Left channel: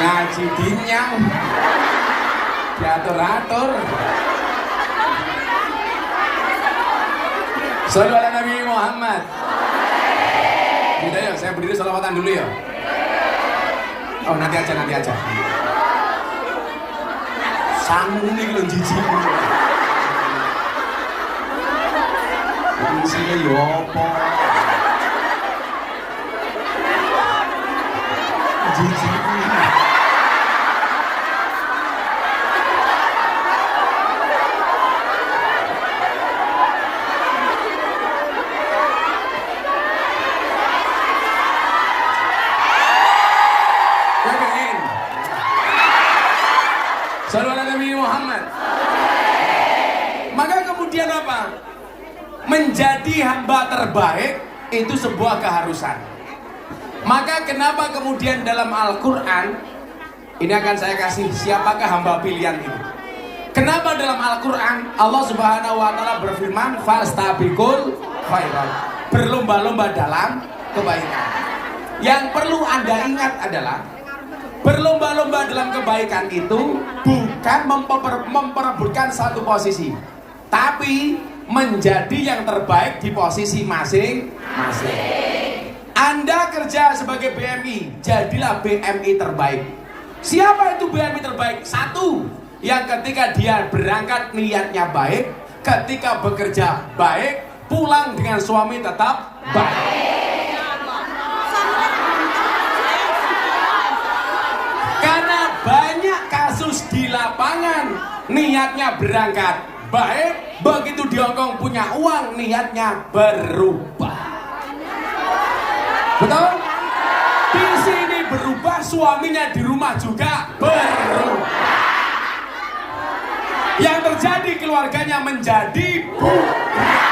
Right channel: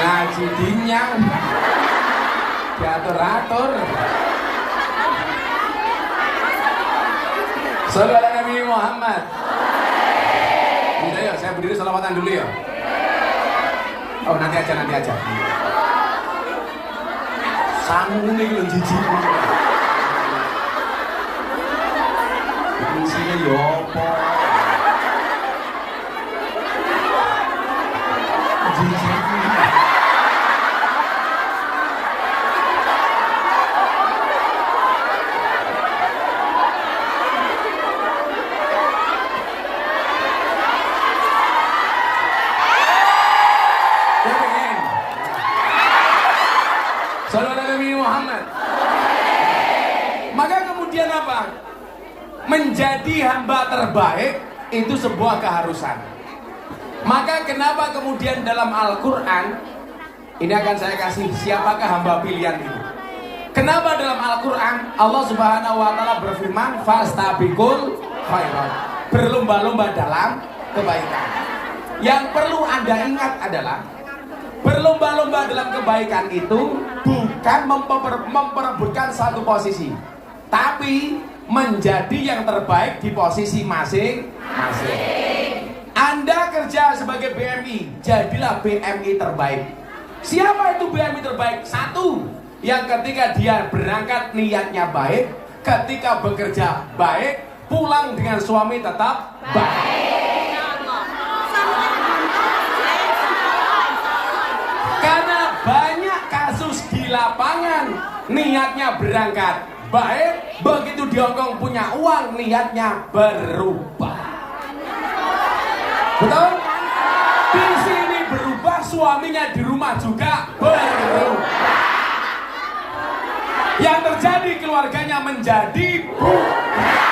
ngaji dinyang diatur-atur. Shallallahu ala Nabi Muhammad. Udah ya, saya berdiri selawatan dulu ya. Oh nanti aja. Sanggung nih lo jijik. Fungsinya yopo. Jijik. Menjadi hamba terbaik itu sebuah keharusan. Maka kenapa kemudian dalam Al-Quran ini akan saya kasih siapakah hamba pilihan itu. Kenapa dalam Al-Quran Allah Subhanahu wa Ta'ala berfirman fastabiqul khairat, berlomba-lomba dalam kebaikan. Yang perlu Anda ingat adalah berlomba-lomba dalam kebaikan itu bukan memperebutkan satu posisi, tapi menjadi yang terbaik di posisi masing-masing. Anda kerja sebagai BMI, jadilah BMI terbaik. Siapa itu BMI terbaik? Satu, yang ketika dia berangkat niatnya baik, ketika bekerja baik, pulang dengan suami tetap baik. Karena banyak kasus di lapangan, niatnya berangkat baik, begitu di Hongkong punya uang, niatnya berubah. Betul? Di sini berubah, suaminya di rumah juga berubah. Yang terjadi keluarganya menjadi bubar.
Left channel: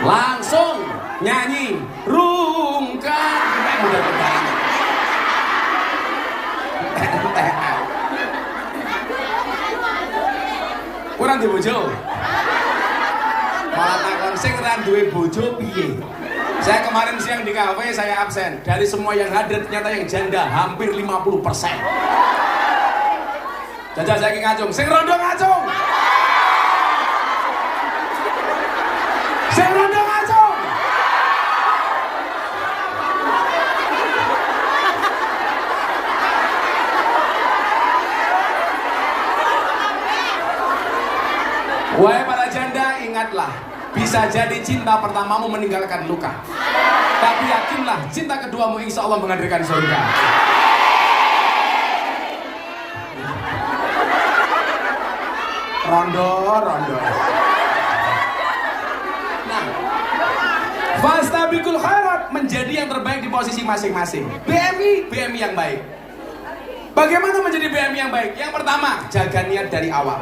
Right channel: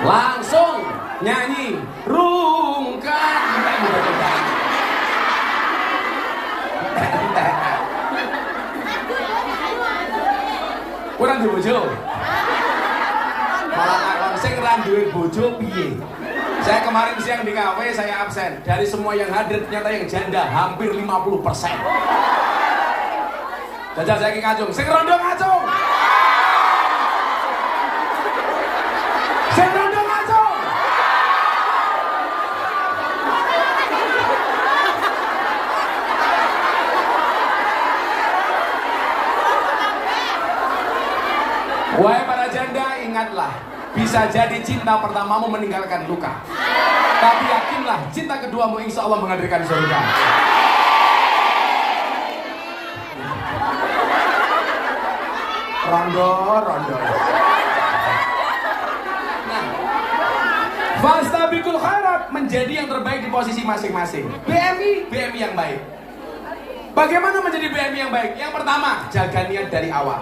Langsung nyanyi rungkat. Kurang duwe bojo. Malah takon sing ra duwe bojo piye? Saya kemarin siang di kafe, saya absen. Dari semua yang hadir ternyata yang janda hampir 50%. Jajal saya ngacung, sing rondo ngacung. Sing rondo ngacung. Wahai para janda, ingatlah, bisa jadi cinta pertamamu meninggalkan luka, tapi yakinlah cinta keduamu insya Allah menghadirkan surga. Rondo. Nah, fastabiqul khairat, menjadi yang terbaik di posisi masing-masing. BMI yang baik. Bagaimana menjadi BMI yang baik? Yang pertama, jaga niat dari awal.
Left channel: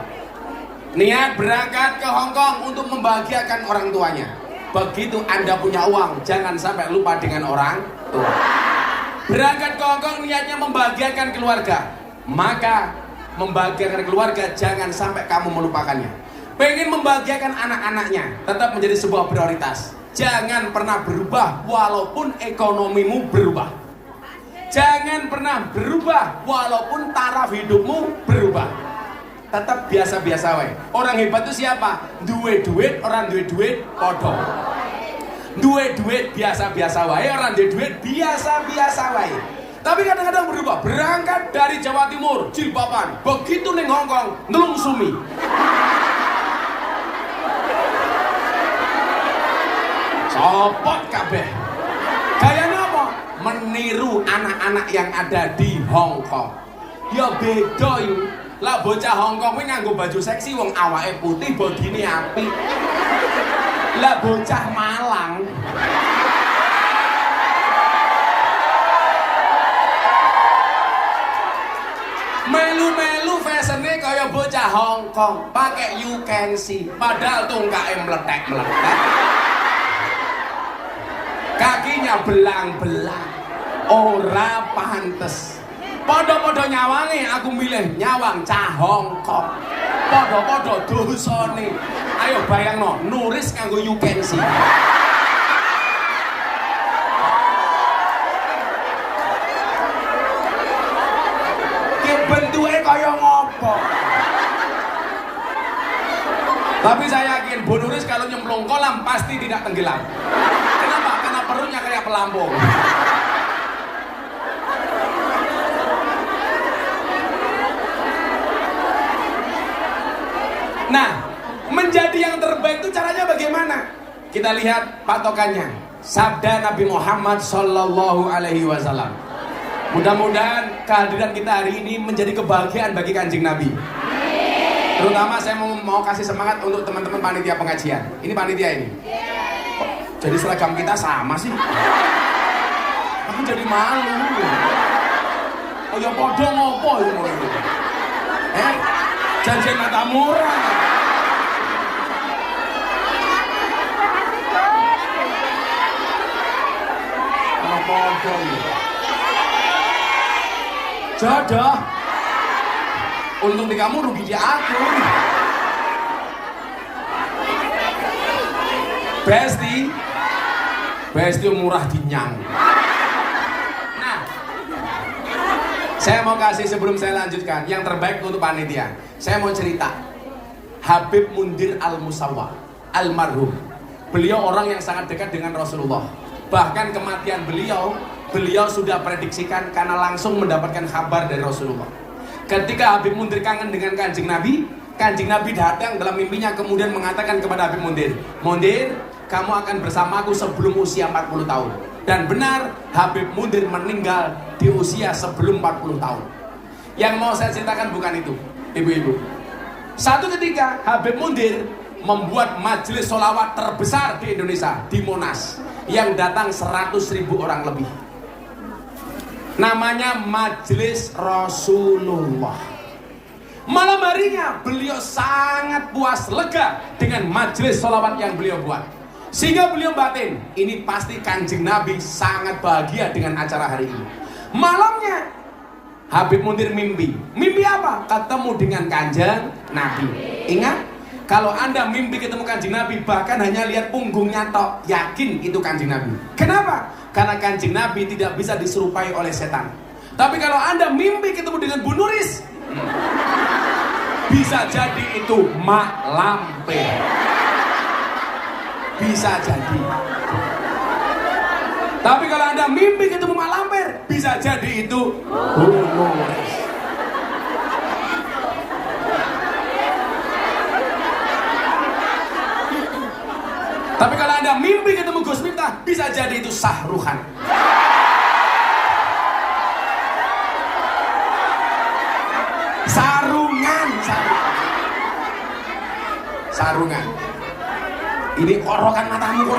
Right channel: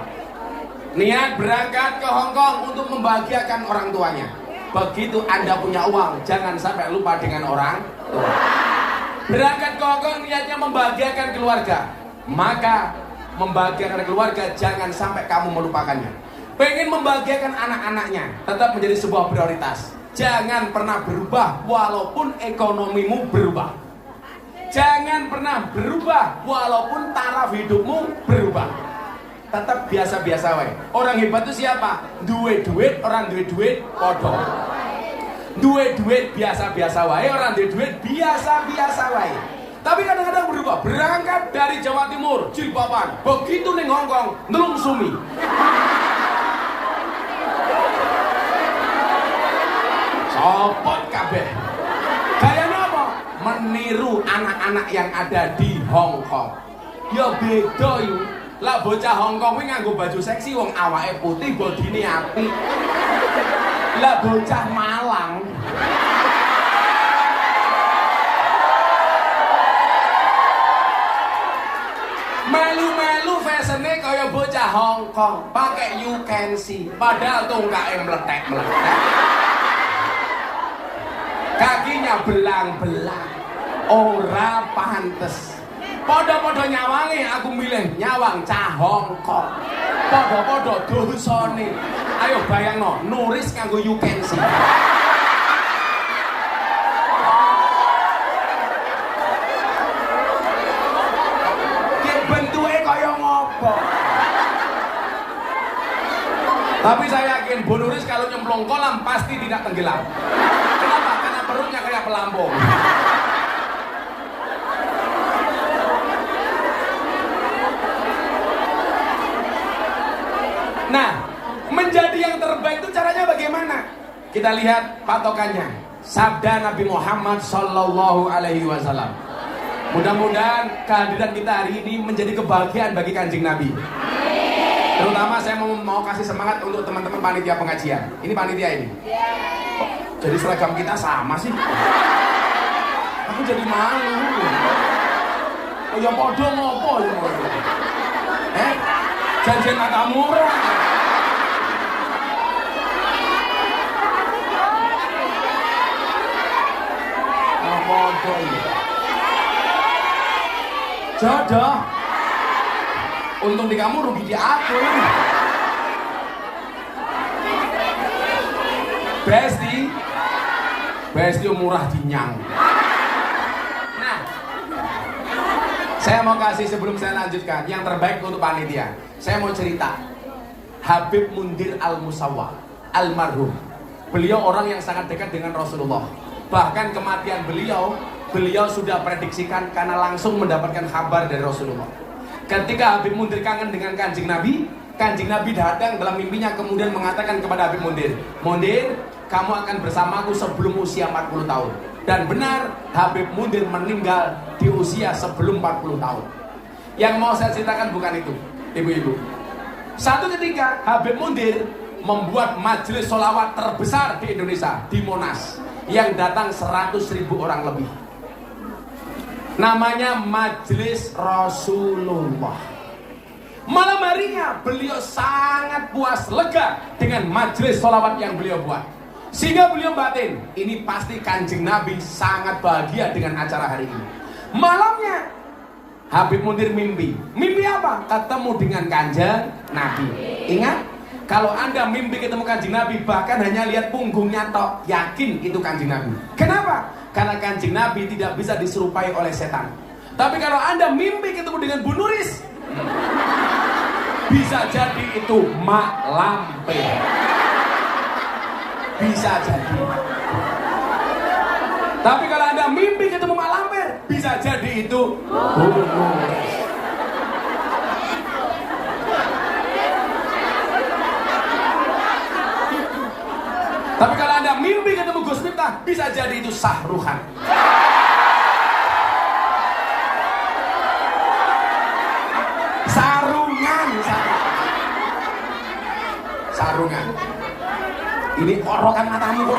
Niat berangkat ke Hongkong untuk membahagiakan orang tuanya. Begitu Anda punya uang, jangan sampai lupa dengan orang tua. Berangkat ke Hongkong niatnya membahagiakan keluarga, maka membahagiakan keluarga jangan sampai kamu melupakannya. Pengen membahagiakan anak-anaknya, tetap menjadi sebuah prioritas. Jangan pernah berubah walaupun ekonomimu berubah. Jangan pernah berubah walaupun taraf hidupmu berubah. Tetap biasa-biasa wae. Orang hebat itu siapa? Duwe duit, orang duwe duit podo. Duwe duit biasa-biasa wae, orang duwe duit biasa-biasa wae. Tapi kadang-kadang berubah. Berangkat dari Jawa Timur, jilbaban, begitu ning Hongkong, nelungsumi. Copot kabeh. Kalian apa? Meniru anak-anak yang ada di Hongkong. Ya beda ini. Lah bocah Hongkong kuwi nganggo baju seksi wong awake putih bodine apik. Lah bocah Malang melu-melu fashionnya kaya bocah Hongkong, pakai you can see, padahal tongkake meletek-meletek. Kakinya belang-belang. Ora pantes. Podo-podo nyawangi, aku milih nyawang cah Hongkong. Podo-podo dosane. Ayo bayangno, nuris kanggo you can see. Bentuknya kaya ngopo. Tapi saya yakin Bu Nuris kalau nyemplung kolam pasti tidak tenggelam. Kenapa? Karena perutnya kayak pelampung. Nah, menjadi yang terbaik itu caranya bagaimana? Kita lihat patokannya. Sabda Nabi Muhammad Sallallahu Alaihi Wasallam. Mudah-mudahan kehadiran kita hari ini menjadi kebahagiaan bagi Kanjeng Nabi. Terutama saya mau kasih semangat untuk teman-teman panitia pengajian. Ini panitia ini. Jadi seragam kita sama sih. Aku jadi malu. Oh ya podo ngopo ya. Janjian mata murah. Jodoh. Untung di kamu, rugi di aku. Besti murah dinyang. Nah, saya mau kasih sebelum saya lanjutkan yang terbaik untuk panitia. Saya mau cerita Habib Mundir Al-Musawwa almarhum. Beliau orang yang sangat dekat dengan Rasulullah. Bahkan kematian beliau sudah prediksikan karena langsung mendapatkan kabar dari Rasulullah. Ketika Habib Mundir kangen dengan Kanjeng Nabi datang dalam mimpinya kemudian mengatakan kepada Habib Mundir, "Mundir, kamu akan bersamaku sebelum usia 40 tahun." Dan benar, Habib Mundir meninggal di usia sebelum 40 tahun. Yang mau saya ceritakan bukan itu, ibu-ibu. Satu ketika Habib Mundir membuat majelis sholawat terbesar di Indonesia, di Monas, yang datang 100.000 orang lebih. Namanya Majelis Rasulullah. Malam harinya beliau sangat puas, lega dengan majelis sholawat yang beliau buat. Sehingga beliau batin, ini pasti Kanjeng Nabi sangat bahagia dengan acara hari ini. Malamnya Habib Mundir mimpi. Mimpi apa? Ketemu dengan Kanjeng Nabi. Ingat, kalau Anda mimpi ketemu Kanjeng Nabi, bahkan hanya lihat punggungnya tok, yakin itu Kanjeng Nabi. Kenapa? Karena Kanjeng Nabi tidak bisa diserupai oleh setan. Tapi kalau Anda mimpi ketemu dengan Bu Nuris, bisa jadi itu Mak Lampir. Bisa jadi. Tapi kalau Anda mimpi ketemu Mak Lampir, bisa jadi itu Bu Nuris. Tapi kalau Anda mimpi ketemu Gus Miftah, bisa jadi itu Sahruhan. Sarungan. Ini orokan matamu,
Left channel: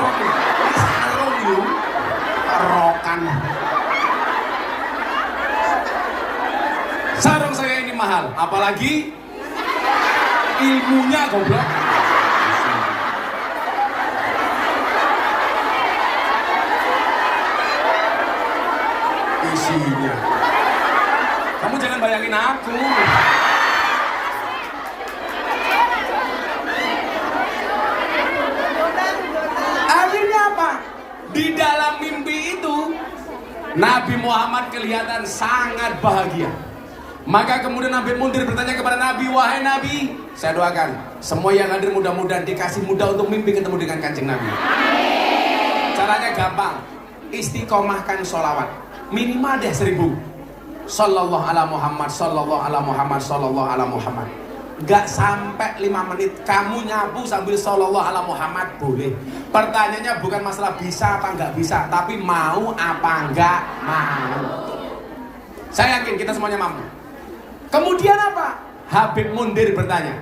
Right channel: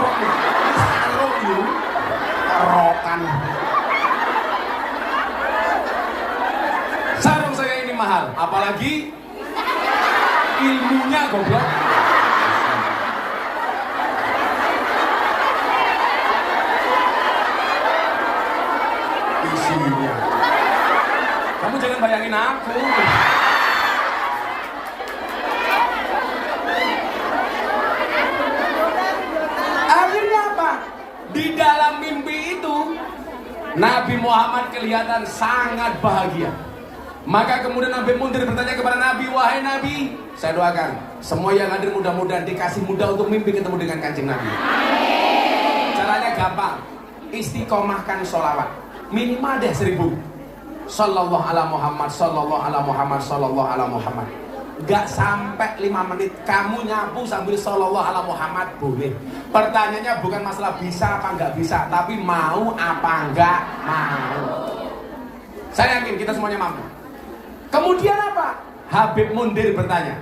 sarung. Orokan. Sarung saya ini mahal, apalagi ilmunya goblok. Isinya. Kamu jangan bayangin aku. Akhirnya apa? Di dalam mimpi itu Nabi Muhammad kelihatan sangat bahagia. Maka kemudian Nabi Mundir bertanya kepada Nabi, "Wahai Nabi, saya doakan semua yang hadir mudah-mudahan dikasih mudah untuk mimpi ketemu dengan Kanjeng Nabi." Caranya gampang, istiqomahkan sholawat minimal deh 1000. Sallallahu ala Muhammad, sallallahu ala Muhammad, sallallahu ala Muhammad. Gak sampai 5 menit kamu nyapu sambil sallallahu ala Muhammad boleh. Pertanyaannya bukan masalah bisa apa nggak bisa, tapi mau apa nggak mau. Saya yakin kita semuanya mampu. Kemudian apa? Habib Mundir bertanya,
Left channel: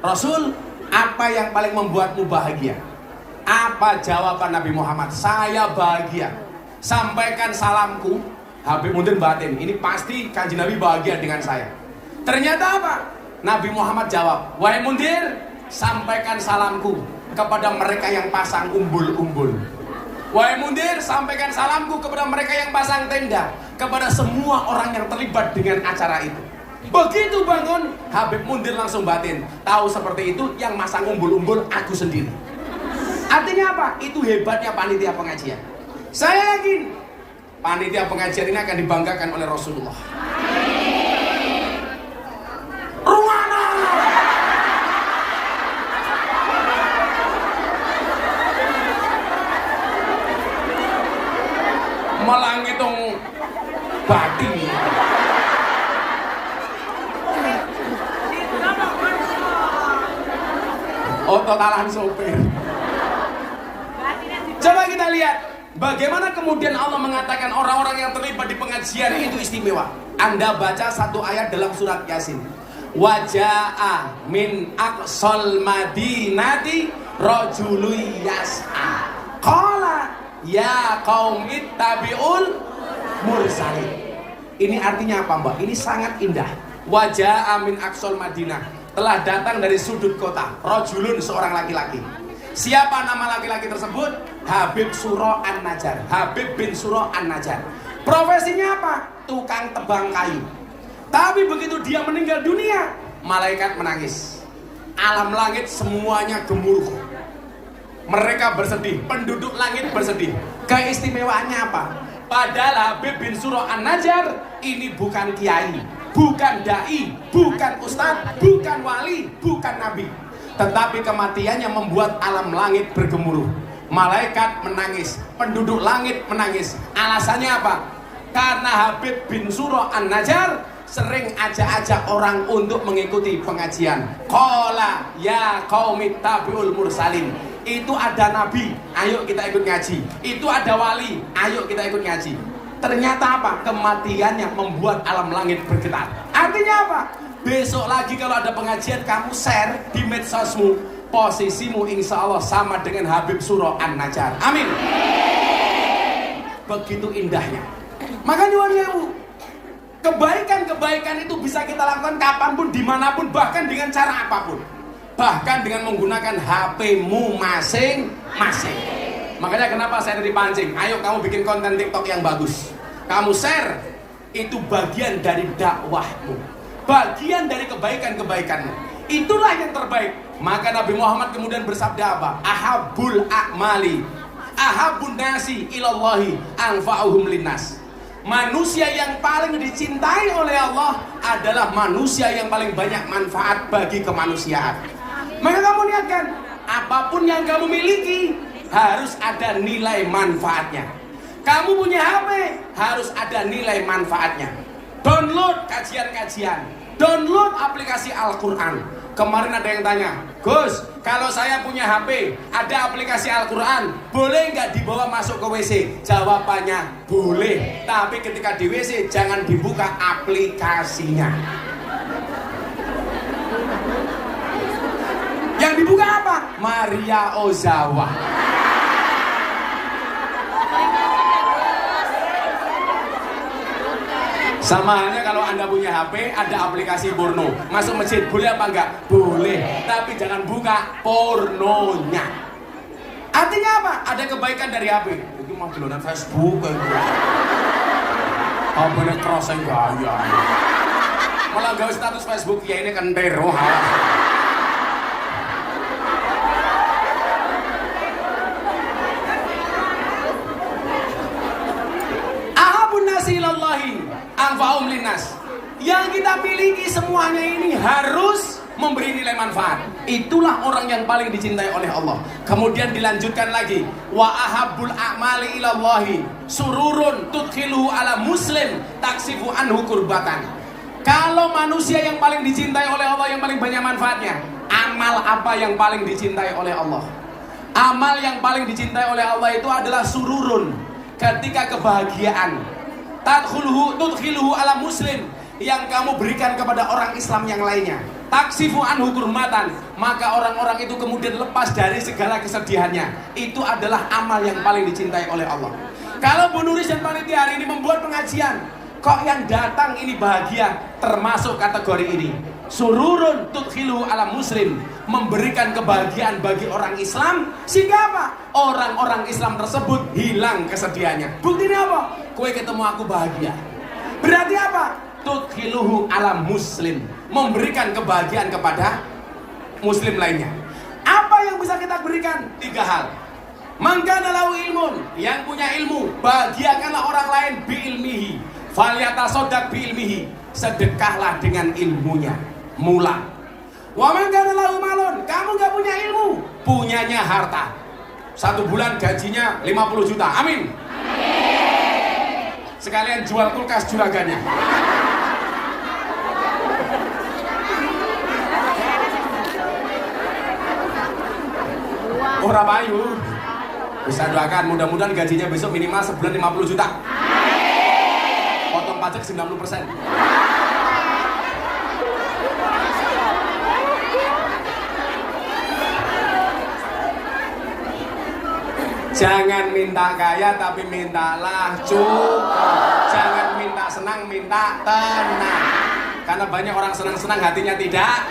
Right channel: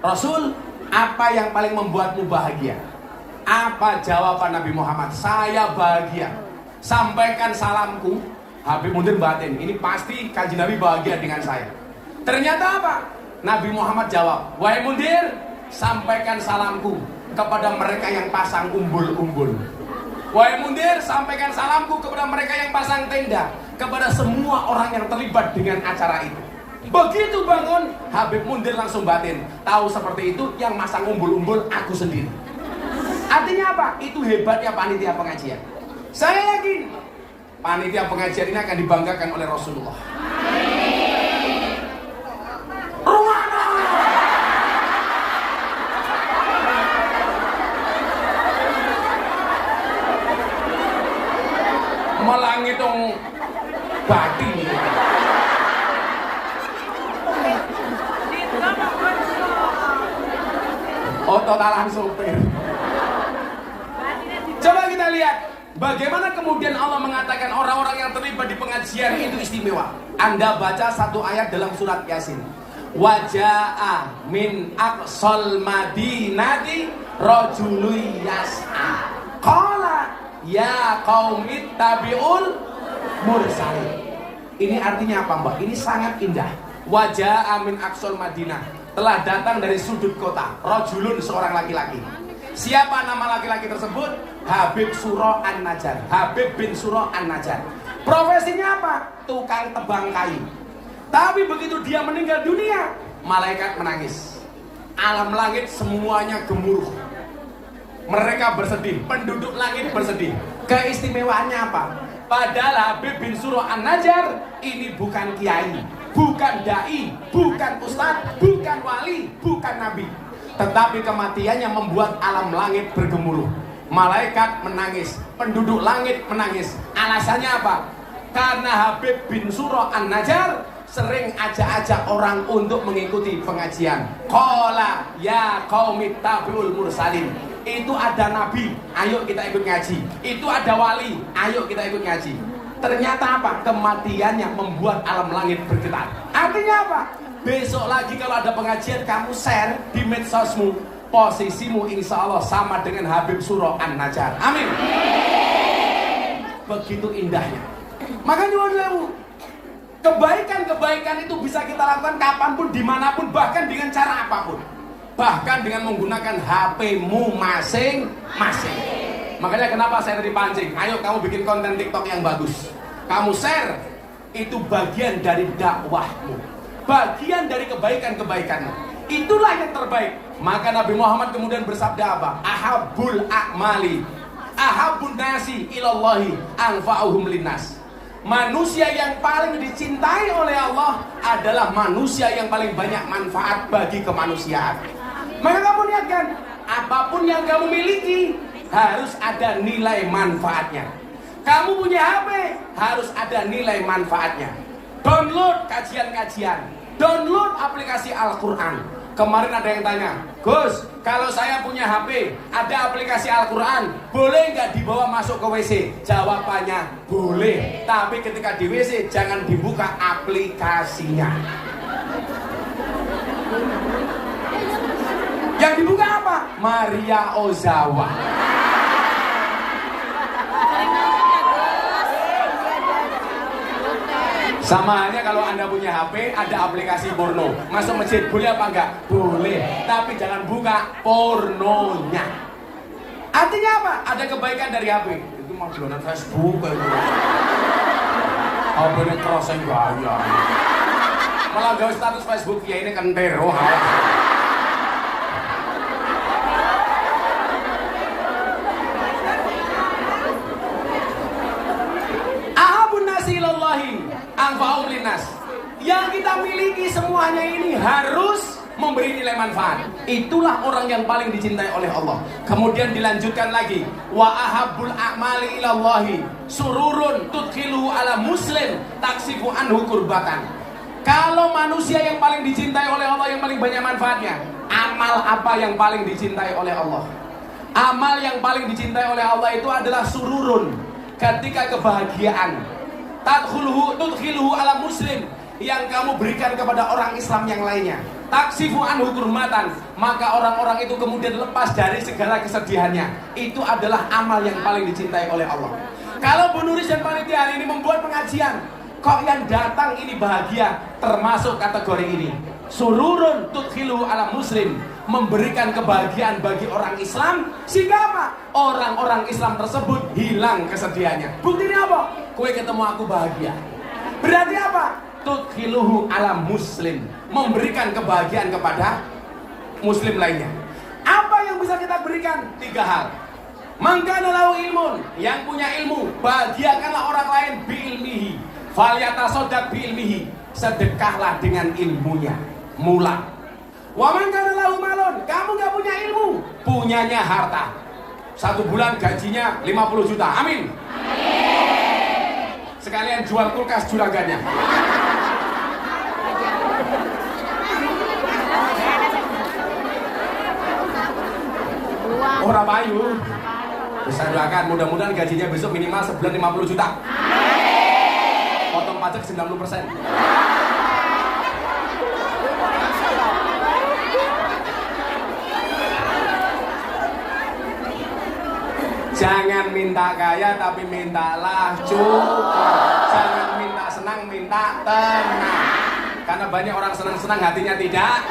"Rasul, apa yang paling membuatmu bahagia?" Apa jawaban Nabi Muhammad? "Saya bahagia. Sampaikan salamku." Habib Mundir batin, ini pasti Kanjeng Nabi bahagia dengan saya. Ternyata apa? Nabi Muhammad jawab, "Wahai Mundir, sampaikan salamku kepada mereka yang pasang umbul-umbul. Wahai Mundir, sampaikan salamku kepada mereka yang pasang tenda, kepada semua orang yang terlibat dengan acara itu." Begitu bangun, Habib mundur langsung batin. Tahu seperti itu, yang masang umbul-umbul aku sendiri. Artinya apa? Itu hebatnya panitia pengajian. Saya yakin panitia pengajian ini akan dibanggakan oleh Rasulullah. Malah ngitung badi. Oh, totalan sopir. Coba kita lihat bagaimana kemudian Allah mengatakan orang-orang yang terlibat di pengajian itu istimewa. Anda baca satu ayat dalam surat Yasin. Waja'a min aqsal madinati rajulun yas'a. Qala ya qaumi tabi'ul mursalin. Ini artinya apa, Mbak? Ini sangat indah. Waja'a min aqsal madinah. Telah datang dari sudut kota rajulun, seorang laki-laki. Siapa nama laki-laki tersebut? Habib Suro An-Najjar. Habib bin Suro An-Najjar. Profesinya apa? Tukang tebang kayu. Tapi begitu dia meninggal dunia, malaikat menangis. Alam langit semuanya gemuruh. Mereka bersedih, penduduk langit bersedih. Keistimewaannya apa? Padahal Habib bin Suro An-Najjar ini bukan kiai, bukan dai, bukan ustadz, bukan wali, bukan nabi. Tetapi kematiannya membuat alam langit bergemuruh. Malaikat menangis, penduduk langit menangis. Alasannya apa? Karena Habib bin Suro An-Najjar sering ajak-ajak orang untuk mengikuti pengajian. Qala ya qaumi tabi'ul mursalin. Itu ada nabi, ayo kita ikut ngaji. Itu ada wali, ayo kita ikut ngaji. Ternyata apa? Kematiannya membuat alam langit bergetar. Artinya apa? Besok lagi kalau ada pengajian, kamu share di medsosmu, posisimu insya Allah sama dengan Habib Suro An-Najjar. Amin. Begitu indahnya. Makanya wajahmu, kebaikan-kebaikan itu bisa kita lakukan kapanpun, dimanapun, bahkan dengan cara apapun. Bahkan dengan menggunakan HP-mu masing-masing. Makanya kenapa saya dipancing, ayo kamu bikin konten TikTok yang bagus. Kamu share, itu bagian dari dakwahmu, bagian dari kebaikan-kebaikanmu. Itulah yang terbaik. Maka Nabi Muhammad kemudian bersabda apa? Ahabbul a'mali ahabbun nasi ilallahi anfa'uhum linnas. Manusia yang paling dicintai oleh Allah adalah manusia yang paling banyak manfaat bagi kemanusiaan. Maka kamu niatkan, apapun yang kamu miliki harus ada nilai manfaatnya. Kamu punya HP, harus ada nilai manfaatnya. Download kajian-kajian, download aplikasi Al-Quran. Kemarin ada yang tanya, Gus, kalau saya punya HP, ada aplikasi Al-Quran, boleh nggak dibawa masuk ke WC? Jawabannya, boleh. Tapi ketika di WC, jangan dibuka aplikasinya. Yang dibuka apa? Maria Ozawa. Sama halnya kalau Anda punya HP, ada aplikasi porno. Masuk masjid, boleh apa enggak? Boleh. Tapi jangan buka pornonya. Artinya apa? Ada kebaikan dari HP. Itu mau download Facebook kayak gitu. HP-nya crossing bahaya. Malah gawe status Facebook, ya ini kan teror. Yang kita miliki semuanya ini harus memberi nilai manfaat. Itulah orang yang paling dicintai oleh Allah. Kemudian dilanjutkan lagi, wa ahabbul a'mali ilallahi sururun tudkhiluhu ala muslim taksifu anhu kurbatan. Kalau manusia yang paling dicintai oleh Allah, yang paling banyak manfaatnya, amal apa yang paling dicintai oleh Allah? Amal yang paling dicintai oleh Allah itu adalah sururun, ketika kebahagiaan. Tudkhiluhu ala muslim, yang kamu berikan kepada orang Islam yang lainnya. Taksifu anhu kurmatan, maka orang-orang itu kemudian lepas dari segala kesedihannya. Itu adalah amal yang paling dicintai oleh Allah. Kalau Bu Nuris dan panitia hari ini membuat pengajian, kok yang datang ini bahagia, termasuk kategori ini. Sururun tudkhiluhu ala muslim, memberikan kebahagiaan bagi orang Islam, sehingga apa? Orang-orang Islam tersebut hilang kesedihannya. Buktinya apa? Kowe ketemu aku bahagia. Berarti apa? tudkhiluhu ala muslim, memberikan kebahagiaan kepada muslim lainnya. Apa yang bisa kita berikan? 3 hal. Mangkana lahu ilmun, yang punya ilmu, bahagiakanlah orang lain biilmihi, falyatasaddaq biilmihi, sedekahlah dengan ilmunya. Mula. Wa mangkana lahu malun, kamu gak punya ilmu, punyanya harta. 1 bulan gajinya 50 juta. Amin. Sekalian jual kulkas juraganya. Orang payu. Ustaz doakan mudah-mudahan gajinya besok minimal sebulan 50 juta. Potong pajak 90%. Jangan minta kaya tapi mintalah cukup. Jangan minta senang, minta tenang. Karena banyak orang senang-senang hatinya tidak.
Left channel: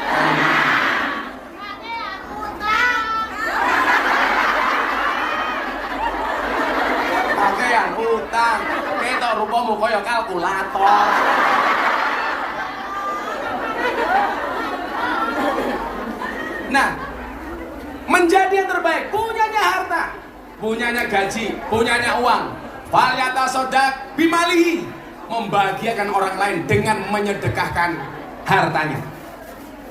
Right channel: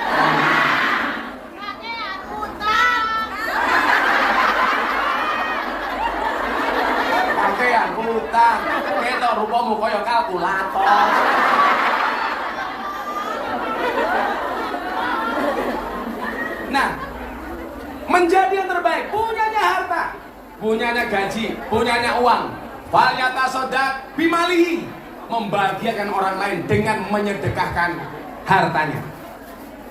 Utang, ketok rupamu koyo kalkulator. Nah, menjadi yang terbaik, punyanya harta, punyanya gaji, punyanya uang. Falyatasaddaq bimalihi, membahagiakan orang lain dengan menyedekahkan hartanya.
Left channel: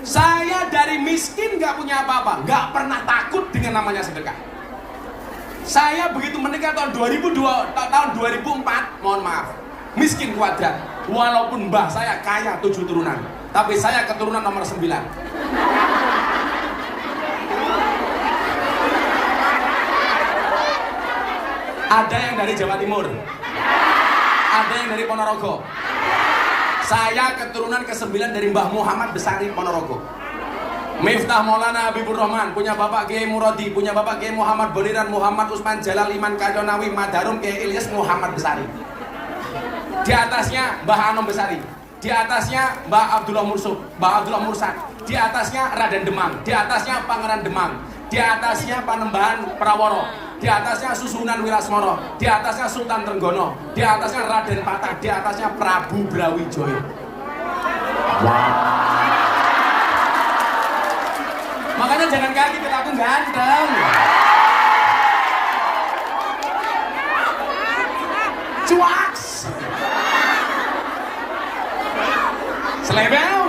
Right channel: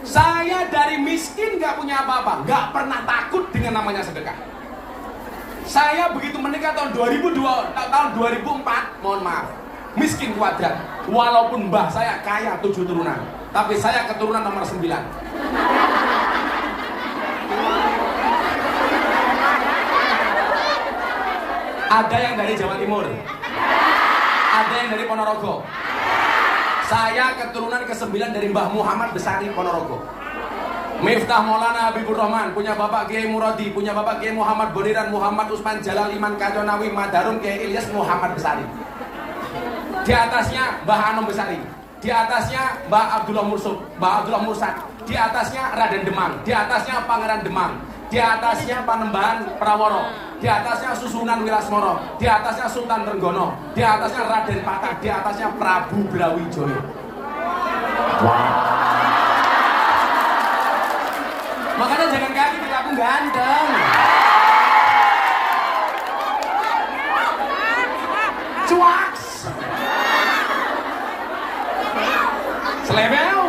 Saya dari miskin gak punya apa-apa, gak pernah takut dengan namanya sedekah. Saya begitu menikah tahun 2004, mohon maaf, miskin kuadrat. Walaupun mbah saya kaya 7 turunan, tapi saya keturunan nomor 9. Ada yang dari Jawa Timur, ada yang dari Ponorogo. Saya keturunan ke-9 dari Mbah Muhammad Besari Ponorogo. Miftah Maulana Habibur Rahman, punya Bapak Kiai Muradi, punya Bapak Kiai Muhammad Boniran, Muhammad Usman Jalal, Iman Kadonawi, Madarun, Kiai Ilyas Muhammad Besari. Di atasnya Mbah Anom Besari, di atasnya Mbah Abdullah Mursuk, Mbah Abdullah Mursak, di atasnya Raden Demam, di atasnya Pangeran Demam, di atasnya Panembahan Praworo, di atasnya Susunan Wirasmoro, di atasnya Sultan Trenggono, di atasnya Raden Patah, di atasnya Prabu Brawijaya. Makanya jangan kaget kita tuh ganteng. Cuaks. Selebel.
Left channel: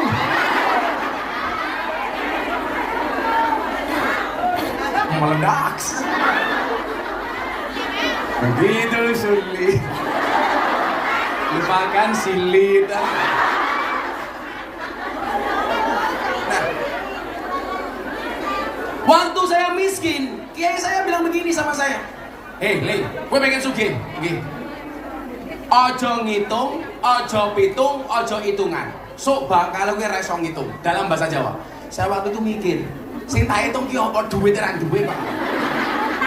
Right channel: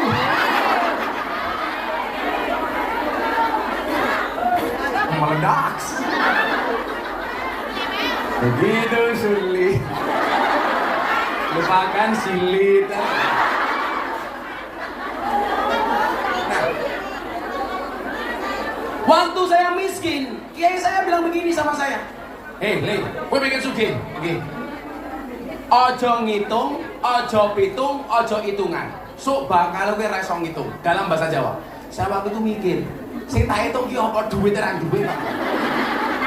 Meledak. Begitu sulit. Lupakan silit. Waktu saya miskin, kiai saya bilang begini sama saya. Le, gue pengen sugih. Ojo ngitung, ojo pitung, ojo hitungan. Sok bakal gue ra iso ngitung dalam bahasa Jawa. Saya waktu itu mikir, sing tak hitung ki apa duit teran duit.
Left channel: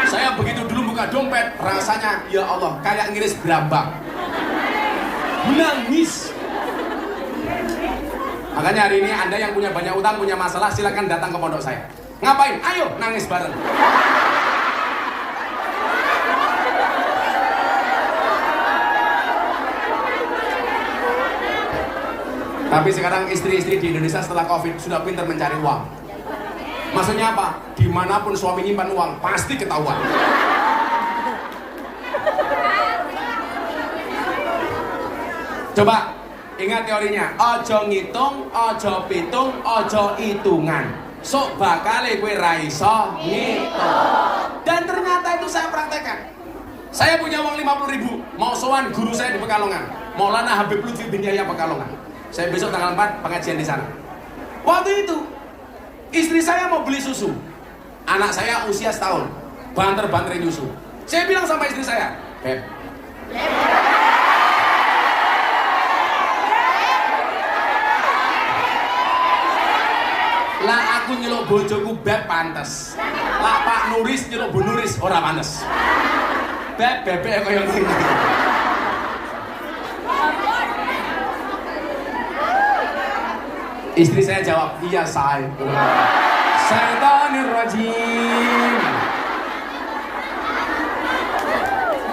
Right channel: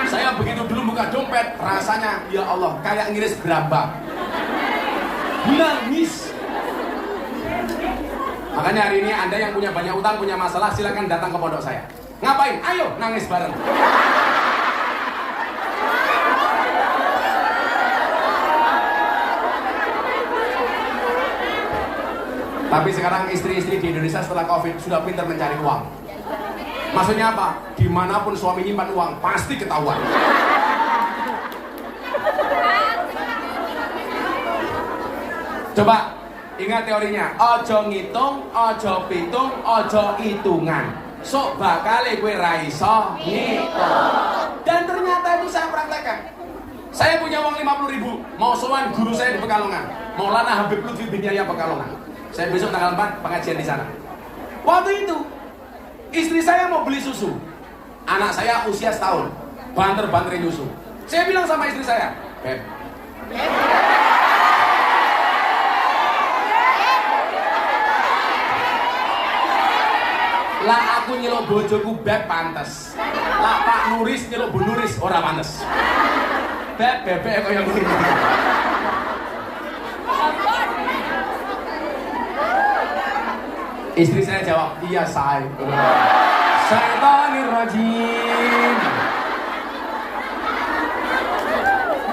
Saya begitu dulu buka dompet, rasanya ya Allah kayak ngiris gerabak. Nangis. Makanya hari ini Anda yang punya banyak utang, punya masalah, silakan datang ke pondok saya. Ngapain? Ayo nangis bareng. Tapi sekarang istri-istri di Indonesia setelah Covid sudah pintar mencari uang. Maksudnya apa? Dimanapun suami nyimpan uang pasti ketahuan. Coba ingat teorinya. Ojo ngitung, ojo pitung, ojo hitungan. Sok bakale gue raiso ngitung. Dan ternyata itu saya praktekkan. Saya punya uang 50.000, mau sowan guru saya di Pekalongan, Maulana Habib Lutfi bin Yahya Pekalongan. Saya besok tanggal 4 pengajian di sana. Waktu itu istri saya mau beli susu. Anak saya usia setahun, banter-banterin susu. Saya bilang sama istri saya, Beb, lah aku nyeluk bojoku Beb pantes. Lah Pak Nuris nyeluk Bu Nuris ora pantes. Bebek kaya ngene. Istri saya jawab, iya saya. Syaitanir rajim.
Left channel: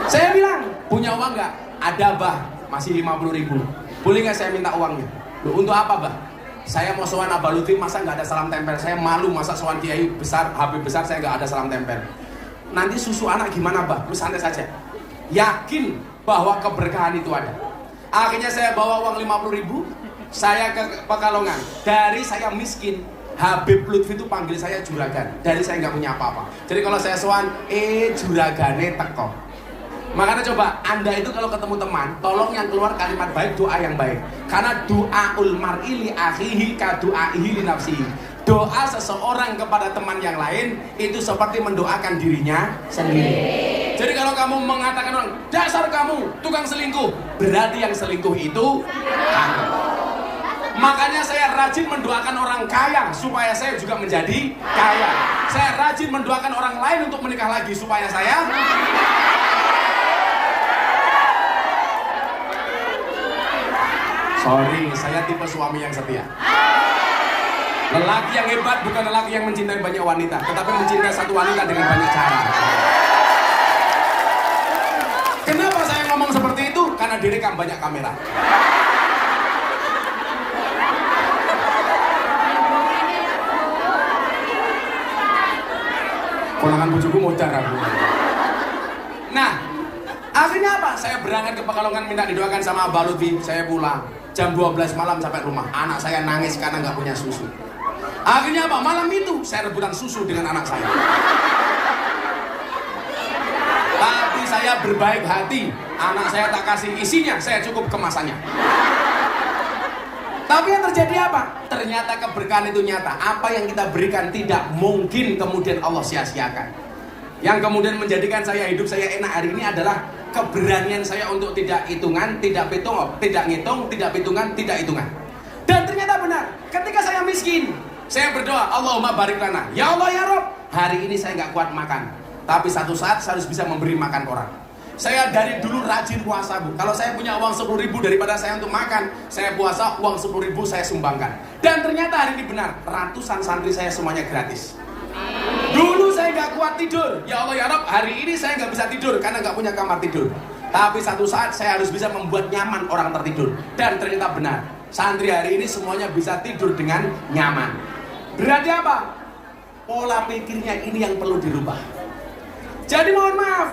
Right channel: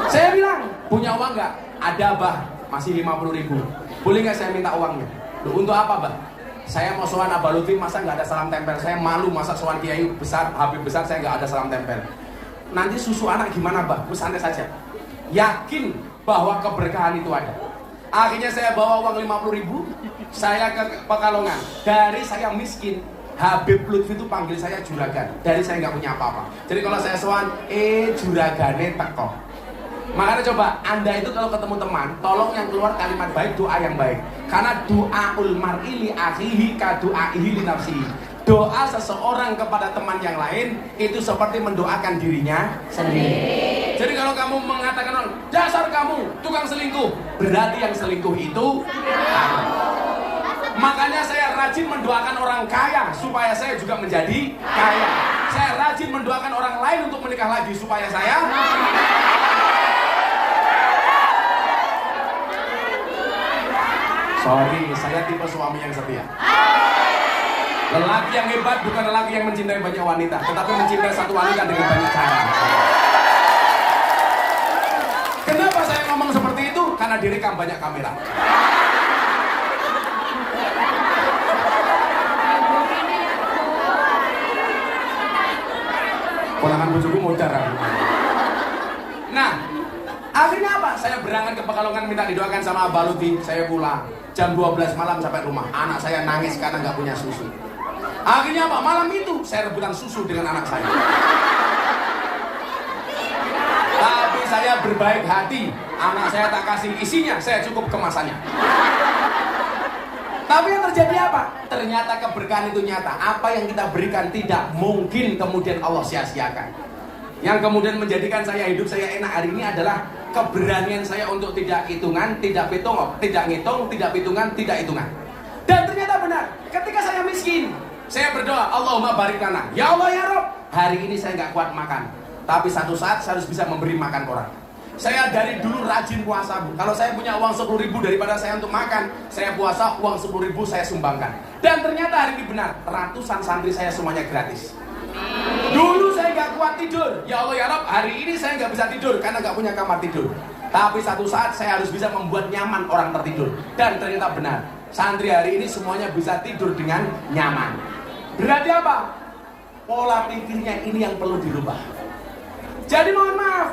Saya bilang, punya uang nggak? Ada bah, masih 50.000. Boleh nggak saya minta uangnya? Loh, untuk apa, Mbak? Saya mau sowan Abah Lutfi, masa nggak ada salam tempel? Saya malu masa sowan kiai besar, Habib besar, saya nggak ada salam tempel. Nanti susu anak gimana, Mbak? Santai saja. Yakin bahwa keberkahan itu ada. Akhirnya saya bawa uang 50.000, saya ke Pekalongan. Dari saya miskin, Habib Lutfi itu panggil saya juragan. Dari saya nggak punya apa-apa. Jadi kalau saya sowan, juragane teko. Makanya coba, Anda itu kalau ketemu teman, tolong yang keluar kalimat baik, doa yang baik. Karena doaul mar'i li akhihi ka doaihi li nafsihi. Doa seseorang kepada teman yang lain itu seperti mendoakan dirinya sendiri. Jadi kalau kamu mengatakan orang, dasar kamu tukang selingkuh, berarti yang selingkuh itu makanya saya rajin mendoakan orang kaya supaya saya juga menjadi kaya. Saya rajin mendoakan orang lain untuk menikah lagi supaya saya sorry, saya tipe suami yang setia. Lelaki yang hebat bukan lelaki yang mencintai banyak wanita, tetapi mencintai satu wanita dengan banyak cara. Kenapa saya ngomong seperti itu? Karena direkam banyak kamera. Kulangan bojoku modar aku. Nah, akhirnya apa? Saya berangkat ke Pekalongan minta didoakan sama Abah Lutfi. Saya pulang jam 12 malam sampai rumah. Anak saya nangis karena nggak punya susu. Akhirnya apa? Malam itu saya rebutan susu dengan anak saya. Tapi saya berbaik hati. Anak saya tak kasih isinya, saya cukup kemasannya. Tapi yang terjadi apa? Ternyata keberkahan itu nyata. Apa yang kita berikan tidak mungkin kemudian Allah sia-siakan. Yang kemudian menjadikan saya hidup saya enak hari ini adalah keberanian saya untuk tidak hitungan, tidak hitung, tidak ngitung, tidak hitungan, tidak hitungan. Dan ternyata benar, ketika saya miskin, saya berdoa, Allahumma barik lana. Ya Allah ya Rabb, hari ini saya nggak kuat makan, tapi satu saat saya harus bisa memberi makan orang. Saya dari dulu rajin puasa, Bu. Kalau saya punya uang 10.000 daripada saya untuk makan, saya puasa, uang 10.000 saya sumbangkan. Dan ternyata hari ini benar, ratusan santri saya semuanya gratis. Dulu saya nggak kuat tidur, ya Allah ya Rabb, hari ini saya nggak bisa tidur karena nggak punya kamar tidur. Tapi satu saat saya harus bisa membuat nyaman orang tertidur. Dan ternyata benar, santri hari ini semuanya bisa tidur dengan nyaman. Berarti apa? Pola pikirnya ini yang perlu dirubah. Jadi mohon maaf,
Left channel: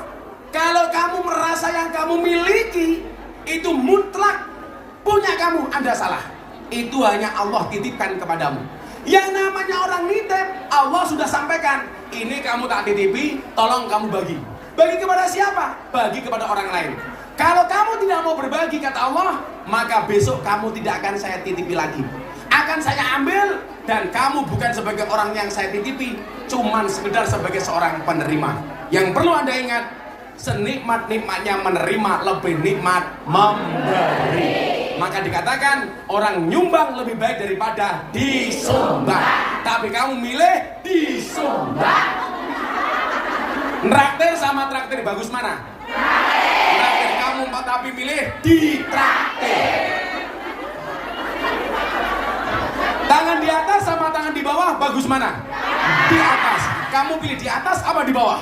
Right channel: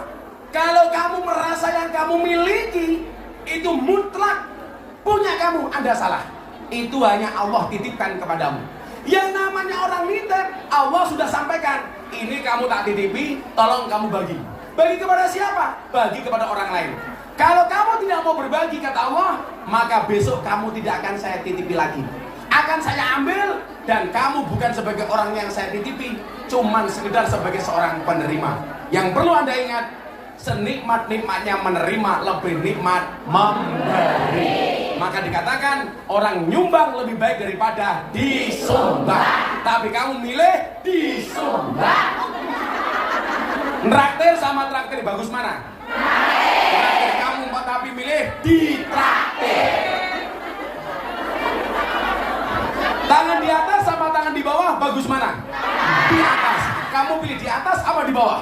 kalau kamu merasa yang kamu miliki itu mutlak punya kamu, Anda salah. Itu hanya Allah titipkan kepadamu. Yang namanya orang nitip, Allah sudah sampaikan, ini kamu tak titipi, tolong kamu bagi. Bagi kepada siapa? Bagi kepada orang lain. Kalau kamu tidak mau berbagi, kata Allah, maka besok kamu tidak akan saya titipi lagi. Akan saya ambil, dan kamu bukan sebagai orang yang saya titipi, cuman sekedar sebagai seorang penerima. Yang perlu Anda ingat, senikmat-nikmatnya menerima lebih nikmat memberi. Maka dikatakan orang nyumbang lebih baik daripada disumbang. Tapi kamu milih disumbang. Traktir sama traktir bagus mana? Traktir kamu tapi milih ditraktir. Tangan di atas sama tangan di bawah bagus mana? Di atas. Kamu pilih di atas apa di bawah?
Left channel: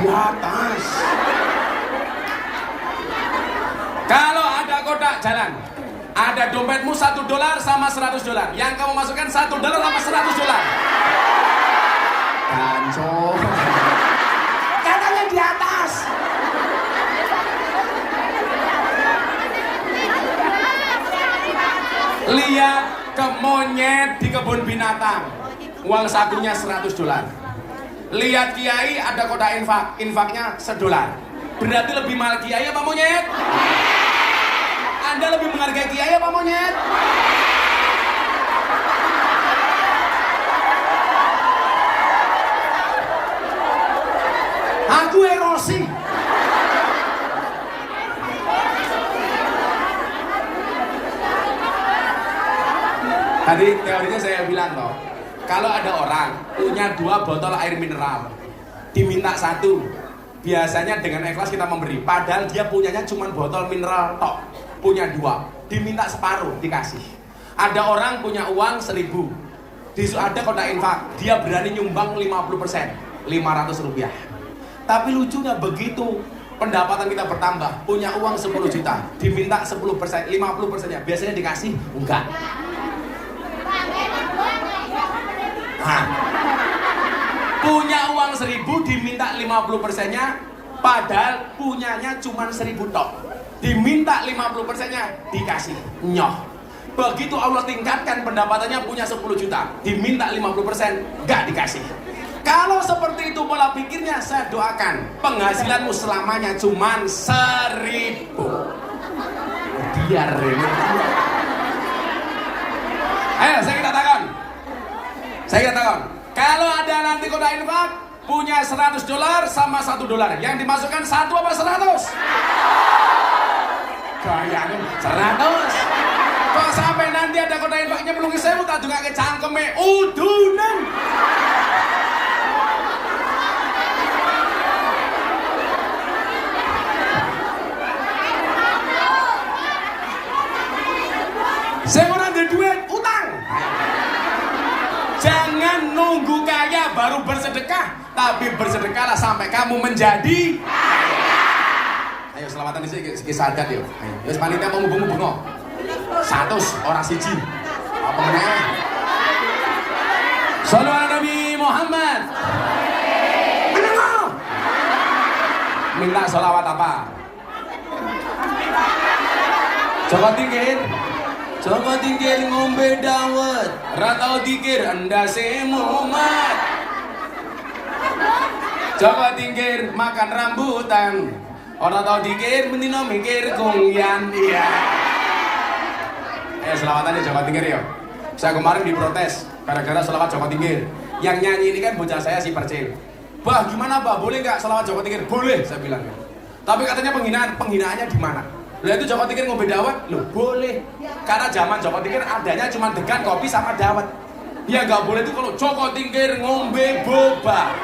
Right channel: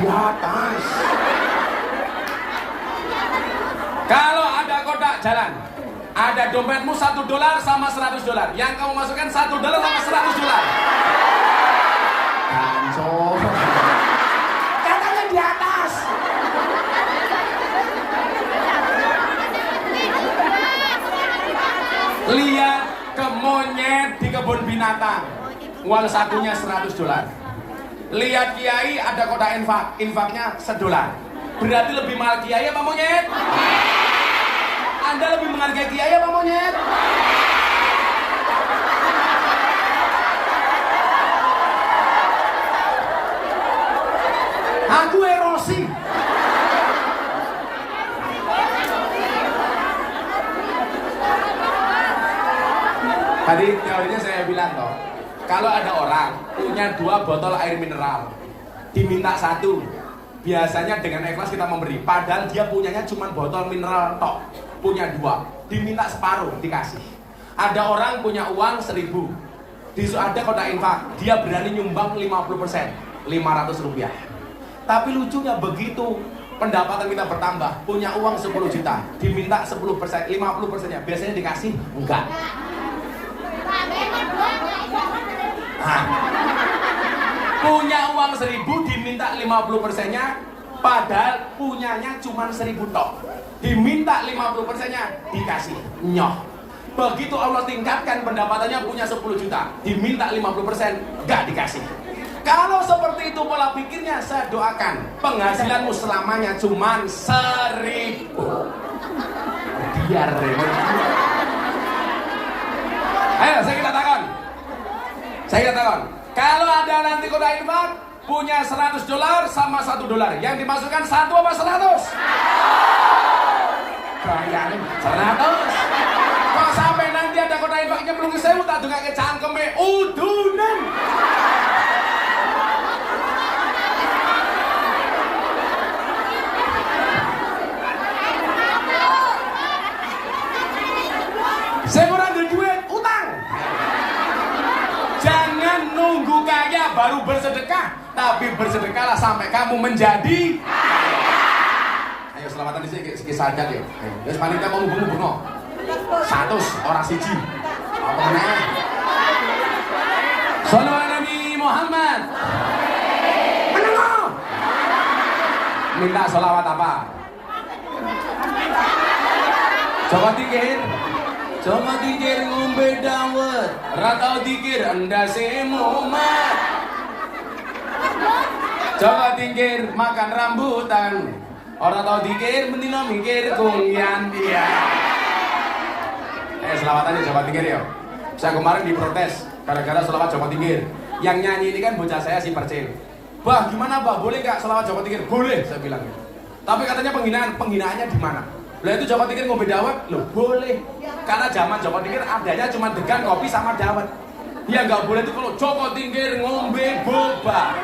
Di atas. Kalau ada kotak jalan, ada dompetmu $1 sama $100. Yang kamu masukkan $1 sama $100. Kanco. Katanya di atas. Lihat ke monyet di kebun binatang, uang sakunya $100. Lihat kiai ada kotak infaknya $1. Berarti lebih mahal kiai apa monyet? Anda lebih menghargai kiai apa monyet? Aku erosi. Tadi teorinya saya bilang loh, kalau ada orang punya 2 botol air mineral, diminta 1, biasanya dengan ikhlas kita memberi. Padahal dia punyanya cuma botol mineral tok, punya 2, diminta separuh dikasih. Ada orang punya uang 1.000, ada kotak infak, dia berani nyumbang 50%, 500 rupiah. Tapi lucunya begitu pendapatan kita bertambah, punya uang 10 juta, diminta 10%, 50%-nya, biasanya dikasih? Enggak. Hah. Punya uang 1.000 diminta 50%-nya, padahal punyanya cuma 1.000 tok. Diminta 50%-nya, dikasih. Nyoh. Begitu Allah tingkatkan pendapatannya, punya 10 juta, diminta 50%, enggak dikasih. Kalau seperti itu pola pikirnya, saya doakan penghasilanmu selamanya cuma 1.000. Biar ayo saya katakan, kalau ada nanti kotak infak punya $100 sama $1, yang dimasukkan 1 apa 100? Bayangin 100. Kok sampai nanti ada kotak infaknya belum saya tak juga ke cangkeme udunan. Saya kurang ada duit, utang. Jangan nunggu kaya baru bersedekah, tapi bersedekahlah sampai kamu menjadi kaya. Ayo selamatan di sini sadar yo. Ayo panitia kamu bungo-bungo. 100 orang siji. Sallallahu Nabi Muhammad. Menengok. Minta sholawat apa? Coba tinggiin. Coba tingkir ngombe dawet, ratau tingkir endase mumat. Coba tingkir makan rambutan, orang tau tingkir mendino mikir kungyan dia. Selamatannya Jawa Tingkir ya. Saya kemarin diprotes gara-gara selawat Jawa Tingkir. Yang nyanyi ini kan bocah saya si Percil. Bah gimana Bah, boleh nggak selawat Jawa Tingkir? Boleh, saya bilang. Tapi katanya penghinaannya di mana? Lah itu Jawa Tingkir ngombe dawet, loh boleh. Karena zaman Jawa Tingkir adanya cuma degan kopi sama dawet. Ya nggak boleh itu kalau Jawa Tingkir ngombe boba.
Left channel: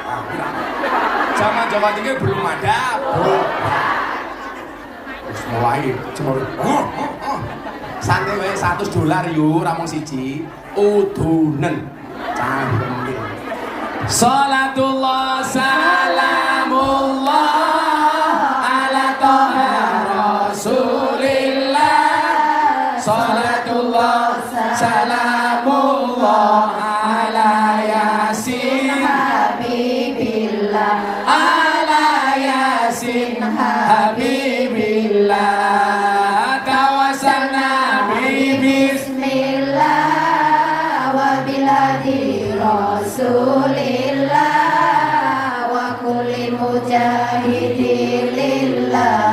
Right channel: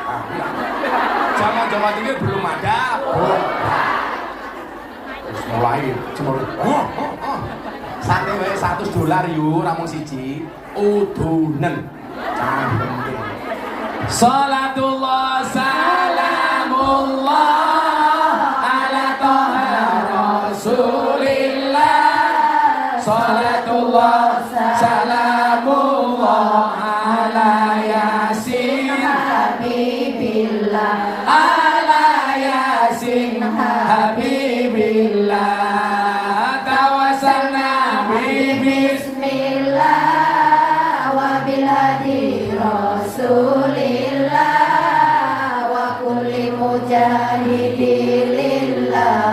Zaman Jawa Tingkir belum ada boba. Terus mulai santai wae $100 yuk, ramong siji, udunen. Salatullah salamullah ala toha rasulillah. Salatullah salamullah ala yasin habibillah. Ala yasin habibillah. Bismillah wa bilhadi Rasulillah wa kulli mujahidilillah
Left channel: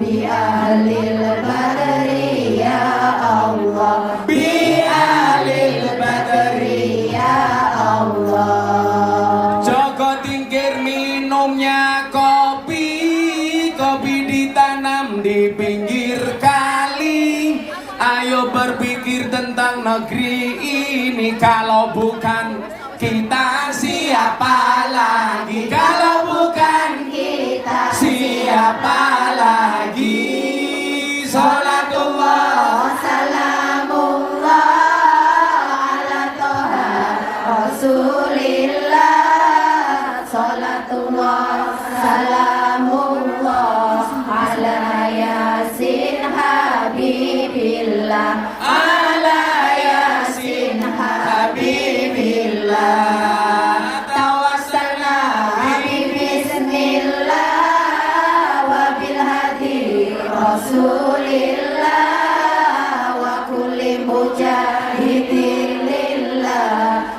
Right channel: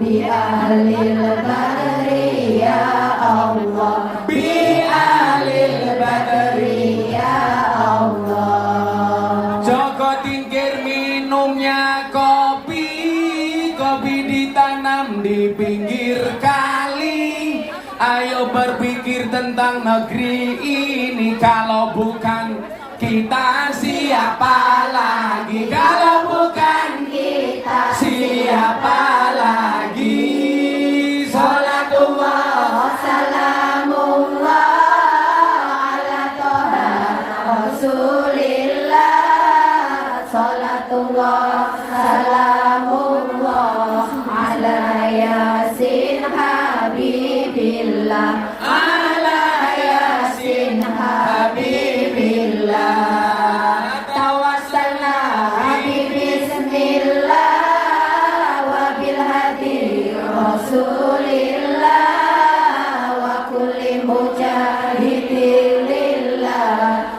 bi ahlil badri ya Allah, Bi ahlil badri ya Allah. Joko Tingkir minumnya kopi, kopi ditanam di pinggir kali. Ayo berpikir tentang negeri ini, kalau bukan kita siapa lagi? Kalau bukan Kita siapa lagi? Salatullah salamullah ala toha Rasulillah. Salatullah salamullah ala yasin habibillah. ala yasin habibillah. Tawassalna Bismillah wa bilhadi Rasulillah wa kulli mujahidilillah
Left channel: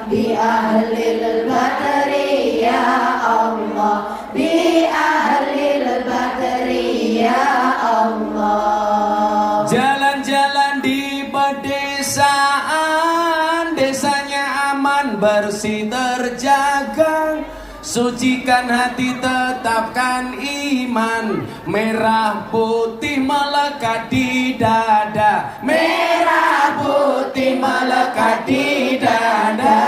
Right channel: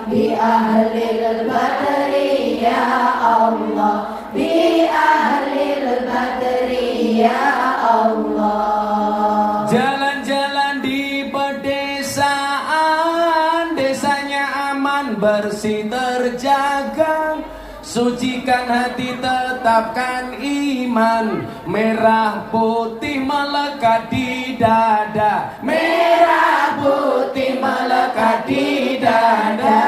bi ahlil badri ya Allah, bi ahlil badri ya Allah. Jalan-jalan di pedesaan, desanya aman, bersih, terjaga. Sucikan hati, tetapkan iman. Merah putih melekat di dada. Merah putih melekat di dada.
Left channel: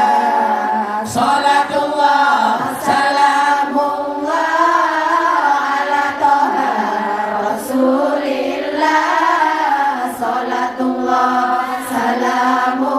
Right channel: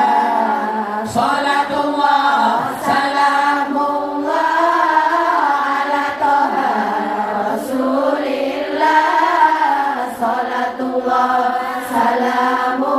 Salatullah Salamullah ala toha Rasulillah. Salatullah salamullah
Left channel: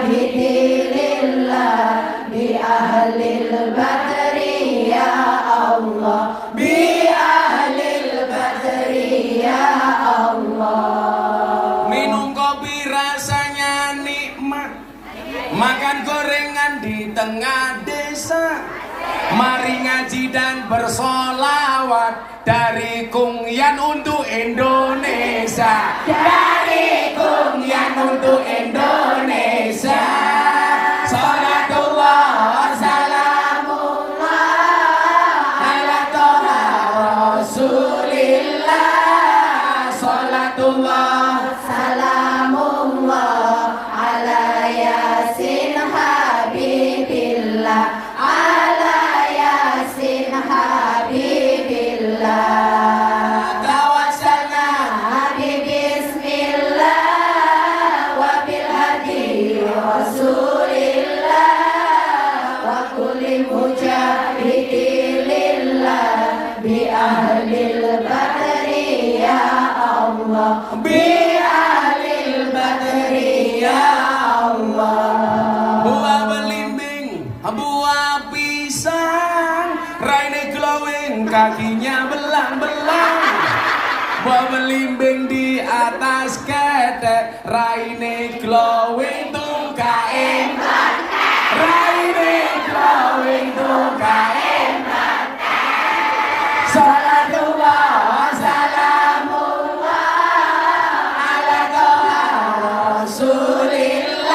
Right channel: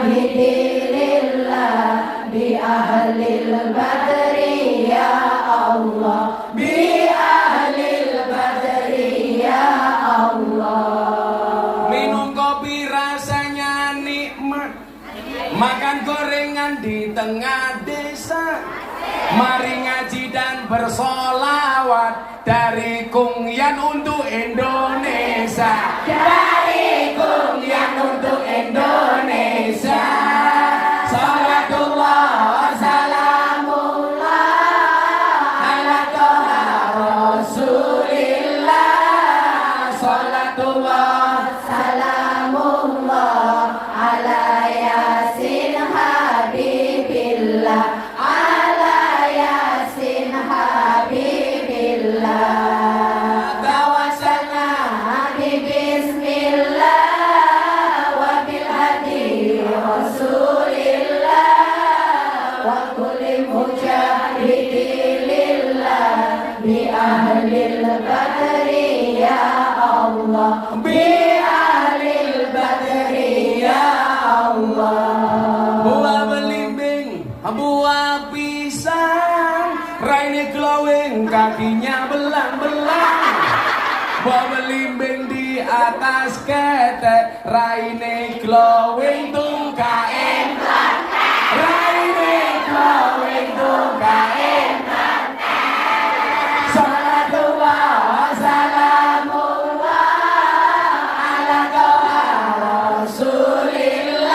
mujahidilillah bi ahlil badri ya Allah bi ahlil badri ya Allah. Minum kopi rasanya nikmat, makan gorengan di tengah desa. Mari ngaji dan bersolawat dari Kungyan untuk Indonesia. Dari Kungyan untuk Indonesia. Salatullah salamullah ala toha rasulillah. Salatullah Salamullah ala yasin habibillah ala yasin habibillah tawassalna bismillah wa bil hadi rasulillah wa kulli mujahidilillah bi ahlil badri ya Allah bi ahlil badri ya Allah. buah belimbing, buah pisang, raine glowing, kakinya belang-belang. Buah belimbing di atas ketek, raine glowing tuh kain pantai. Raine glowing tuh kain pantai. Salatullah salamullah ala toha rasulillah.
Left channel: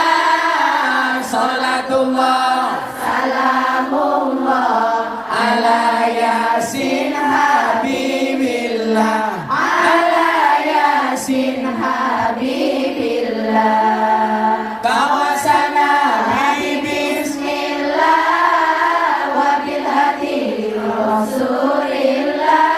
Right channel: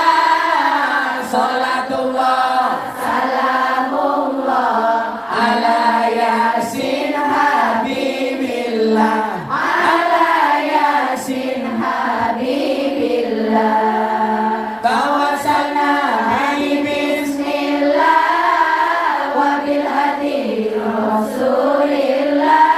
Salatullah Salamullah ala yasin habibillah. ala yasin habibillah Tawassalna bibis bismillah wa bil hadi rasulillah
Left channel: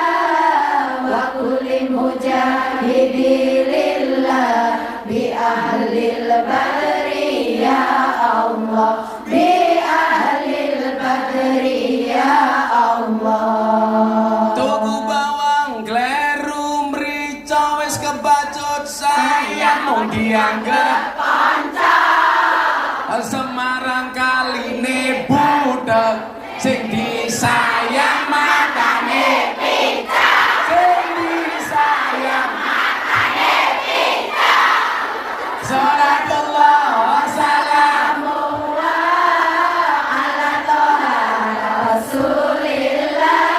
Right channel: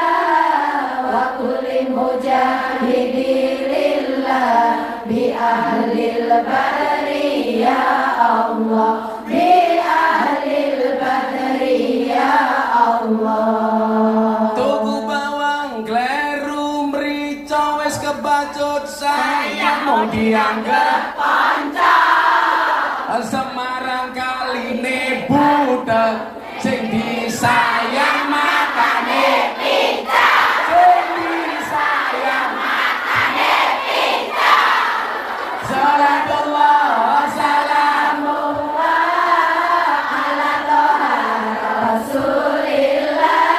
wa kulli mujahidilillah bi ahlil badri ya Allah bi ahlil badri ya Allah. tuku bawang kleru mrica wis kebacut sayang mau dianggap Panca Semarang kaline budek sing disayang matane picak. Sing disayang matane picak. Salatullah salamullah ala toha rasulillah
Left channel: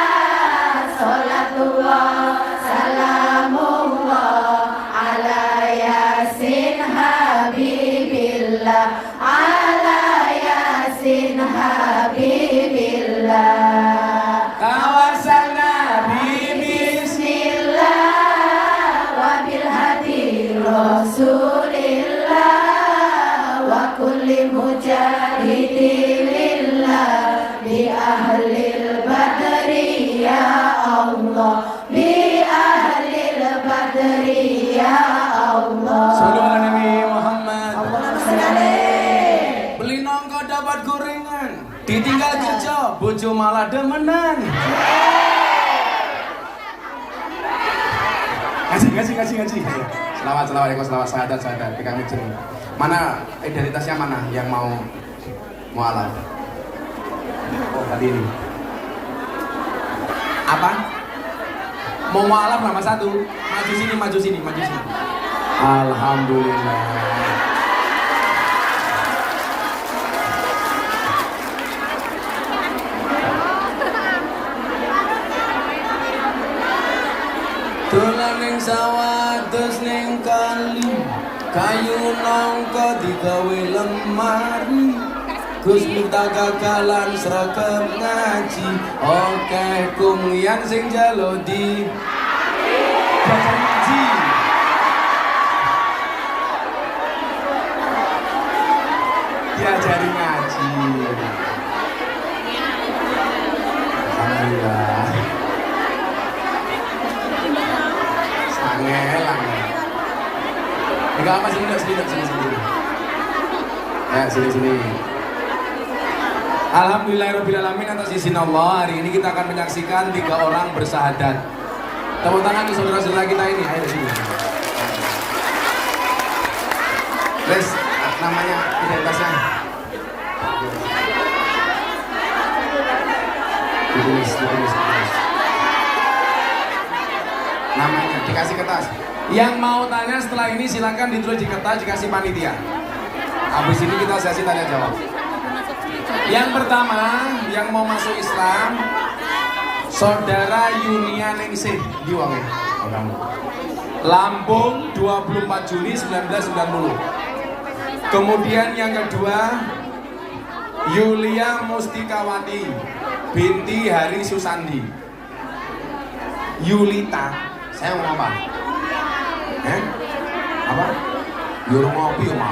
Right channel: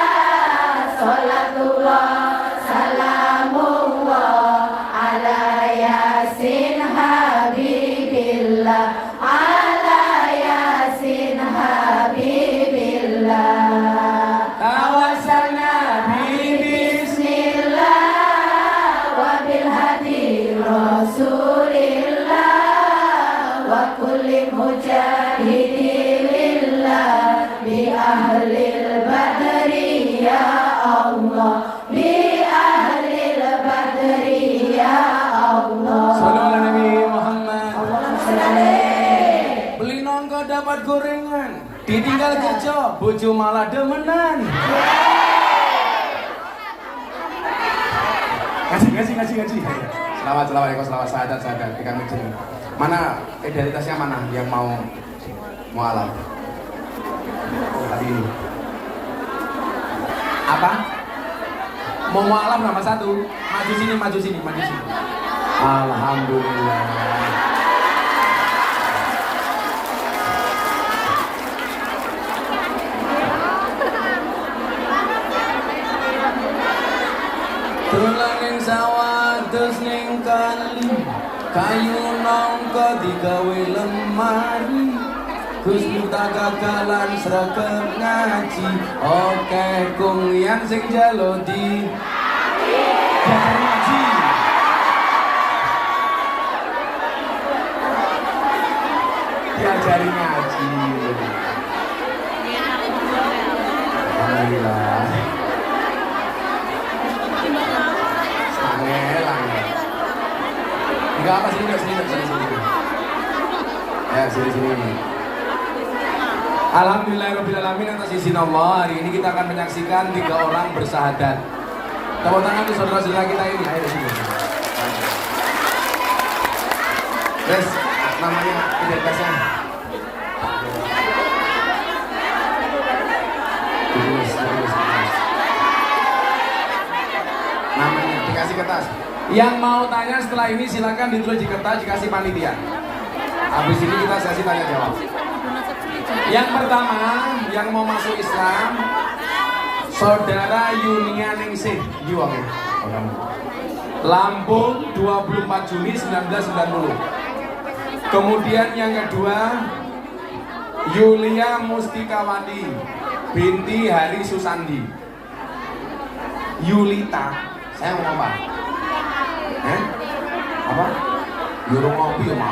salatullah salamullah ala yasin habibillah ala yasin habibillah tawassalna bibis bismillah wa bil hadi rasulillah wa kulli mujahidilillah bi ahlil badri ya Allah bi ahlil badri ya Allah. Sallu ala Nabi Muhammad. Saleh. Beli nongko dapat gorengan, ditinggal kerja, bojo malah demenan. Kasih. Selawat, sahadat, pegang ujung. Mana identitasnya mana yang mau mualaf? Tadi ini. Apa? Mau mualaf nama satu. Maju sini. Alhamdulillah. Tulang ning sawah terus ning kali, kayu nangka digawe lemari. Gus Miftah kagalan sregep ngaji, oke Kungyan sing jalo di janji. Diajari ngaji. Alhamdulillah. Sangelan. Enggak apa sini. Ya, sini. Alhamdulillahirrabbilalamin, atas izin Allah hari ini kita akan menyaksikan 3 orang bersahadat. Tepuk tangan untuk saudara-saudara kita ini. Ayo sini. Namanya identitas Ditulis. Namanya dikasih kertas. Yang mau tanya setelah ini silakan ditulis di kertas, dikasih panitia. Habis ini kita sesi tanya jawab. Yang pertama, yang mau masuk Islam, Saudara Yunia Ningsih di wonge. Lampung 24 Juni 1990. Kemudian yang kedua, Yulia Mustikawati binti Hari Susandi. Yulita, saya mau apa? Apa? Yulita kopi apa?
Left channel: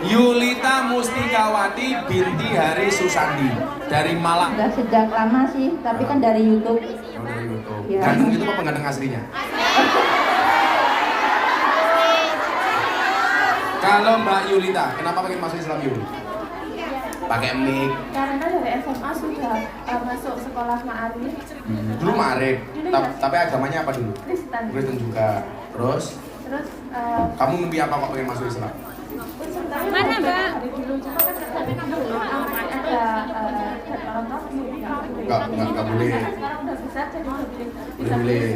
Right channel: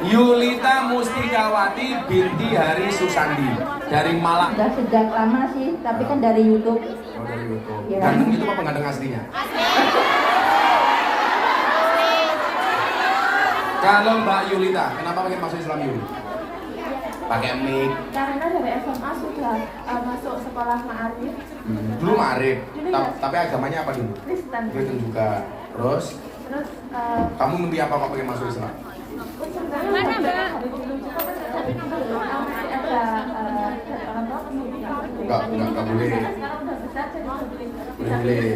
Yulita Mustikawati binti Hari Susandi dari Malang. Udah sejak lama sih, tapi kan dari YouTube. Oh, dari YouTube. Ya. Ganteng itu apa ganteng aslinya? Kalau Mbak Yulita, kenapa pengen masuk Islam Yul? Pakai mic. Karena dari SMA sudah masuk sekolah Ma'arif. Dulu Ma'arif, tapi agamanya apa dulu? Kristen. Kristen juga. Terus, Terus kamu mimpi apa kok pengen masuk Islam? mana Mbak? Tapi ada Enggak boleh. sekarang udah bisa jadi Boleh.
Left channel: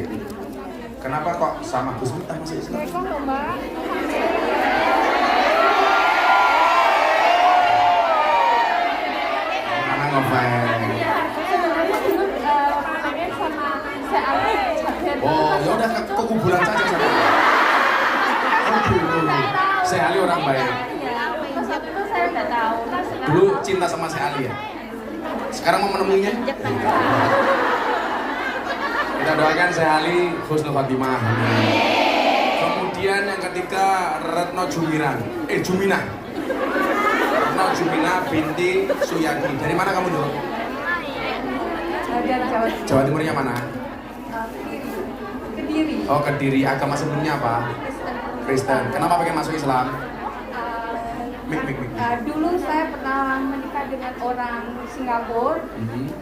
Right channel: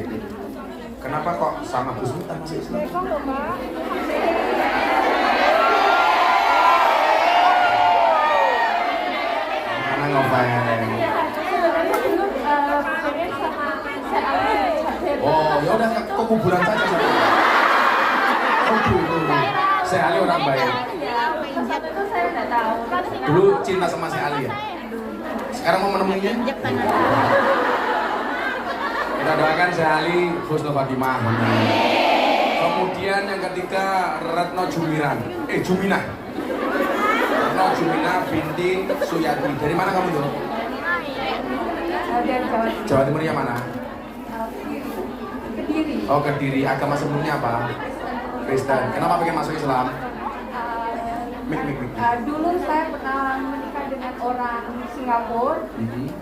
Kenapa kok sama Gus Miftah masuk Islam? Karena ngefans. Oh, ya udah ke kuburan saja. Saya Ali orang baik. Dulu cinta sama si Ali ya. Sekarang mau menemuinya? Kita doakan si Ali husnul khotimah. Kemudian yang ketiga Retno Jumina. Retno Jumina binti Suyati. Dari mana kamu dulu? dari Jawa Timurnya mana? Kediri. Oh, Kediri. Agama sebelumnya apa? Kristen. Kenapa pengen masuk Islam? Mik. Dulu saya pernah menikah dengan orang Singapura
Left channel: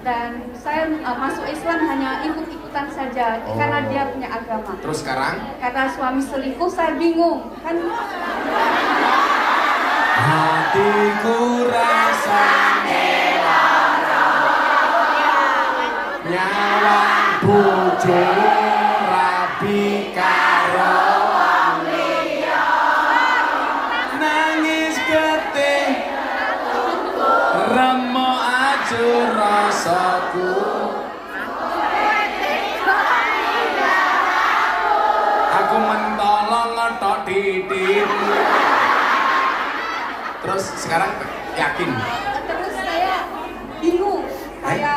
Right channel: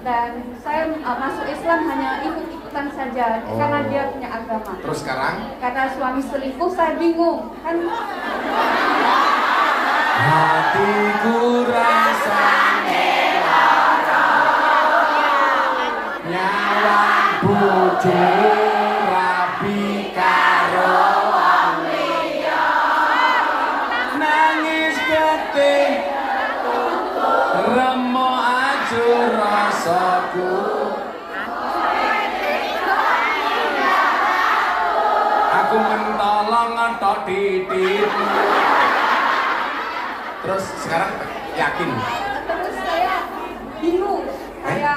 dan saya masuk Islam hanya ikut-ikutan saja karena dia punya agama. Terus sekarang? Kata suami selingkuh, saya bingung kan. Hatiku rasa nyawa bujur rabi karo nangis getih remo ajur rasaku. Aku mentolong ngetok titikmu. Terus sekarang yakin? Terus saya bingung. Saya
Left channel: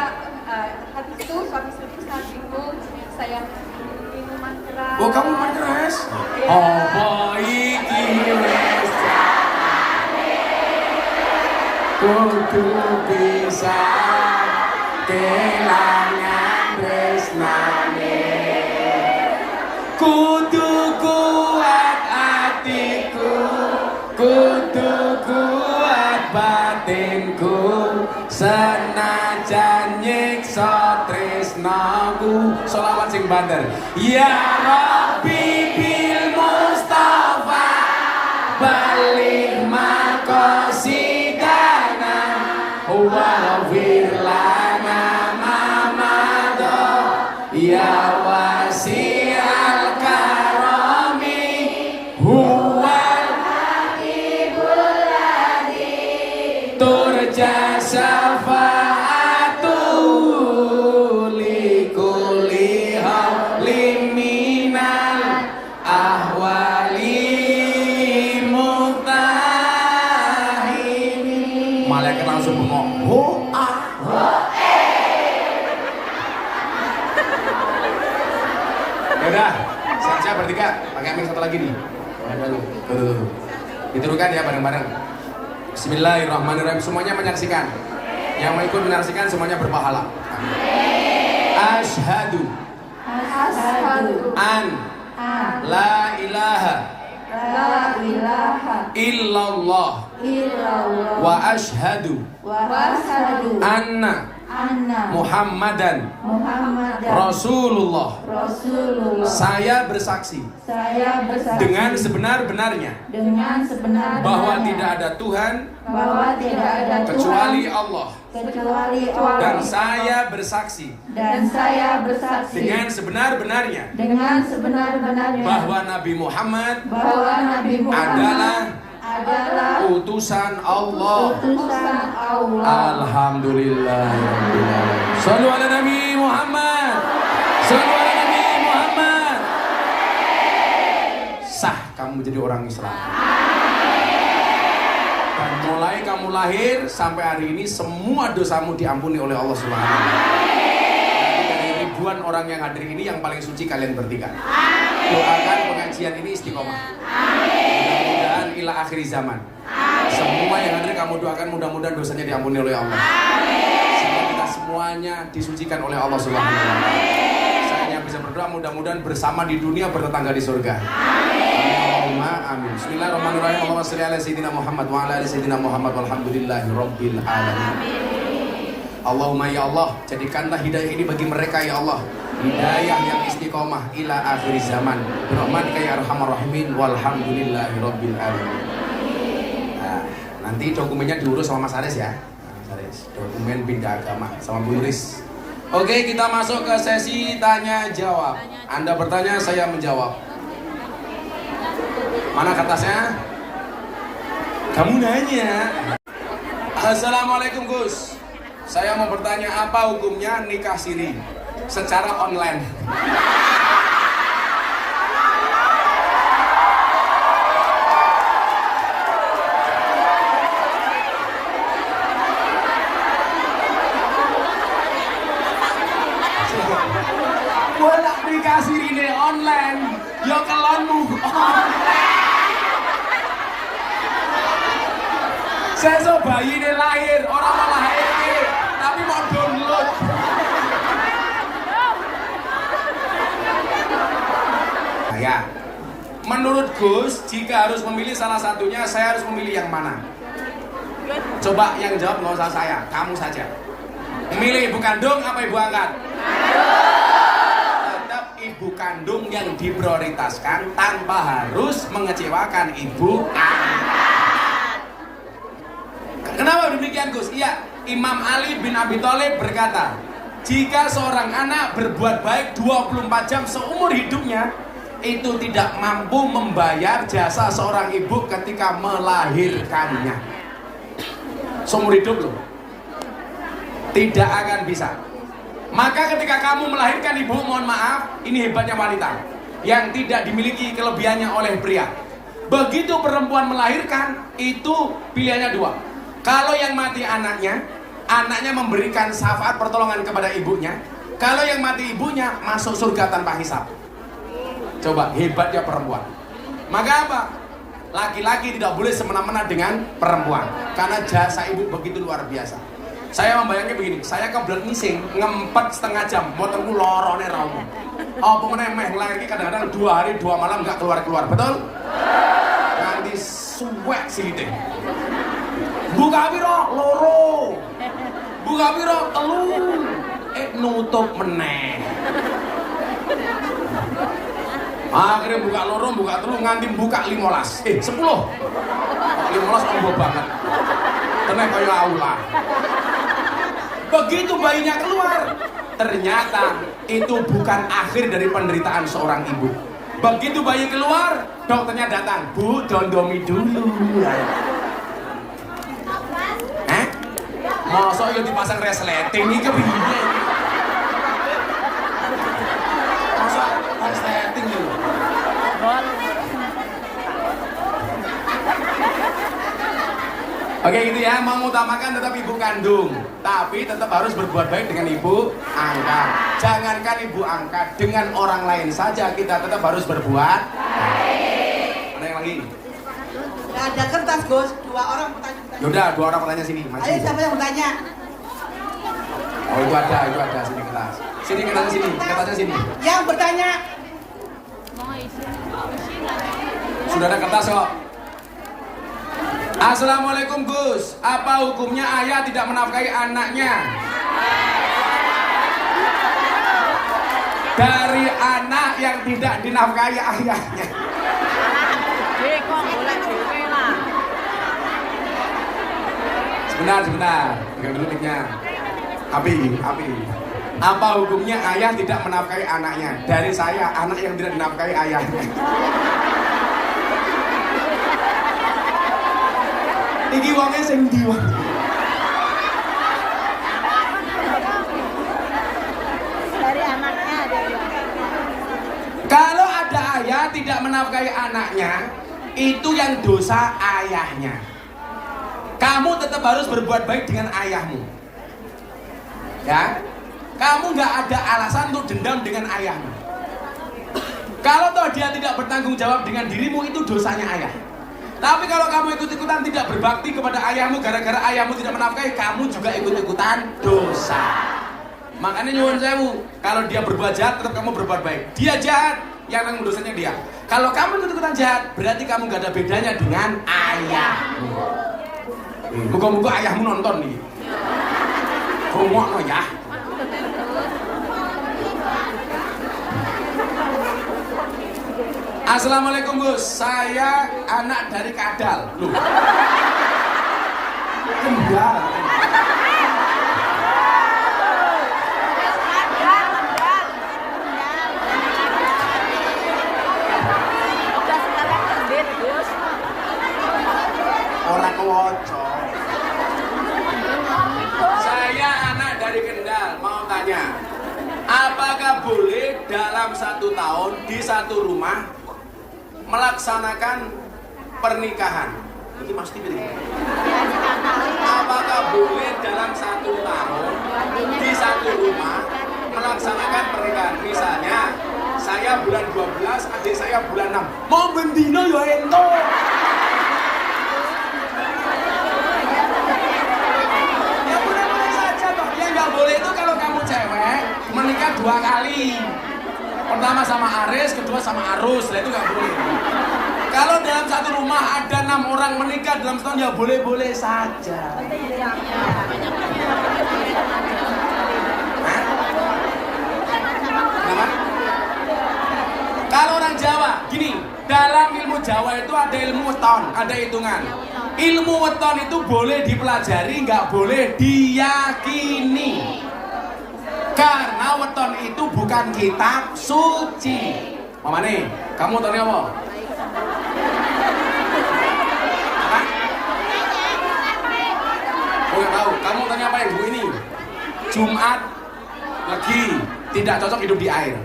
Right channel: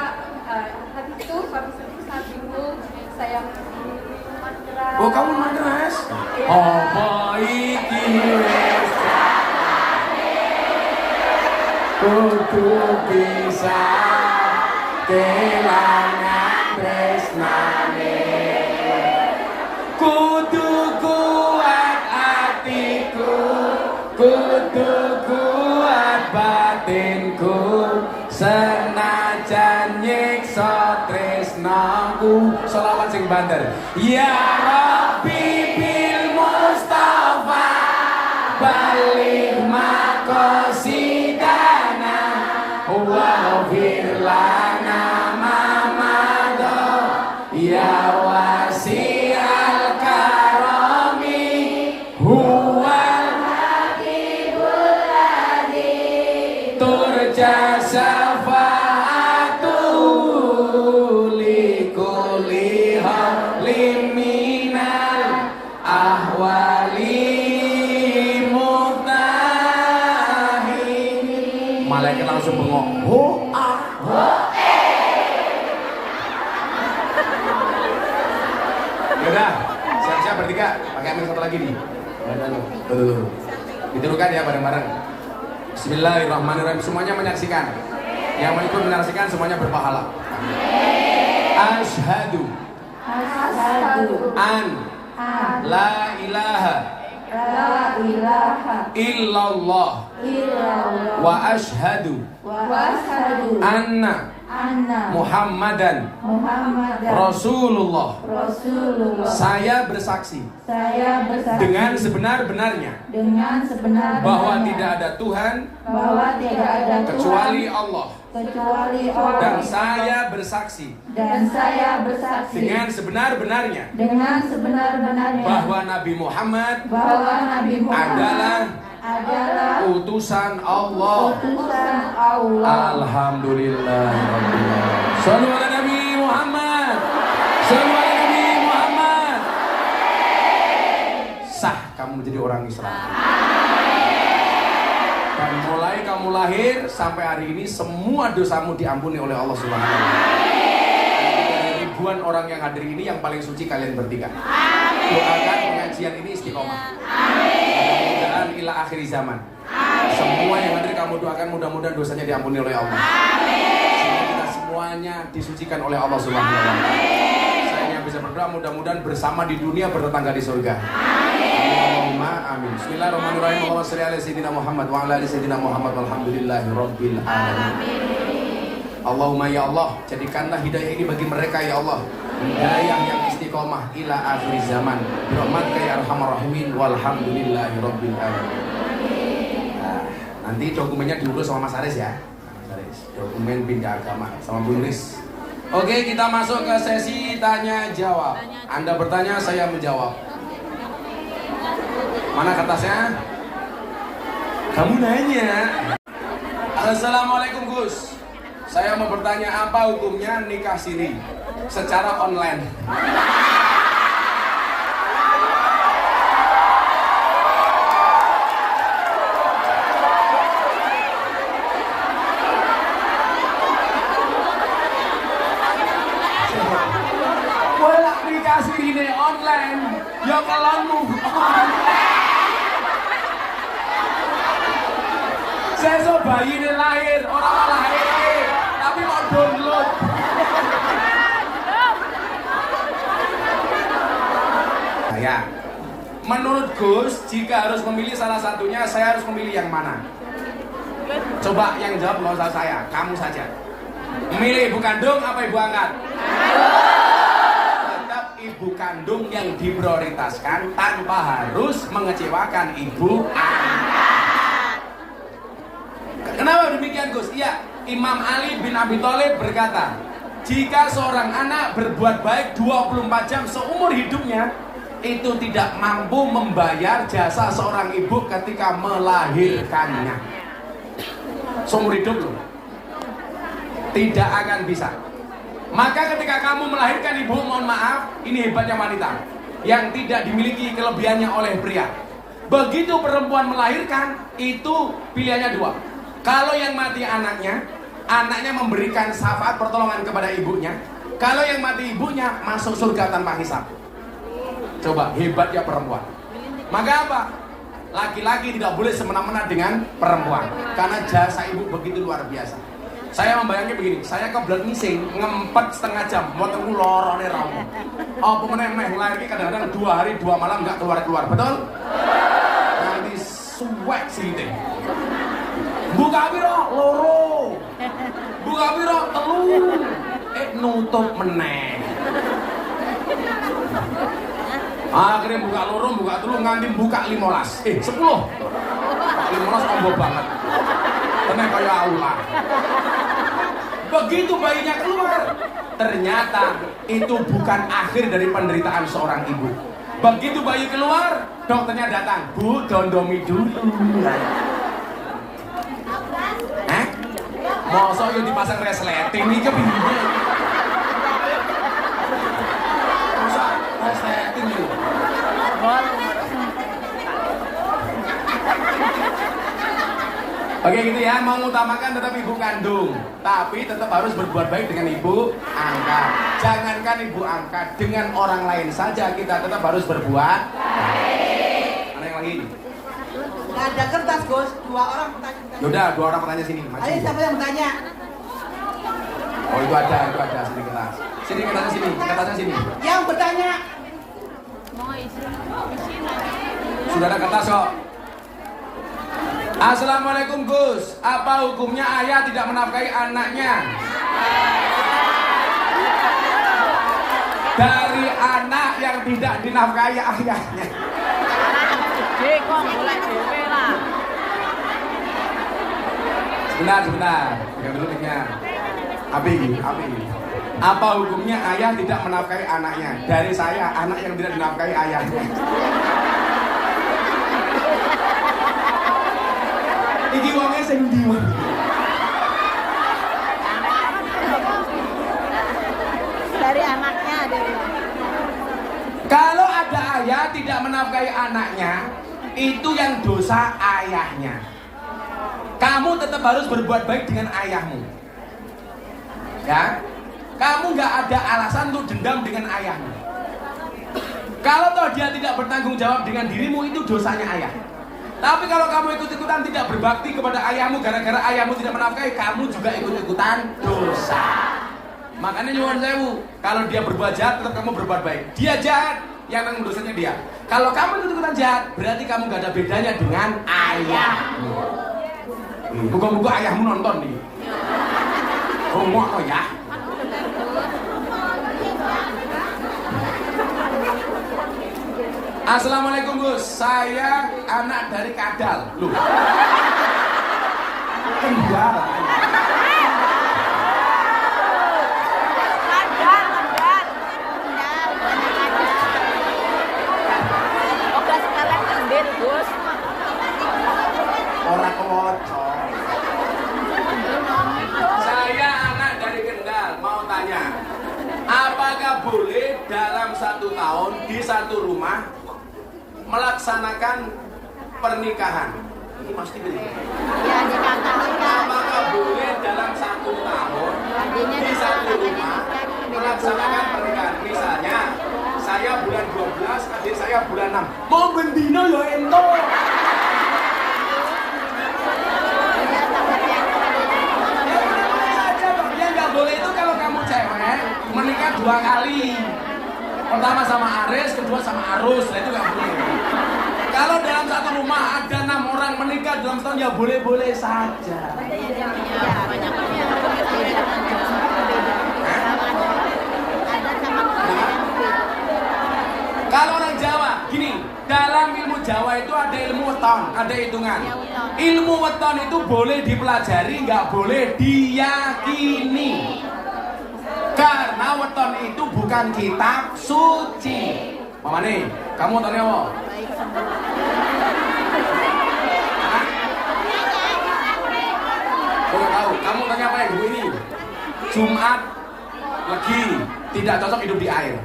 habis itu suami selingkuh saya bingung. Saya minuman keras. Oh, kamu minuman keras? Oh, iki wis kudu bisa kelangan tresnane. Kudu kuat hatiku, kudu kuat batinku, senajan nyiksa tresnaku. Sholawat sing bandel. Ya Rabbi bil Mustafa balik makosidana wa firlana mamado ya wasi'al karami huwal habibul ladhi turja syafa'atu likulli halim minal ahwali mutahini. Malaikat langsung bengok. Yaudah, siap-siap bertiga. Pakai mic satu lagi nih. Tuh. Dituduhkan ya bareng-bareng. Bismillahirrahmanirrahim. Semuanya menyaksikan. Yang mau ikut menyaksikan semuanya berpahala. Asyhadu an la ilaha illallah wa asyhadu anna anna Muhammadan Muhammadan Rasulullah. Rasulullah. Saya bersaksi Saya bersaksi dengan sebenar-benarnya dengan sebenar-benarnya bahwa tidak ada Tuhan bahwa tidak ada kecuali Tuhan Allah. kecuali Allah. Dan saya bersaksi Dan saya bersaksi dengan sebenar-benarnya dengan sebenar-benarnya bahwa Nabi Muhammad bahwa Nabi Muhammad adalah utusan Allah. utusan Allah. Alhamdulillah. Sallu ala Nabi Muhammad. Sallu ala Nabi Muhammad. Sah kamu menjadi orang Islam. Dan mulai kamu lahir sampai hari ini semua dosamu diampuni oleh Allah Subhanahu wa taala. Dari ribuan orang yang hadir ini yang paling suci kalian bertiga. Doakan pengajian ini istiqomah. Mudah-mudahan ila akhir zaman. Semua yang hadir kamu doakan mudah-mudahan dosanya diampuni oleh Allah. Semoga kita semuanya disucikan oleh Allah Subhanahu wa taala. Saya yang bisa berdoa mudah-mudahan bersama di dunia bertetangga di surga. Allahumma amin. Bismillahirrahmanirrahim. Allahumma shalli ala sayyidina Muhammad wa ala ali sayyidina Muhammad walhamdulillahirabbil alamin. Allahumma ya Allah, jadikanlah hidayah ini bagi mereka ya Allah. Hidayah yang istiqomah ila akhir zaman. Berahmatika ya arhamar rahimin walhamdulillahirabbil alamin. Nanti dokumennya diurus sama Mas Aris ya. Mas Aris, dokumen pindah agama sama Bu Riz. Oke, kita masuk ke sesi tanya jawab. Anda bertanya, saya menjawab. Mana kertasnya? Kamu nanya. Assalamualaikum Gus. Saya mau bertanya apa hukumnya nikah siri secara online? Nikah siri ini online, ya kalonmu. Saya so bayi ini lahir, orang lahir, tapi mau download. Ya, menurut Gus, jika harus memilih salah satunya, saya harus memilih yang mana? Coba yang jawab nggak usah saya, kamu saja. Memilih ibu kandung apa ibu angkat? Tetap ibu kandung yang diprioritaskan tanpa harus mengecewakan ibu angkat. Kenapa demikian Gus? Iya, Imam Ali bin Abi Thalib berkata, jika seorang anak berbuat baik 24 jam seumur hidupnya, itu tidak mampu membayar jasa seorang ibu ketika melahirkannya. Seumur hidup loh, tidak akan bisa. Maka ketika kamu melahirkan ibu, mohon maaf, ini hebatnya wanita yang tidak dimiliki kelebihannya oleh pria. Begitu perempuan melahirkan, itu pilihannya dua. Kalau yang mati anaknya memberikan syafaat pertolongan kepada ibunya. Kalau yang mati ibunya, masuk surga tanpa hisab. Coba, hebatnya perempuan. Maka apa? Laki-laki tidak boleh semena-mena dengan perempuan, karena jasa ibu begitu luar biasa. Saya membayangkan begini, saya kebelet ngising, ngempet setengah jam, motorku lorone raung. Oh, pemenang meh lagi kadang-kadang 2 hari 2 malam nggak keluar-keluar, betul? Nanti suwek sini. Buka piro loro. Buka piro telu. Nutup meneh. Akhirnya buka loro, buka telu nganti buka 15. 10. 15 tambah banget. Tenang kaya aula. Begitu bayinya keluar, ternyata itu bukan akhir dari penderitaan seorang ibu. Begitu bayi keluar, dokternya datang, Bu, dondomi dulu. Masa yang dipasang resleting nih kepiye? Masa resleting lho. Oke gitu ya, mengutamakan tetap ibu kandung, tapi tetap harus berbuat baik dengan ibu angkat. Jangankan ibu angkat, dengan orang lain saja kita tetap harus berbuat baik. Ada yang lagi? Ada kertas Gus, 2 orang bertanya. Yaudah, 2 orang bertanya sini. Ayo siapa yang bertanya? Oh itu ada sini kertas. Sini kertasnya sini, kertasnya sini. Yang bertanya. Sudah ada kertas kok. Assalamualaikum Gus, apa hukumnya ayah tidak menafkahi anaknya Dari anak yang tidak dinafkahi ayahnya. Sebentar. Pegang dulu mic-nya. Abi. Apa hukumnya ayah tidak menafkahi anaknya? Dari saya, anak yang tidak dinafkahi ayahnya. Iki wongnya sing ndi wae. Kalau ada ayah tidak menafkahi anaknya, itu yang dosa ayahnya. Kamu tetap harus berbuat baik dengan ayahmu. Ya, kamu nggak ada alasan untuk dendam dengan ayahmu. Kalau toh dia tidak bertanggung jawab dengan dirimu, itu dosanya ayah. Tapi kalau kamu ikut-ikutan tidak berbakti kepada ayahmu gara-gara ayahmu tidak menafkahi, kamu juga ikut-ikutan dosa. Makanya nyuwun sewu, kalau dia berbuat jahat, tetap kamu berbuat baik. Dia jahat, yang nanggung dosanya dia. Kalau kamu ikut-ikutan jahat, berarti kamu gak ada bedanya dengan ayahmu. Muka-muka ayahmu nonton nih. Ngomong apa ya? Assalamualaikum Gus, saya anak dari Kadal. Loh. Enggak. Orang kelocok. Saya anak dari Kendal, mau tanya, apakah boleh dalam 1 tahun di satu rumah melaksanakan pernikahan? Ini pasti benar. Apakah boleh dalam 1 tahun di satu rumah melaksanakan pernikahan? Misalnya, saya bulan 12, adik saya bulan 6. Mau bendino ya ento. Ya boleh saja, Pak. Yang nggak boleh itu kalau kamu cewek menikah 2 kali. Pertama sama Aris, kedua sama Arus, nah itu nggak boleh. Kalau dalam satu rumah ada 6 orang menikah dalam setahun, ya boleh-boleh saja. Kalau orang Jawa, gini, dalam ilmu Jawa itu ada ilmu weton, ada hitungan. Ilmu weton itu boleh dipelajari, nggak boleh diyakini. Karena weton itu bukan kitab suci. Mama nih, kamu tahu apa? Boleh tahu, kamu tanya apa ibu ini? Jumat lagi tidak cocok hidup di air.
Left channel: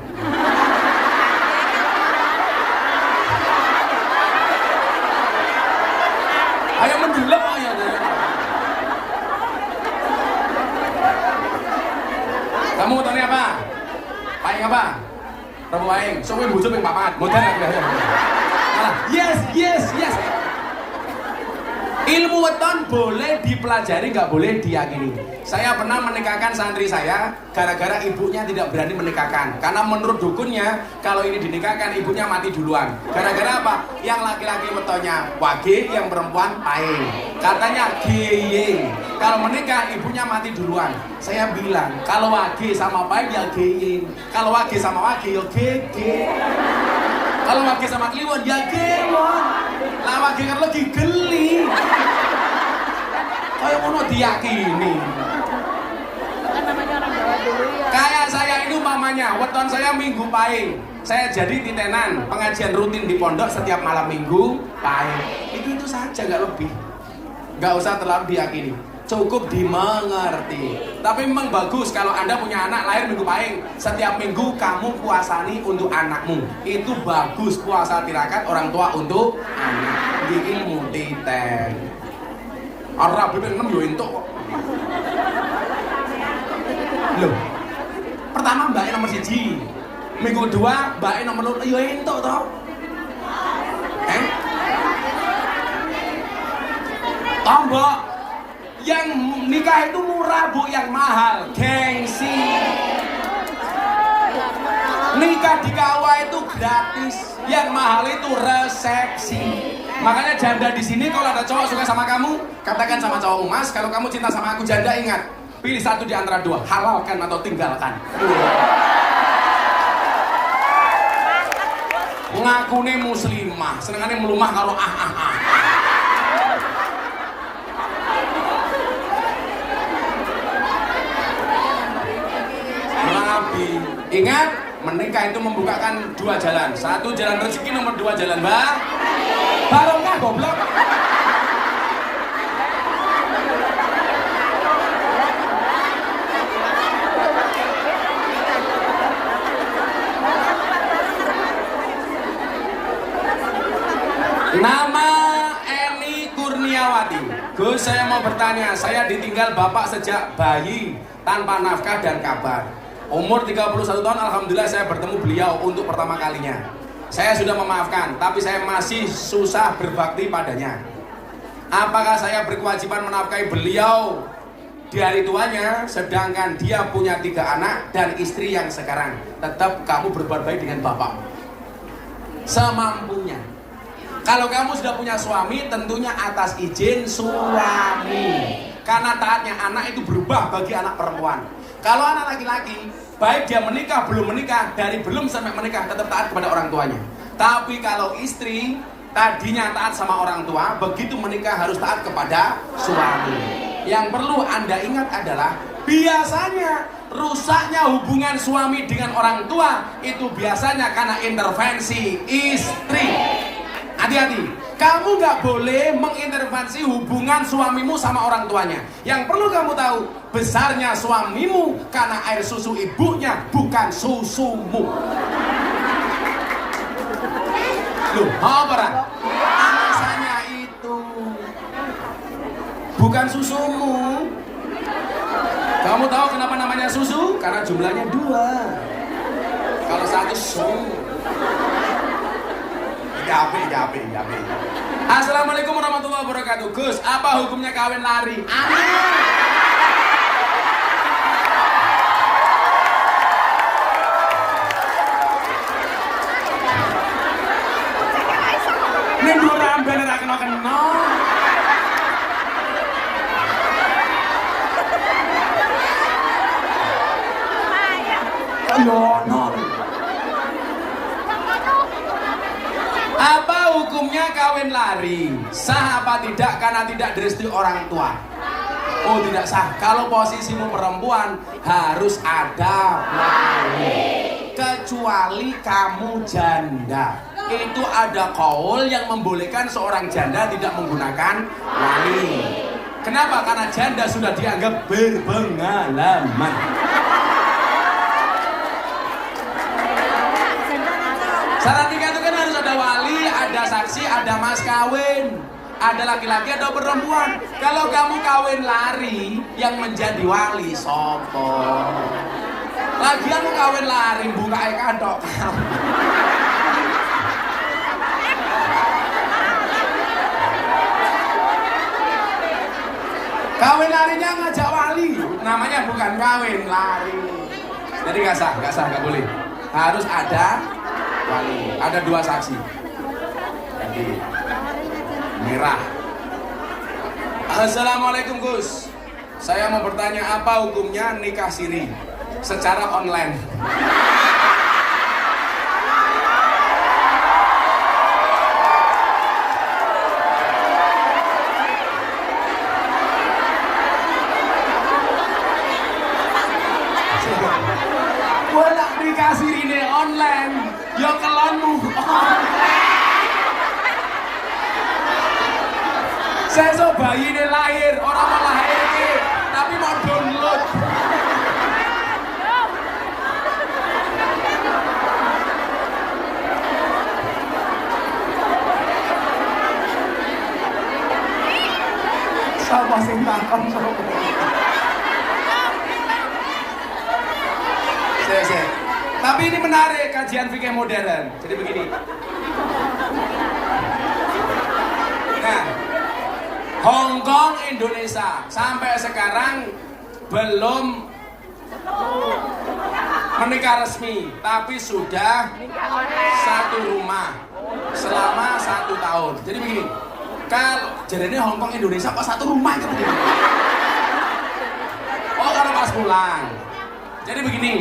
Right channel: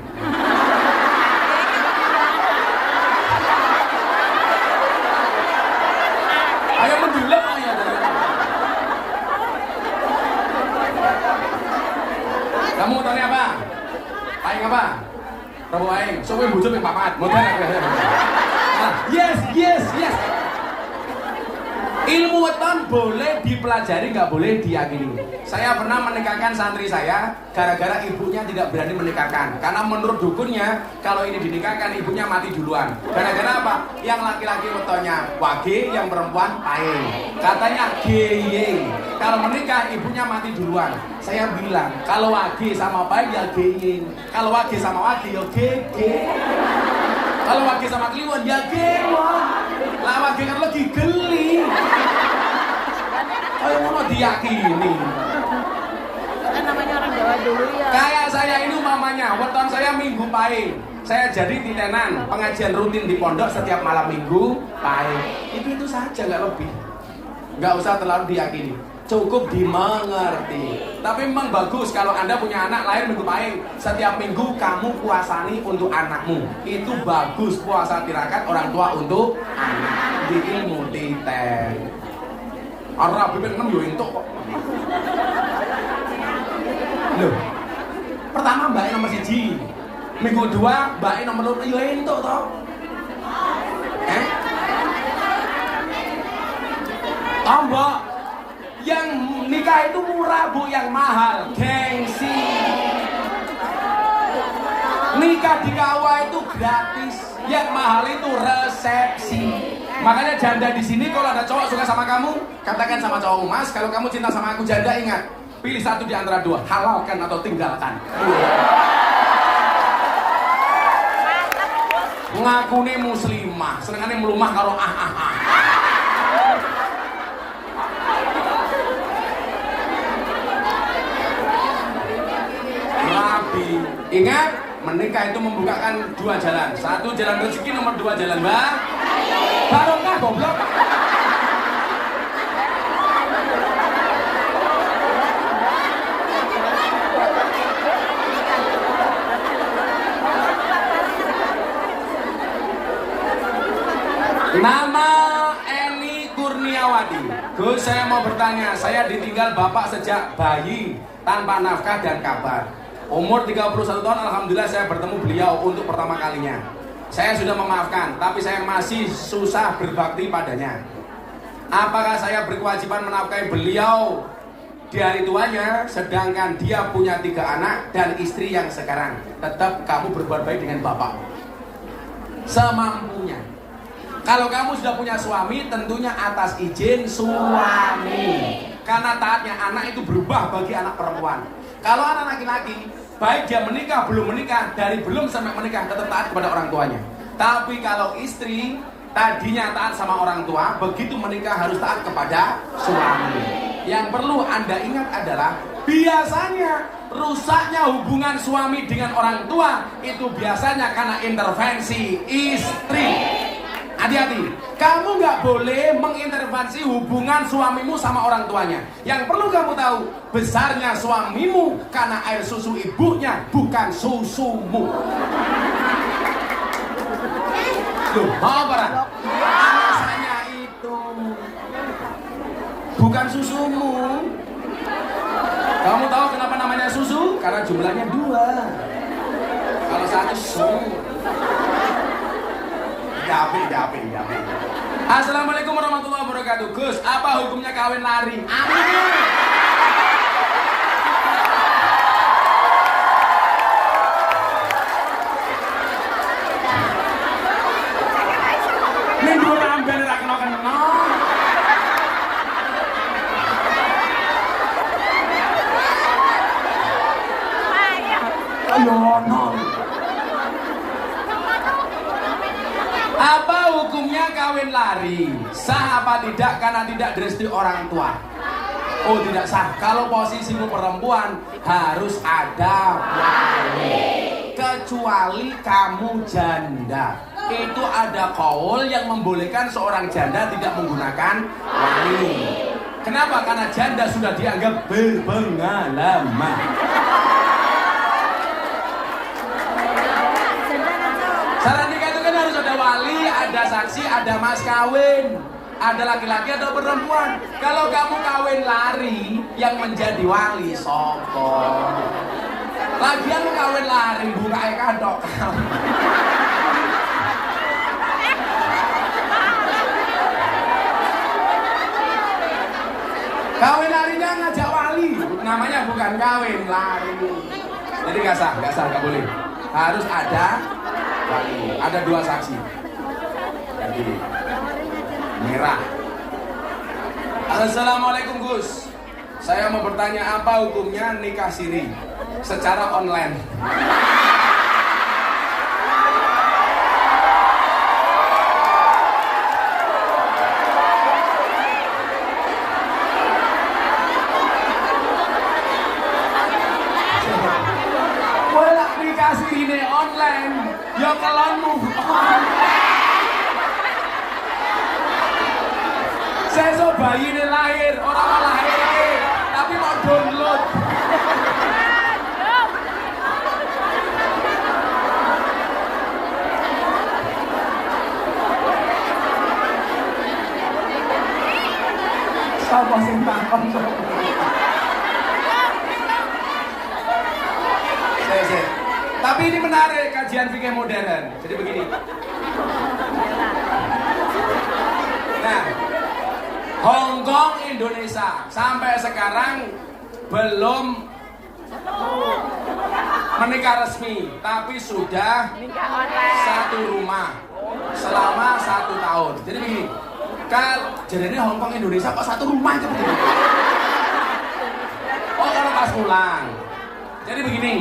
Ayo mendulang ayo. Kamu tanya apa? Paling apa? Kamu main, soalnya butuh yang papat. Modern ya. Yes. Ilmu weton boleh dipelajari, nggak boleh diyakini. Saya pernah menikahkan santri saya, gara-gara ibunya tidak berani menikahkan. Karena menurut dukunnya, kalau ini dinikahkan ibunya mati duluan. Gara-gara apa? Yang laki-laki wetonnya wage, yang perempuan pae. Katanya geye. Kalau menikah ibunya mati duluan. Saya bilang, kalau wage sama pae ya geye. Kalau wage sama wage ya gege. Kalau wage sama kliwon ya kliwon. Lah wage kan lagi geli. Kamu diyakini. Kayak saya ini umpamanya, weton saya minggu pahing. Saya jadi titenan, pengajian rutin di pondok setiap malam minggu pahing. Itu saja, nggak lebih. Nggak usah terlalu diyakini. Cukup dimengerti. Tapi memang bagus kalau Anda punya anak lahir minggu pahing. Setiap minggu kamu puasani untuk anakmu. Itu bagus, puasa tirakat orang tua untuk anak. Di ilmu titen. Orang bibir yo entuk. Loh. Pertama mbake nomor 1. Minggu kedua mbake nomor 2 yo entuk to. Tambah yang nikah itu murah Bu, yang mahal gengsi. Nikah di kawah itu gratis, yang mahal itu resepsi. Makanya janda di sini kalau ada cowok suka sama kamu, katakan sama cowok, Mas, kalau kamu cinta sama aku janda, ingat Pilih satu di antara dua, halalkan atau tinggalkan. Ngakune muslimah, senengane melumah kalau Nabi. Ingat, menikah itu membukakan dua jalan. Satu jalan rezeki, nomor dua jalan barokah goblok. Nama Eni Kurniawati. Gus, saya mau bertanya, saya ditinggal bapak sejak bayi tanpa nafkah dan kabar. Umur 31 tahun, alhamdulillah saya bertemu beliau untuk pertama kalinya. Saya sudah memaafkan, tapi saya masih susah berbakti padanya. Apakah saya berkewajiban menafkahi beliau di hari tuanya, sedangkan dia punya 3 anak dan istri yang sekarang? Tetap kamu berbuat baik dengan bapak semampunya. Kalau kamu sudah punya suami, tentunya atas izin suami. Karena taatnya anak itu berubah bagi anak perempuan. Kalau anak laki-laki, baik dia menikah, belum menikah, dari belum sampai menikah, tetap taat kepada orang tuanya. Tapi kalau istri, tadinya taat sama orang tua, begitu menikah harus taat kepada suami. Yang perlu Anda ingat adalah, biasanya rusaknya hubungan suami dengan orang tua, itu biasanya karena intervensi istri. Hati-hati, kamu nggak boleh mengintervensi hubungan suamimu sama orang tuanya. Yang perlu kamu tahu, besarnya suamimu karena air susu ibunya, bukan susumu. Loh, apa? Alasannya itu bukan susumu. Kamu tahu kenapa namanya susu? Karena jumlahnya 2. Kalau satu susu. Yapi. Assalamualaikum warahmatullahi wabarakatuh. Gus, apa hukumnya kawin lari? Minggu ramben ra kena. Apa hukumnya kawin lari? Sah apa tidak karena tidak direstui orang tua? Oh, tidak sah. Kalau posisimu perempuan harus ada wali. Kecuali kamu janda. Itu ada kaul yang membolehkan seorang janda tidak menggunakan wali. Kenapa? Karena janda sudah dianggap berpengalaman. Syarat nikah itu kan harus ada wali, ada saksi, ada mas kawin, ada laki-laki atau perempuan. Kalau kamu kawin lari, yang menjadi wali sopo. Lagian kawin lari buka kandok. Kawin larinya ngajak wali, namanya bukan kawin lari. Jadi nggak sah, nggak boleh. Harus ada wali, ada 2 saksi. Jadi merah. Assalamualaikum Gus. Saya mau bertanya, apa hukumnya nikah siri secara online? Saya so bayi ini lahir, orang lahir, tapi mau download. Sama sing takon. Tapi ini menarik, kajian fikih modern. Jadi begini. Nah, Hong Kong, Indonesia sampai sekarang belum menikah resmi, tapi sudah satu rumah selama 1 tahun. Jadi begini, kalau jadinya Hong Kong Indonesia kok satu rumah itu begini? Oh ulang. Jadi begini.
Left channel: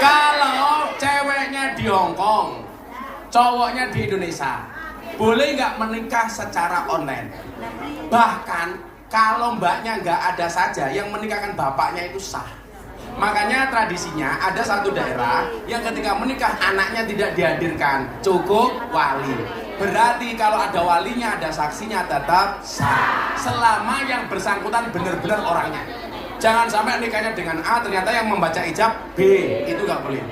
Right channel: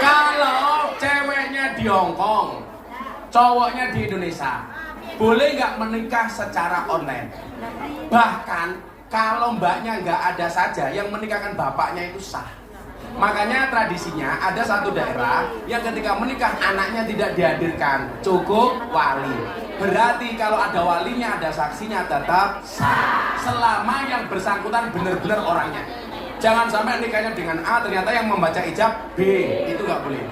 Kalau ceweknya di Hong Kong, cowoknya di Indonesia, boleh nggak menikah secara online? Bahkan kalau mbaknya nggak ada saja, yang menikahkan bapaknya itu sah. Makanya tradisinya ada satu daerah yang ketika menikah anaknya tidak dihadirkan, cukup wali. Berarti kalau ada walinya, ada saksinya tetap sah. Selama yang bersangkutan benar-benar orangnya. Jangan sampai nikahnya dengan A ternyata yang membaca ijab B, itu nggak boleh.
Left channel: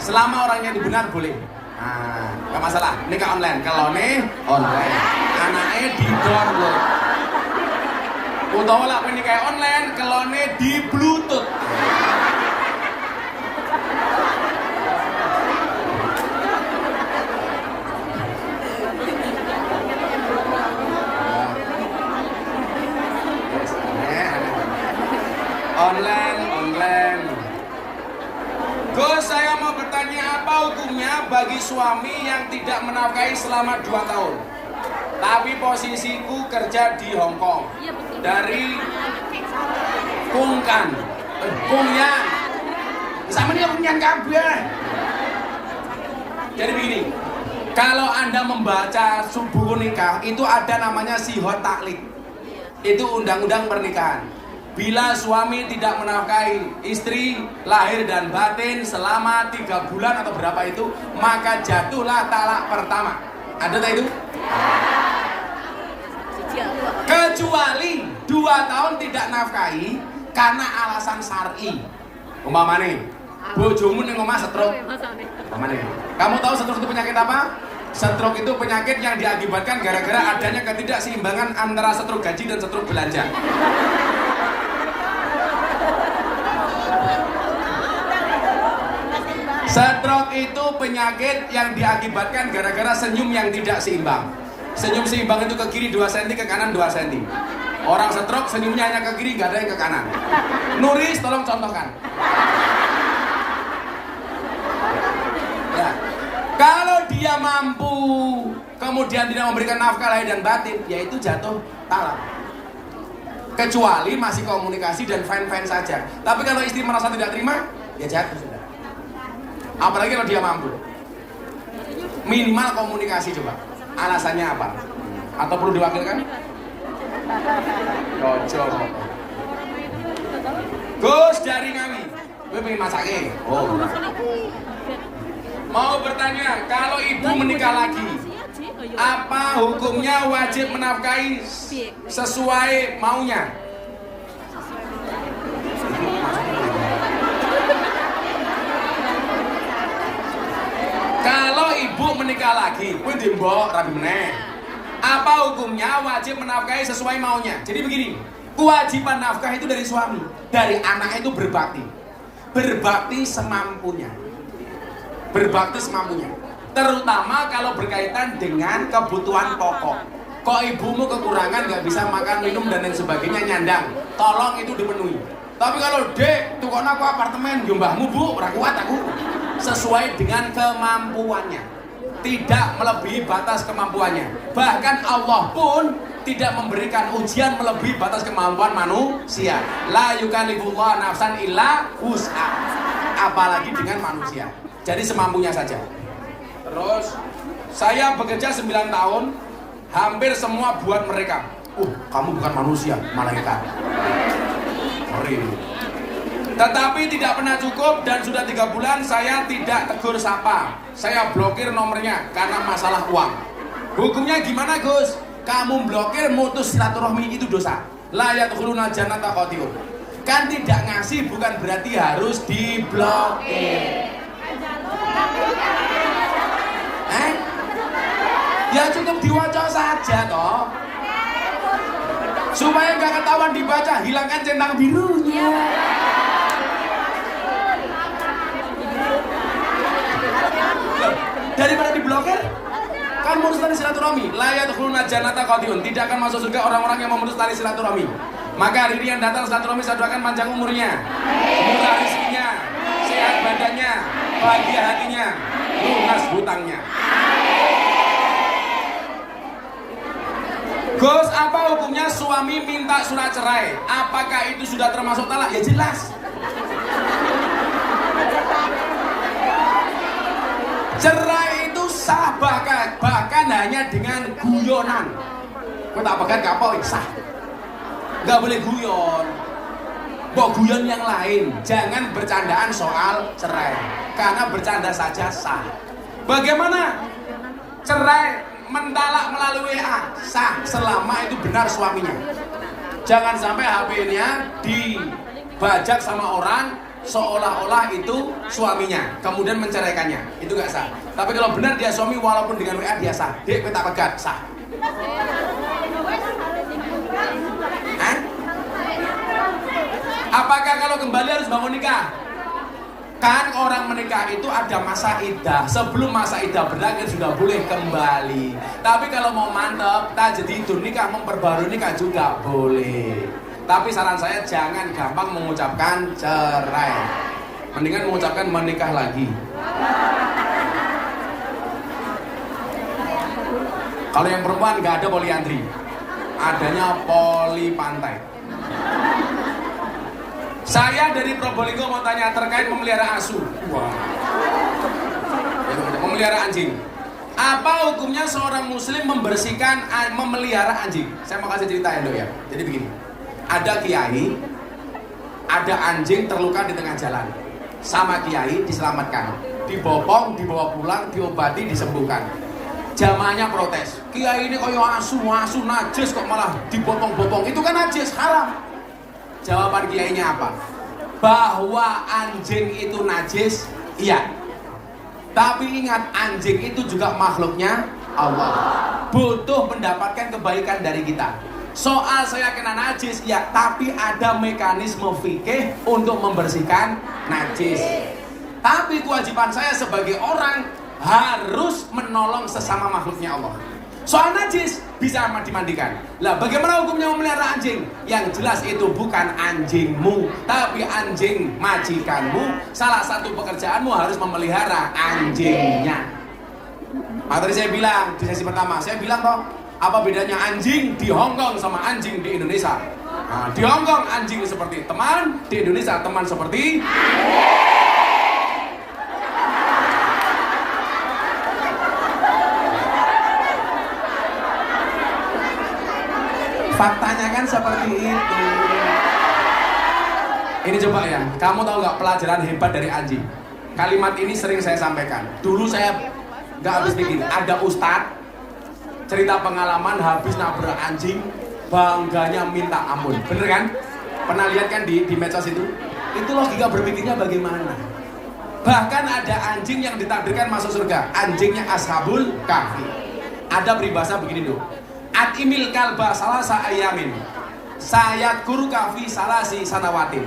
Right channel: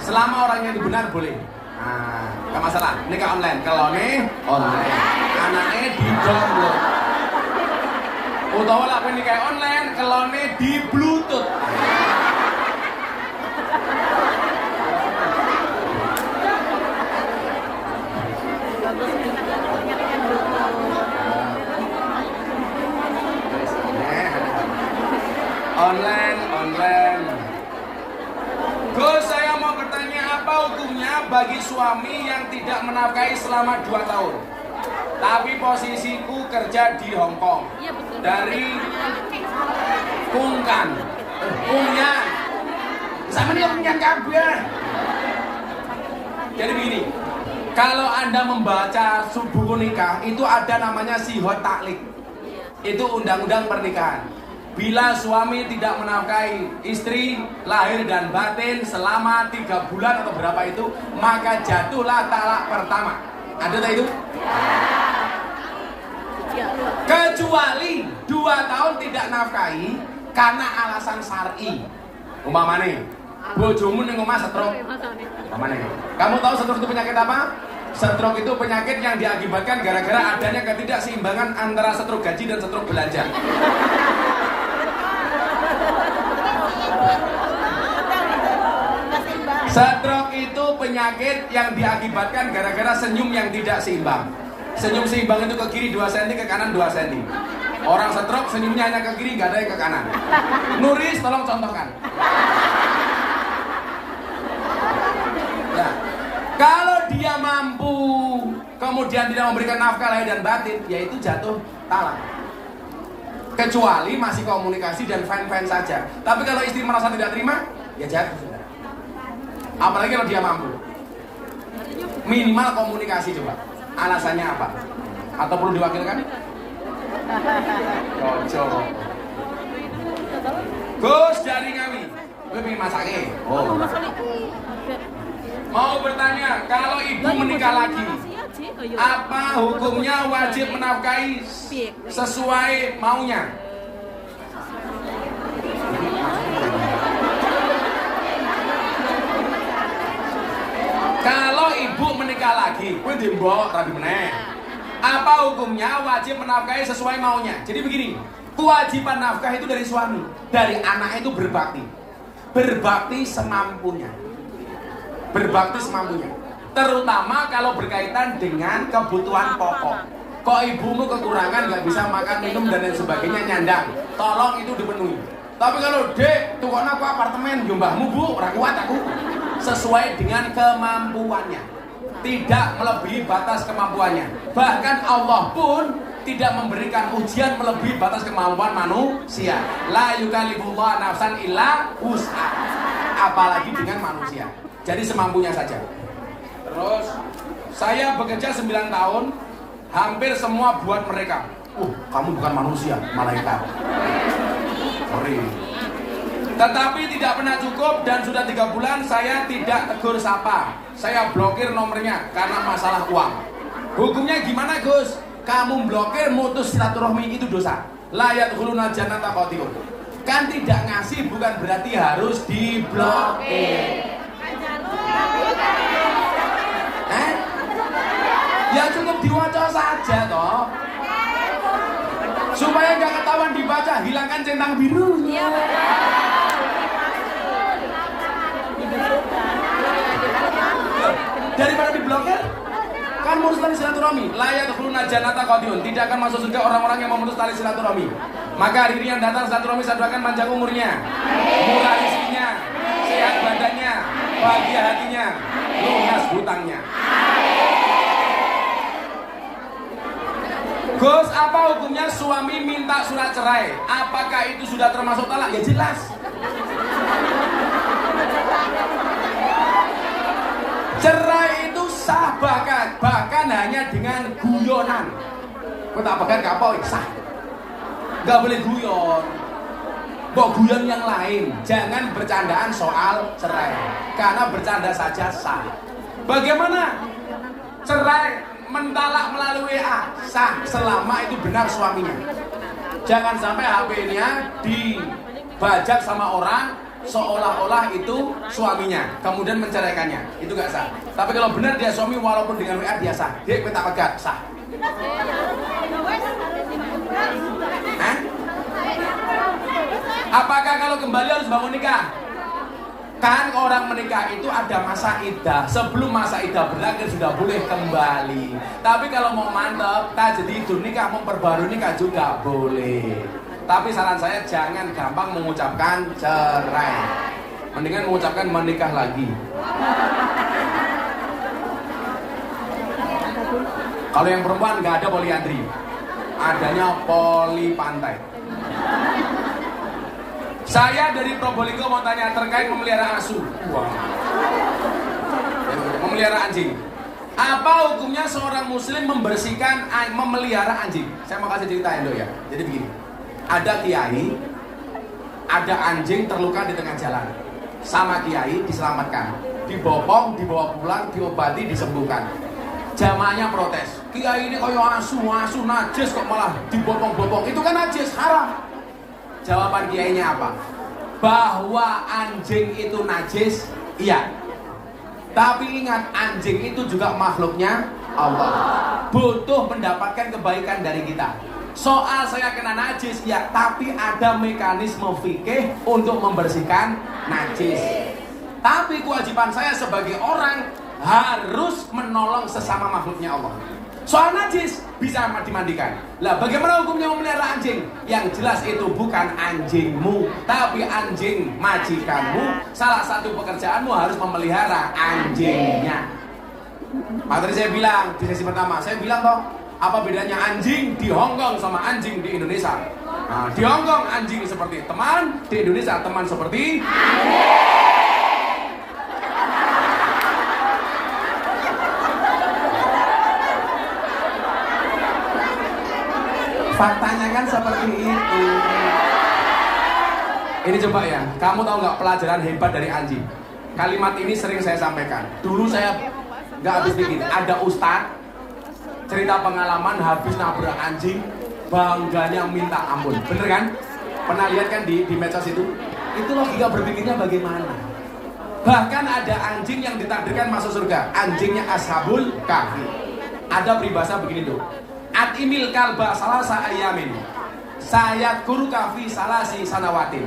Selama orangnya benar boleh. Nah, nggak masalah. Nikah online. Kalau nih online, anaknya di download. Utawa lah nikah online, kalau nih di Bluetooth. Online. Gus, saya mau bertanya apa hukumnya bagi suami yang tidak menafkahi selama 2 tahun? Tapi posisiku kerja di Hong Kong. Dari Kungkan. Sama dia Kungkan kabeh. Jadi begini, kalau Anda membaca subuh nikah itu ada namanya sihot taklik. Itu undang-undang pernikahan. Bila suami tidak menafkahi istri lahir dan batin selama 3 bulan atau berapa itu, maka jatuhlah talak pertama. Ada tak itu? Kecuali 2 tahun tidak nafkahi karena alasan syar'i. Umpamane, bojomu ning omah stroke. Umpamane. Kamu tahu stroke itu penyakit apa? Stroke itu penyakit yang diakibatkan gara-gara adanya ketidakseimbangan antara stroke gaji dan stroke belanja. Stroke itu penyakit yang diakibatkan gara-gara senyum yang tidak seimbang. Senyum seimbang itu ke kiri 2 cm, ke kanan 2 cm. Orang stroke senyumnya hanya ke kiri, gak ada yang ke kanan. Nuris, tolong contohkan. Nah, kalau dia mampu kemudian tidak memberikan nafkah lahir dan batin, yaitu jatuh talak. Kecuali masih komunikasi dan fan-fan saja. Tapi kalau istri merasa tidak terima, ya jatuh sudah. Apalagi kalau dia mampu. Minimal komunikasi coba. Alasannya apa? Atau perlu diwakilkan? Ojo. Gus dari kami. Gue pengen masaknya. Mau bertanya, kalau ibu menikah lagi, apa hukumnya wajib menafkahi sesuai maunya? Kalau ibu menikah lagi, gue dimbok rabi meneh. Apa hukumnya wajib menafkahi sesuai maunya? Jadi begini, kewajiban nafkah itu dari suami, dari anak itu berbakti. Berbakti semampunya. Berbakti semampunya. Terutama kalau berkaitan dengan kebutuhan pokok. Kok ibumu kekurangan, nggak bisa makan, minum dan lain sebagainya, nyandang, tolong itu dipenuhi. Tapi kalau dek, tukoknya aku apartemen, jumbahmu bu, ora kuat aku. Sesuai dengan kemampuannya, tidak melebihi batas kemampuannya. Bahkan Allah pun tidak memberikan ujian melebihi batas kemampuan manusia. La yukallifullahu nafsan illa wus'aha. Apalagi dengan manusia. Jadi semampunya saja. Terus saya bekerja 9 tahun, hampir semua buat mereka. Kamu bukan manusia, malaikat. Sorry. Tetapi tidak pernah cukup dan sudah 3 bulan saya tidak tegur sapa. Saya blokir nomornya karena masalah uang. Hukumnya gimana Gus? Kamu blokir mutus silaturahmi itu dosa. La yadkhuluna jannata qati'un. Kan tidak ngasih bukan berarti harus diblokir. Ya cukup diwaca saja toh. Supaya nggak ketahuan dibaca, hilangkan centang birunya. Daripada diblokir, kan memutus tali silaturahmi. La yadkhuluna jannata qati'un. Tidak akan masuk surga orang-orang yang memutus tali silaturahmi. Maka hari ini yang datang silaturahmi saya doakan panjang umurnya, murah rezekinya, sehat badannya, bahagia hatinya, lunas hutangnya. Gus, apa hukumnya suami minta surat cerai? Apakah itu sudah termasuk talak? Ya jelas. Cerai itu sah bahkan hanya dengan guyonan. Kau tak pegang kapok sah. Gak boleh guyon. Kok guyon yang lain. Jangan bercandaan soal cerai. Karena bercanda saja sah. Bagaimana? Cerai mentalak melalui WA sah selama itu benar suaminya. Jangan sampai HP-nya dibajak sama orang seolah-olah itu suaminya, kemudian menceraikannya. Itu gak sah. Tapi kalau benar dia suami walaupun dengan WA dia sah. Dia peta pegat sah. Apakah kalau kembali harus bangun nikah? Kan orang menikah itu ada masa iddah. Sebelum masa iddah berakhir sudah boleh kembali. Tapi kalau mau mantap, tak jadi itu nikah, mau perbarui nikah juga boleh. Tapi saran saya jangan gampang mengucapkan cerai. Mendingan mengucapkan menikah lagi. Kalau yang perempuan nggak ada poliandri, adanya poli pantai. Saya dari Probolinggo mau tanya terkait memelihara asu. Wow. Memelihara anjing. Apa hukumnya seorang muslim membersihkan memelihara anjing? Saya mau kasih cerita ya. Jadi begini. Ada kiai, ada anjing terluka di tengah jalan. Sama kiai diselamatkan, dibopong, dibawa pulang, diobati, disembuhkan. Jamaahnya protes. Kiai ini koyo asu najis kok malah dibopong-bopong. Itu kan najis, haram. Jawaban kiainya apa? Bahwa anjing itu najis, iya. Tapi ingat, anjing itu juga makhluknya Allah. Butuh mendapatkan kebaikan dari kita. Soal saya kena najis, ya, tapi ada mekanisme fikih untuk membersihkan najis. Tapi kewajiban saya sebagai orang harus menolong sesama makhluknya Allah. Soal najis bisa dimandikan. Lah bagaimana hukumnya memelihara anjing? Yang jelas itu bukan anjingmu, tapi anjing majikanmu. Salah satu pekerjaanmu harus memelihara anjingnya. Maka tadi saya bilang di sesi pertama, saya bilang toh, apa bedanya anjing di Hong Kong sama anjing di Indonesia? Nah, di Hong Kong anjing seperti teman, di Indonesia teman seperti anjing. Faktanya kan seperti itu. Ini coba ya, kamu tahu nggak pelajaran hebat dari anjing? Kalimat ini sering saya sampaikan. Dulu saya nggak habis pikir. Ada ustadz cerita pengalaman habis nabrak anjing, bangganya minta ampun. Bener kan? Pernah lihat kan di medsos itu? Itu logika berpikirnya bagaimana? Bahkan ada anjing yang ditakdirkan masuk surga. Anjingnya Ashabul Kahfi. Ada peribahasa begini tuh. Atimil kalba salasa ayamin, sayat guru kafi salasi sanawatin.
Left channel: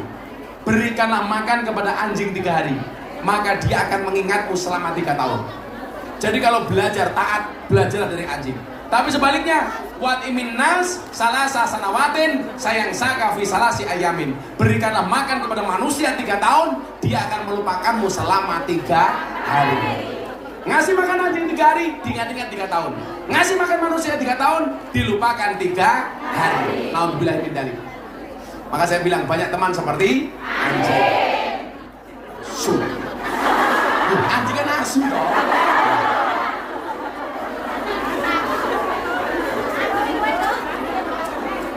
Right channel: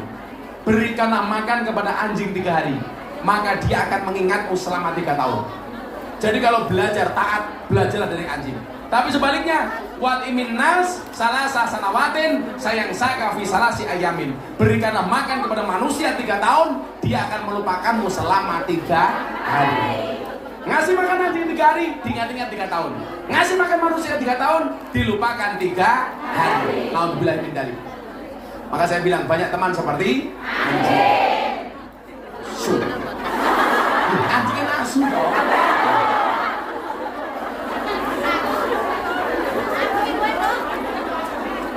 Berikanlah makan kepada anjing 3 hari, maka dia akan mengingatmu selama 3 tahun. Jadi kalau belajar taat, belajarlah dari anjing. Tapi sebaliknya, wat imin nas salasa sanawatin, sayang sakafi salasi ayamin. Berikanlah makan kepada manusia 3 tahun, dia akan melupakanmu selama 3 hari. Ngasih makan anjing 3 hari, diingat-ingat 3 tahun. Ngasih makan manusia 3 tahun, dilupakan 3 hari. Alhamdulillah min dzalik. Maka saya bilang banyak teman seperti anjing. Sudah. Anjing kan asu.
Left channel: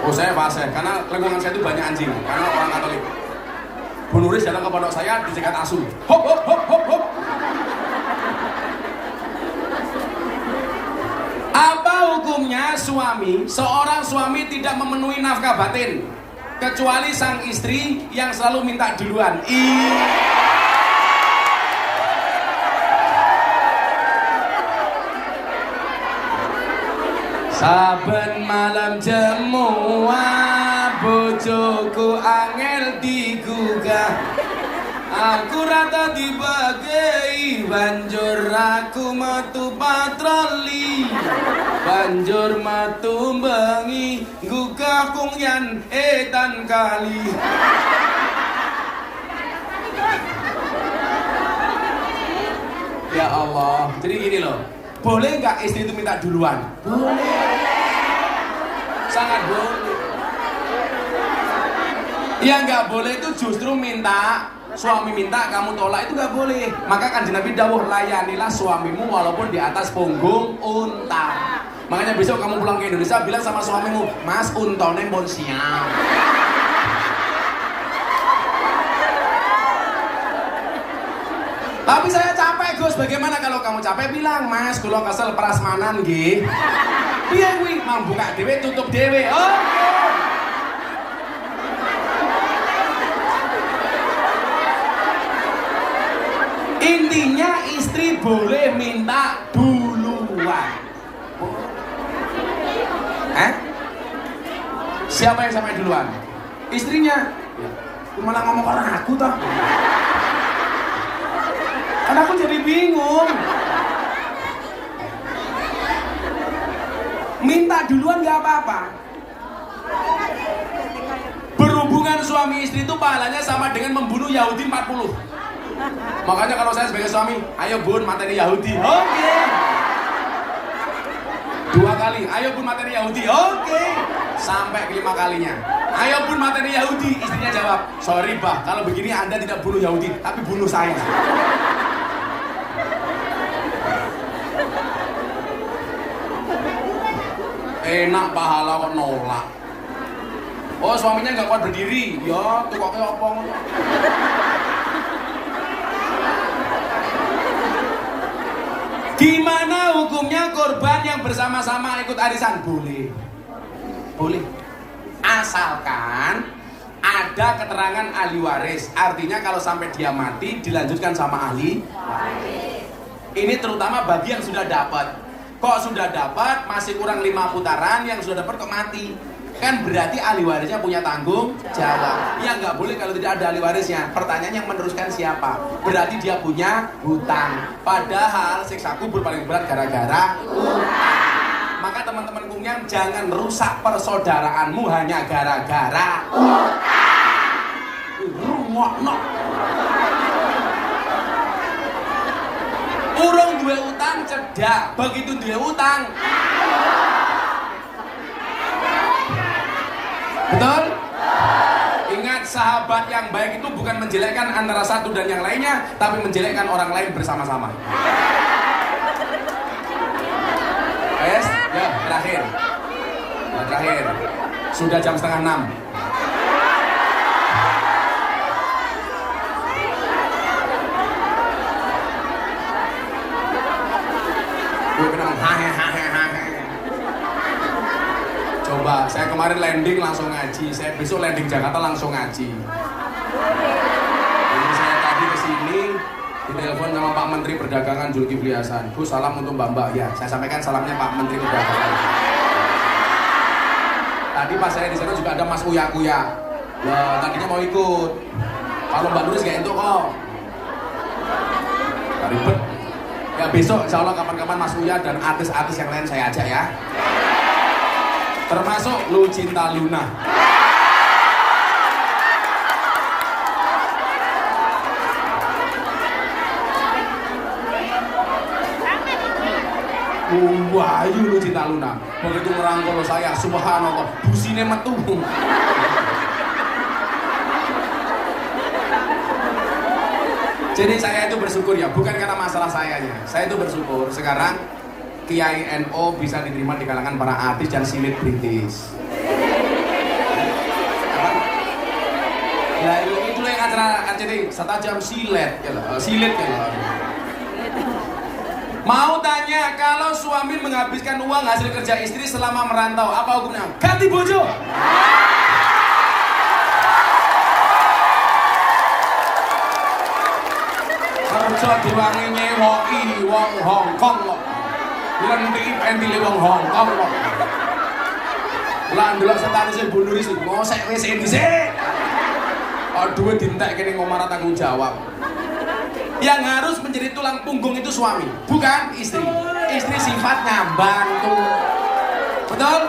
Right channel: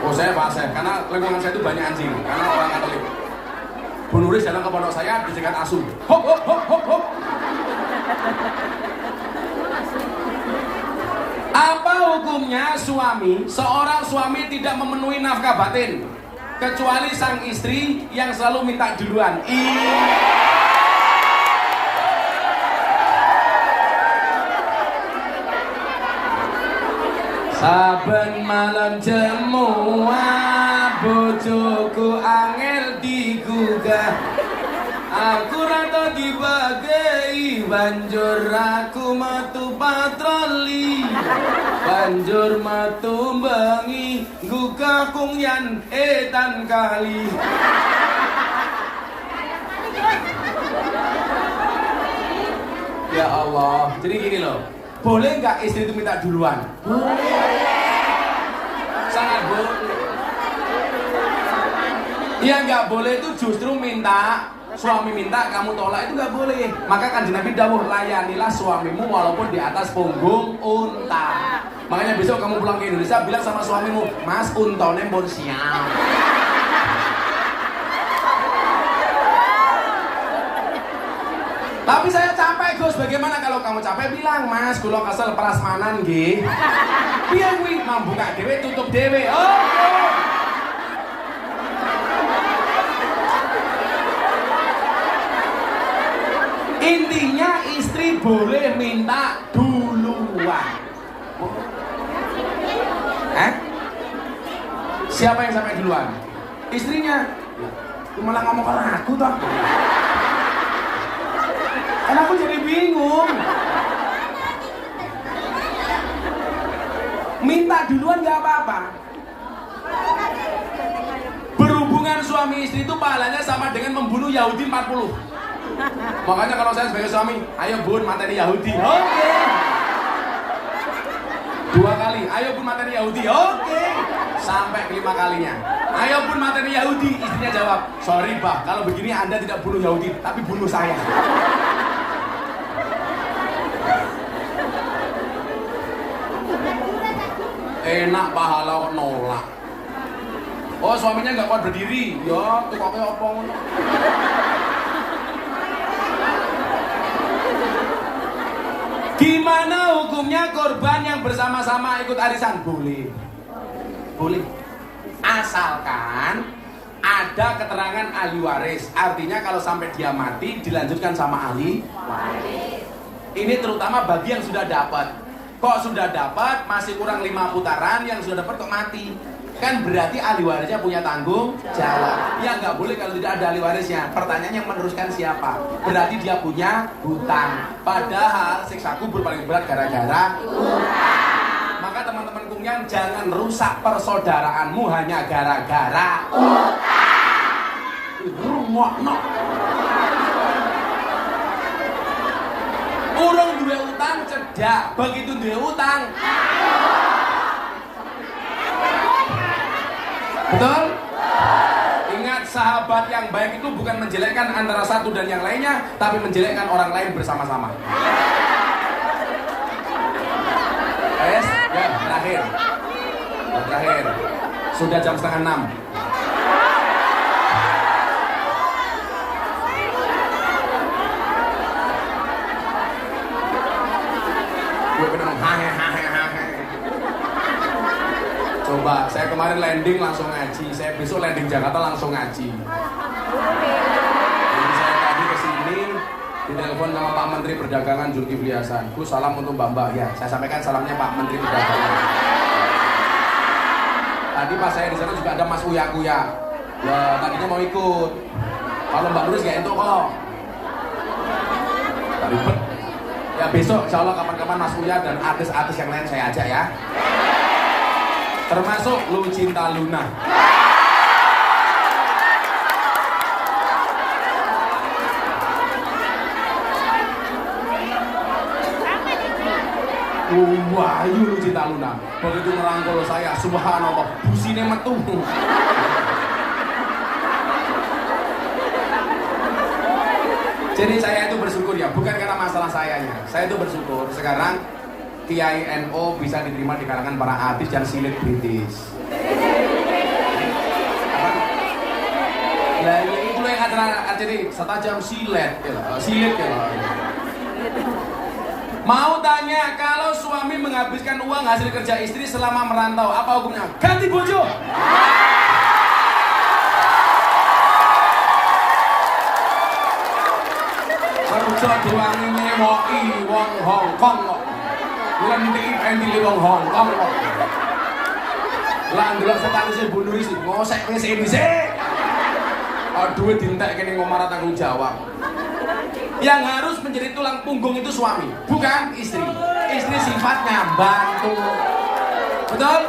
Oh saya bahasa, karena lingkungan saya itu banyak anjing, karena orang Katolik. Bu Nuris datang ke pondok saya dicegat asu. Hop hop hop hop hop. Apa hukumnya seorang suami tidak memenuhi nafkah batin kecuali sang istri yang selalu minta duluan? Saben malam jemuah bojoku angel digugah, aku rata dibagi banjur aku metu patroli, banjur metu bengi gugah kungyan etan kali. Ya Allah, jadi gini loh, boleh nggak istri itu minta duluan? Boleh. Yang nggak boleh itu justru minta, suami minta kamu tolak itu nggak boleh. Maka Kanjeng Nabi dawuh, layanilah suamimu walaupun di atas punggung unta. Makanya besok kamu pulang ke Indonesia bilang sama suamimu, Mas untone pun siap. Tapi saya capek Gus, bagaimana kalau kamu capek bilang, Mas kula kesel prasmanan nggih. Piye kuwi mambu gak dhewe tutup dhewe. Oh. Intinya istri boleh minta duluan. Siapa yang sampai duluan? Istrinya. Malah ngomong ke aku toh. Karena aku jadi bingung. Minta duluan gak apa-apa. Berhubungan suami istri itu pahalanya sama dengan membunuh Yahudi 40. Makanya kalau saya sebagai suami, ayo bun materi Yahudi. Oke. 2 kali, ayo bun materi Yahudi. Oke. Sampai 5 kalinya. Ayo bun materi Yahudi. Istrinya jawab, sorry bah, kalau begini Anda tidak bunuh Yahudi, tapi bunuh saya. Enak pahala kok nolak. Oh suaminya nggak kuat berdiri, ya tukoknya opong. Gimana hukumnya korban yang bersama-sama ikut arisan? Boleh. Boleh. Asalkan ada keterangan ahli waris. Artinya kalau sampai dia mati dilanjutkan sama ahli waris. Ini terutama bagi yang sudah dapat. Kok sudah dapat masih kurang 5 putaran, yang sudah dapat kok mati. Kan berarti ahli warisnya punya tanggung jawab. Ya nggak boleh kalau tidak ada ahli warisnya. Pertanyaannya yang meneruskan siapa? Berarti dia punya hutang. Padahal siksa kubur paling berat gara-gara hutang. Maka teman-teman kumyang jangan rusak persaudaraanmu hanya gara-gara hutang. Urung duwe utang cedak, begitu duwe utang. Betul? Ingat, sahabat yang baik itu bukan menjelekkan antara satu dan yang lainnya, tapi menjelekkan orang lain bersama-sama. Yes, ya terakhir. Terakhir. Sudah jam 5:30. Gue bilang coba, saya kemarin landing langsung ngaji. Saya besok landing Jakarta langsung ngaji. Jadi saya tadi kesini ditelepon sama Pak Menteri Perdagangan Zulkifli Hasan. Bu, salam untuk Mbak-mbak ya. Saya sampaikan salamnya Pak Menteri Perdagangan. Tadi pas saya di sana juga ada Mas Kuya. Ya, tadinya mau ikut. Kalau Mbak Terus gak entuk kok. Ribet. Ya besok insya Allah kapan-kapan Mas Kuya dan artis-artis yang lain saya ajak ya. Termasuk Lucinta Luna. Wahyu Lucinta Luna. Begitu merangkul saya, subhanallah, busine metu. Jadi saya itu bersyukur ya, bukan karena masalah sayanya. Saya itu bersyukur sekarang Kiai NO bisa diterima di kalangan para artis dan selebritis. Nah itu yang acara ini setajam silet ya. Mau tanya, kalau suami menghabiskan uang hasil kerja istri selama merantau, apa hukumnya? Ganti bojo. Kerja diwangi nyewoki wong Hongkong. Nanti pentil wong Hongkong. Lah ndelok status Bu Nuri sih ngosek wis dhisik. Aduh dintek kene ngomara tanggung jawab. Yang harus menjadi tulang punggung itu suami, bukan istri. Istri sifatnya bantu. Betul?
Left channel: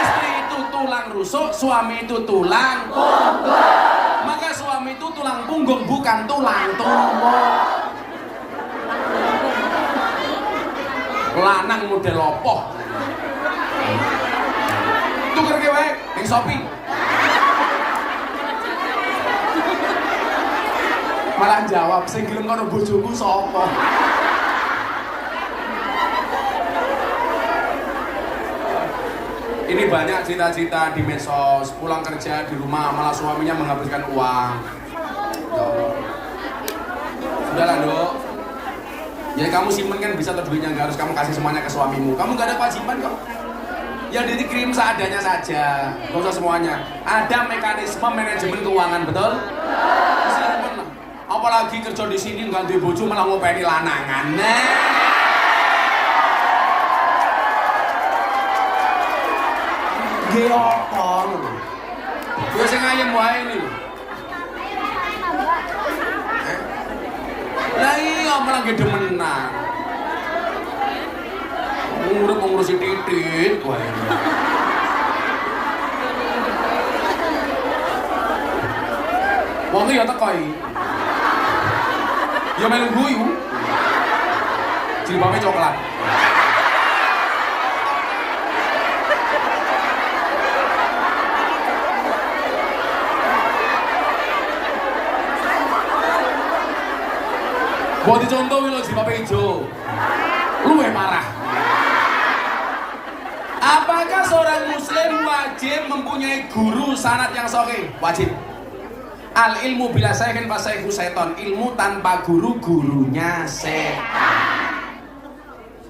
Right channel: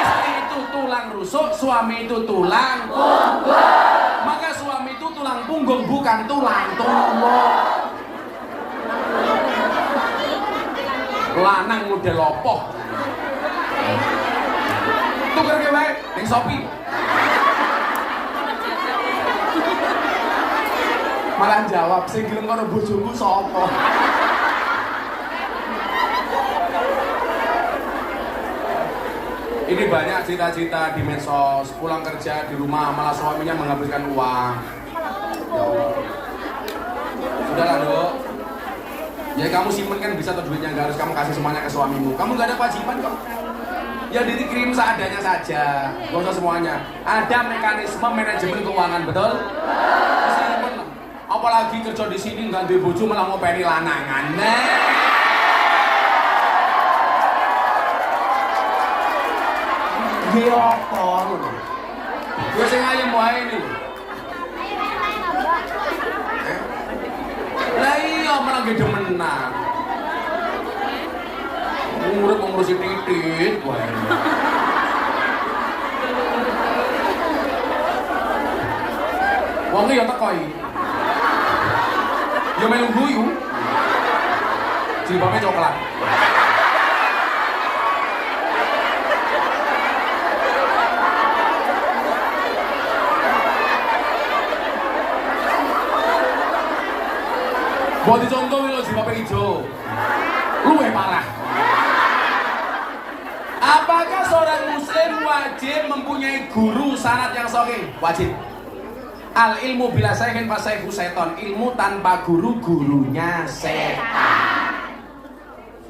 Istri itu tulang rusuk, suami itu tulang punggung. Maka suami itu tulang punggung, bukan tulang tulang. Lanang model opo? Tuker ke bae ning Shopee. Ini banyak cita-cita di medsos, pulang kerja di rumah malah suaminya menghabiskan uang. Sudahlah dok. Ya kamu simpen kan bisa tuh duitnya, nggak harus kamu kasih semuanya ke suamimu. Kamu nggak ada kewajiban kok. Ya dikirim seadanya saja, nggak usah semuanya. Ada mekanisme manajemen keuangan, betul? Simpen. Apalagi kerja di sini nggak duwe bojo malah ngopeni lanangan. Geotor. Gue sing ayem wae iki. Lah iya malah gede menang. Urip ngurusi titik wae. Wong ya teko iki. Ya melu guyu. Jilbabe coklat. Buat dicontoh lo jilbabe hijau. Luwih parah. Apakah seorang muslim wajib mempunyai guru sanad yang sahih? Wajib. Al ilmu bila syai'in fa syai'u seton. Ilmu tanpa guru, gurunya setan.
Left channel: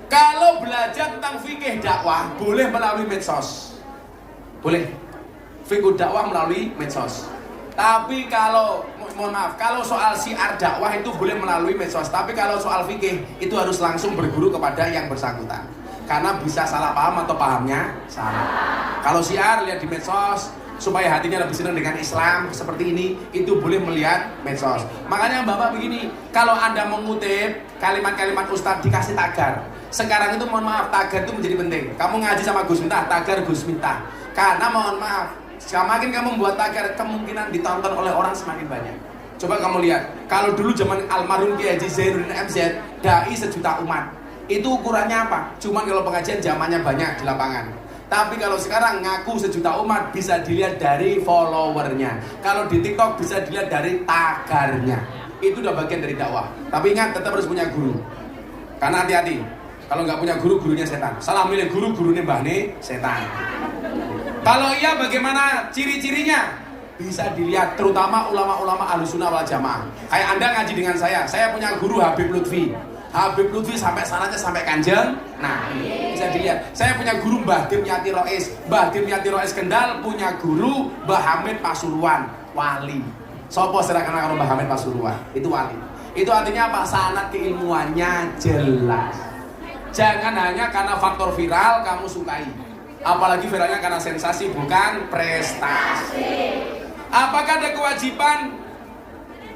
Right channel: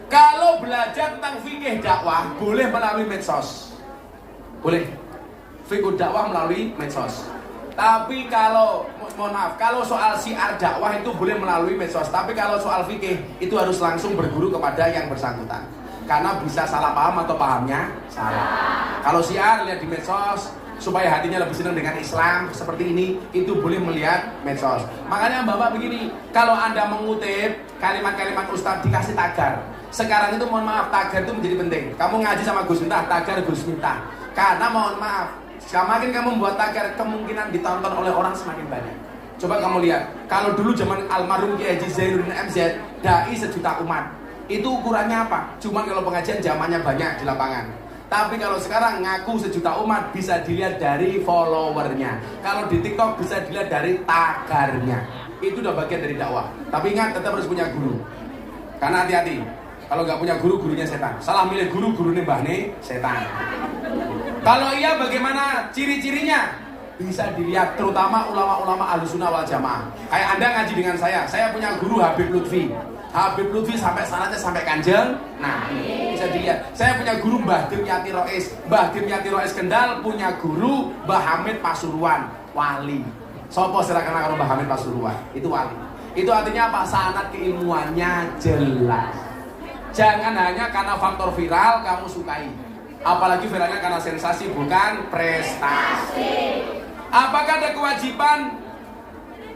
Kalau belajar tentang fikih dakwah boleh melalui medsos. Boleh. Fikih dakwah melalui medsos. Tapi kalau mohon maaf, kalau soal syiar dakwah itu boleh melalui medsos. Tapi kalau soal fikih itu harus langsung berguru kepada yang bersangkutan. Karena bisa salah paham atau pahamnya salah. Kalau syiar lihat di medsos supaya hatinya lebih senang dengan Islam seperti ini, itu boleh melihat medsos. Makanya Bapak begini, kalau Anda mengutip kalimat-kalimat Ustadz dikasih tagar. Sekarang itu mohon maaf, tagar itu menjadi penting. Kamu ngaji sama Gus Miftah, tagar Gus Miftah. Karena mohon maaf, semakin kamu membuat tagar, kemungkinan ditonton oleh orang semakin banyak. Coba kamu lihat, kalau dulu zaman almarhum Kiai Haji Zainuddin MZ, dai sejuta umat. Itu ukurannya apa? Cuman kalau pengajian zamannya banyak di lapangan. Tapi kalau sekarang ngaku sejuta umat bisa dilihat dari followernya. Kalau di TikTok bisa dilihat dari tagarnya. Itu udah bagian dari dakwah. Tapi ingat, tetap harus punya guru. Karena hati-hati, kalau nggak punya guru, gurunya setan. Salah milih guru, gurunya bahne setan. Kalau iya bagaimana ciri-cirinya? Bisa dilihat terutama ulama-ulama Ahlussunnah wal Jamaah. Kayak Anda ngaji dengan saya punya guru Habib Lutfi. Habib Lutfi sampai sanadnya sampai Kanjeng. Nah, bisa dilihat. Saya punya guru Mbah Dim Yati Rois. Mbah Dim Yati Rois Kendal punya guru Mbah Hamid Pasuruan, wali. Sopo serahkan karo Mbah Hamid Pasuruan? Itu wali. Itu artinya apa? Sanad keilmuannya jelas. Jangan hanya karena faktor viral kamu sukai. Apalagi viralnya karena sensasi bukan prestasi. Apakah ada kewajiban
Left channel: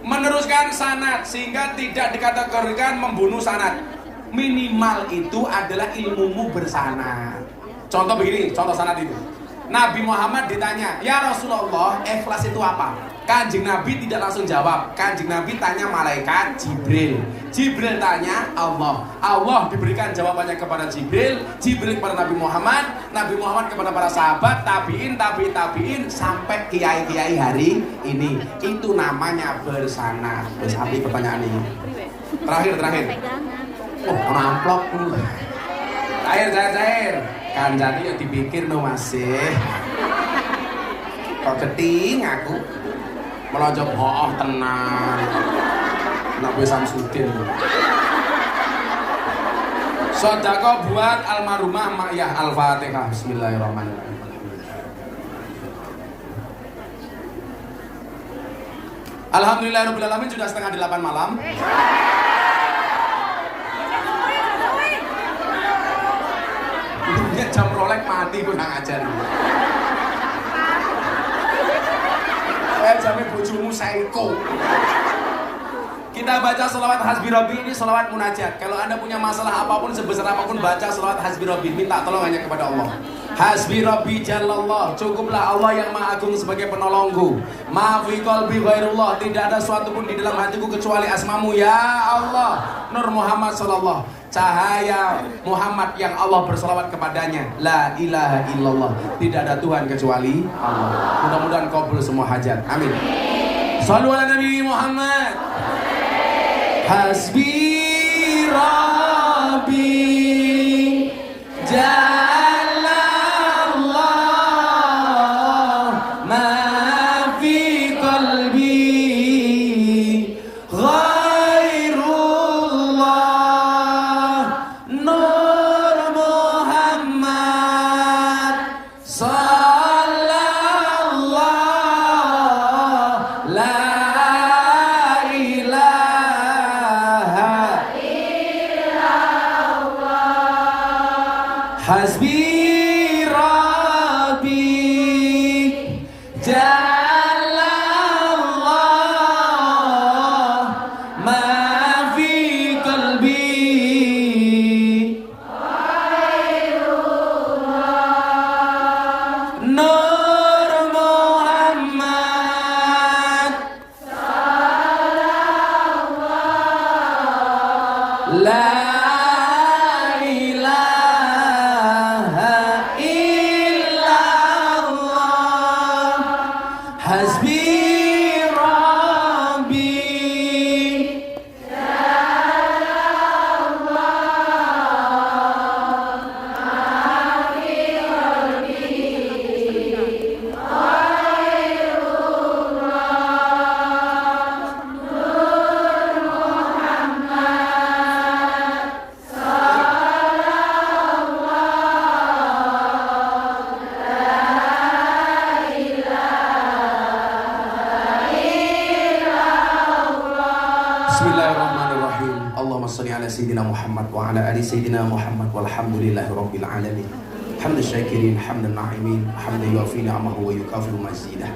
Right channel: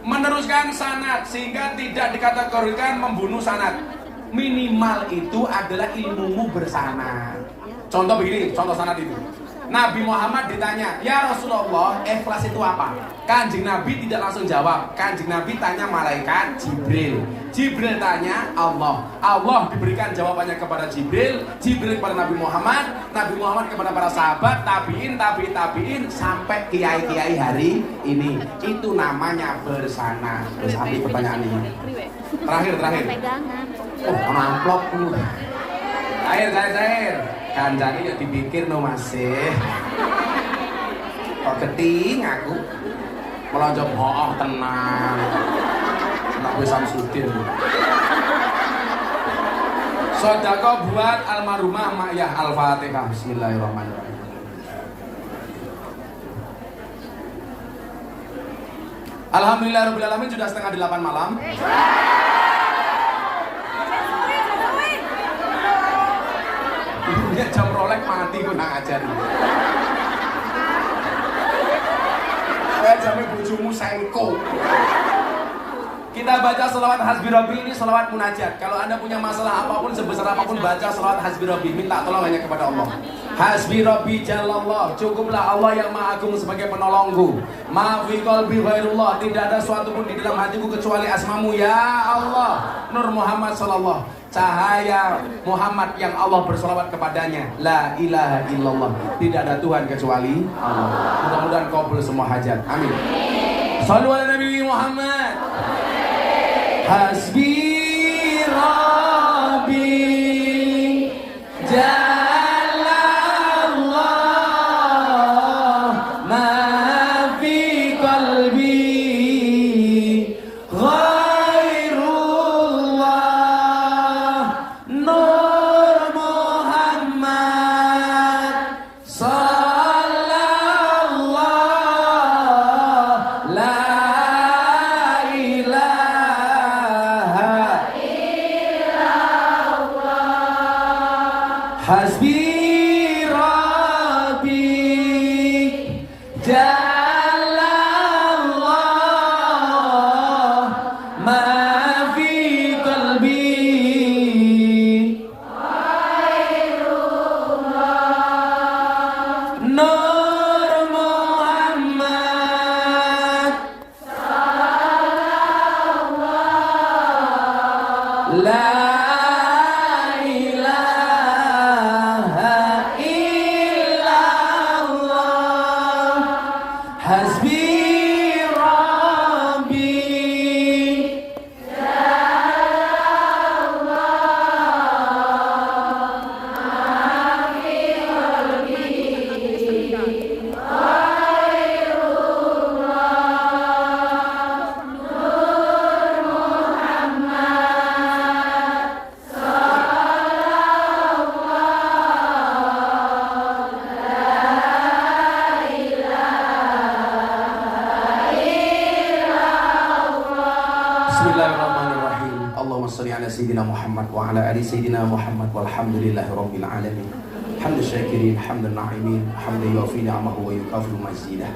meneruskan sanad sehingga tidak dikategorikan membunuh sanad? Minimal itu adalah ilmumu bersanad. Contoh begini, contoh sanad itu. Nabi Muhammad ditanya, "Ya Rasulullah, ikhlas itu apa?" Kanjeng Nabi tidak langsung jawab. Kanjeng Nabi tanya malaikat Jibril. Jibril tanya Allah. Allah diberikan jawabannya kepada Jibril. Jibril kepada Nabi Muhammad. Nabi Muhammad kepada para sahabat. Tabiin sampai kiai-kiai hari ini. Itu namanya bersanad. Terus ambil pertanyaan ini. Terakhir. Oh, amplop. Terakhir. Kanjani yang dipikir no masih. Kok keting aku. Melonjok bohong tenang. Nak gue Samsudin. Sedekah buat almarhumah Mayah Al-Fatihah. Bismillahirrahmanirrahim. Alhamdulillahirabbil alamin, sudah 7:30 malam. Ini jam rolek mati gue nak ajar. Jamnya bojomu sengko. Kita baca selawat Hasbi Rabbi, ini selawat munajat. Kalau Anda punya masalah apapun, sebesar apapun, baca selawat Hasbi Rabbi. Minta tolong hanya kepada Allah. Hasbi Rabbi Jalallah. Cukuplah Allah yang Maha Agung sebagai penolongku. Maafi qalbi ghairullah. Tidak ada suatu pun di dalam hatiku kecuali asmamu ya Allah. Nur Muhammad sallallahu. Cahaya Muhammad yang Allah berselawat kepadanya. La ilaha illallah. Tidak ada Tuhan kecuali Allah. Mudah-mudahan kabul semua hajat. Amin. Shallu ala Nabi Muhammad. Hasbi Rabbi Jalallah. sayyidina Muhammad wa ala ali sayyidina Muhammad walhamdulillahi rabbil alamin. Hamdan syakirin, hamdan na'imin, hamdan yuafi ni'amahu wa yukafi mazidah.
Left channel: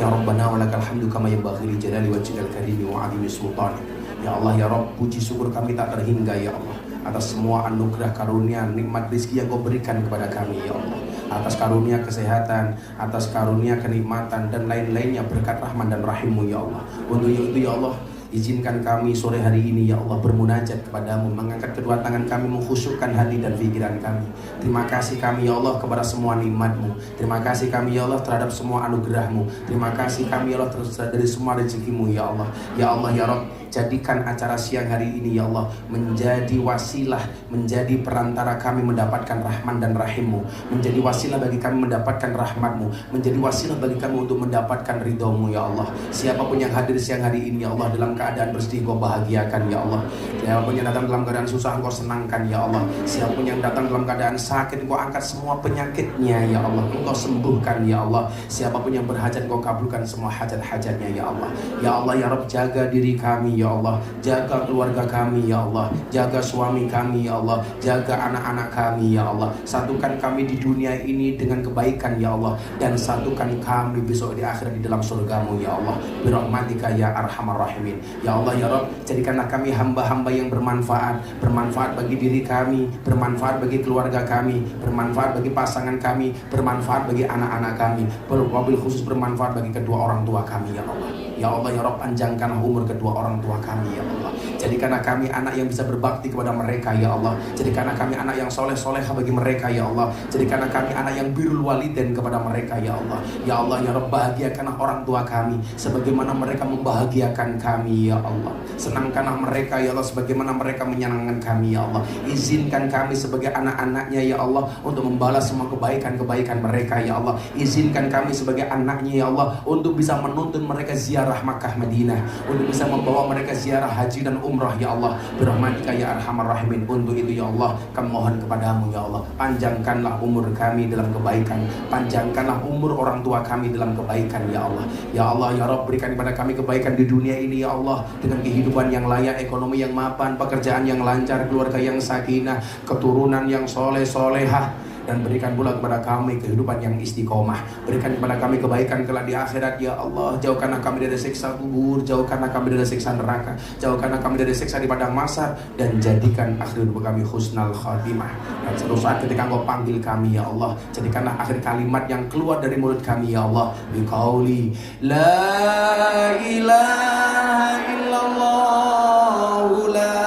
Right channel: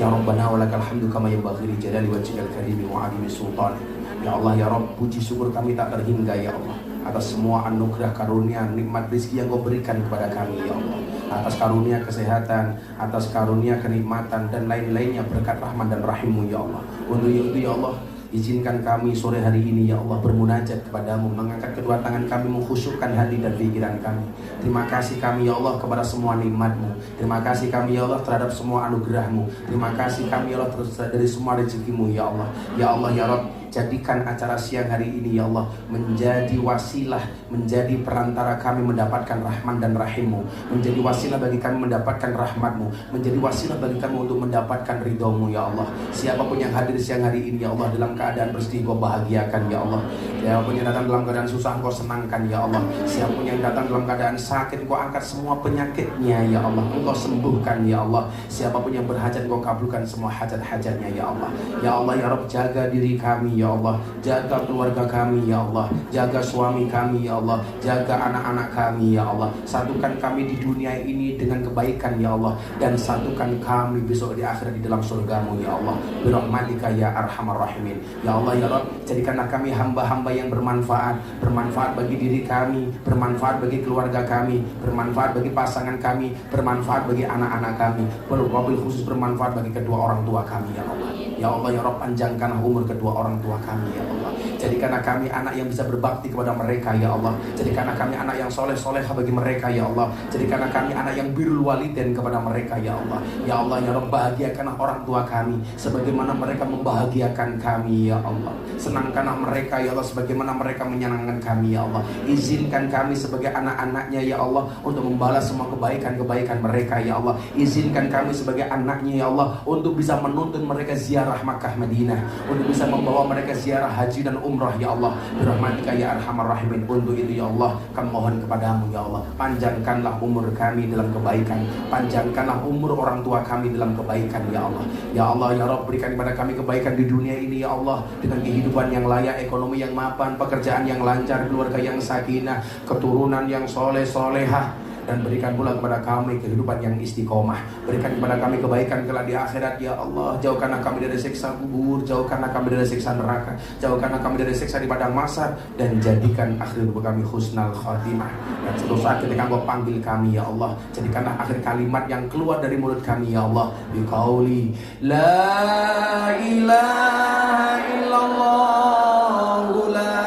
Ya Rabbana wa lakal hamdu kama yanbaghi li jalali wajhikal karim wa 'azimi sultanik. Ya Allah ya Rabb, puji syukur kami tak terhingga ya Allah atas semua anugerah karunia nikmat rezeki yang Kau berikan kepada kami ya Allah, atas karunia kesehatan, atas karunia kenikmatan dan lain-lainnya berkat rahman dan rahim-Mu ya Allah. Untuk itu ya Allah, izinkan kami sore hari ini ya Allah bermunajat kepadamu, mengangkat kedua tangan kami, mengkhusyukkan hati dan pikiran kami. Terima kasih kami ya Allah kepada semua nikmat-Mu. Terima kasih kami ya Allah terhadap semua anugerah-Mu. Terima kasih kami ya Allah terus dari semua rezeki-Mu ya Allah. Ya Allah ya Rabb, jadikan acara siang hari ini ya Allah menjadi wasilah, menjadi perantara kami mendapatkan rahman dan rahim-Mu, menjadi wasilah bagi kami mendapatkan rahmat-Mu, menjadi wasilah bagi kami untuk mendapatkan ridho-Mu ya Allah. Siapapun yang hadir siang hari ini ya Allah dalam keadaan bersedih Kau bahagiakan ya Allah. Siapapun yang datang dalam keadaan susah Kau senangkan ya Allah. Siapapun yang datang dalam keadaan sakit Kau angkat semua penyakitnya ya Allah, Kau sembuhkan ya Allah. Siapapun yang berhajat Kau kabulkan semua hajat-hajatnya ya Allah. Ya Allah ya Rabb, jaga diri kami ya Allah, jaga keluarga kami ya Allah, jaga suami kami ya Allah, jaga anak-anak kami ya Allah. Satukan kami di dunia ini dengan kebaikan ya Allah, dan satukan kami besok di akhirat di dalam surga-Mu ya Allah, birahmatika ya arhamar rahimin. Ya Allah ya Rabb, jadikanlah kami hamba-hamba yang bermanfaat bagi diri kami, bermanfaat bagi keluarga kami, bermanfaat bagi pasangan kami, bermanfaat bagi anak-anak kami, wabil khusus bermanfaat bagi kedua orang tua kami ya Allah. Ya Allah ya Rabb, panjangkanlah umur kedua orang tua kami ya Allah. Jadikanlah kami anak yang bisa berbakti kepada mereka ya Allah. Jadikanlah kami anak yang soleh-solehah bagi mereka ya Allah. Jadikanlah kami anak yang birrul walidain kepada mereka ya Allah. Ya Allah ya Rabb, bahagiakanlah orang tua kami sebagaimana mereka membahagiakan kami ya Allah. Senangkanlah mereka ya Allah sebagaimana mereka menyenangkan kami ya Allah. Izinkan kami sebagai anak-anaknya ya Allah untuk membalas semua kebaikan-kebaikan mereka ya Allah. Izinkan kami sebagai anaknya ya Allah untuk bisa menuntun mereka ziarah Makkah Madinah, untuk bisa membawa mereka ziarah haji dan umrah ya Allah, birahmatika ya arhamar rahimin. Untuk itu ya Allah kami mohon kepadamu ya Allah, panjangkanlah umur kami dalam kebaikan, panjangkanlah umur orang tua kami dalam kebaikan ya Allah. Ya Allah ya Rabb, berikan kepada kami kebaikan di dunia ini ya Allah, dengan kehidupan yang layak, ekonomi yang mapan, pekerjaan yang lancar, keluarga yang sakinah, keturunan yang soleh-solehah, dan berikan pula kepada kami kehidupan yang istiqomah. Berikan kepada kami kebaikan kelak di akhirat ya Allah. Jauhkanlah kami dari siksa kubur, jauhkanlah kami dari siksa neraka, jauhkanlah kami dari siksa di padang mahsyar, dan jadikan akhir hidup kami husnal khatimah. Dan suatu saat ketika Engkau panggil kami ya Allah, jadikanlah akhir kalimat yang keluar dari mulut kami ya Allah, biqauli la ilaha illallah, la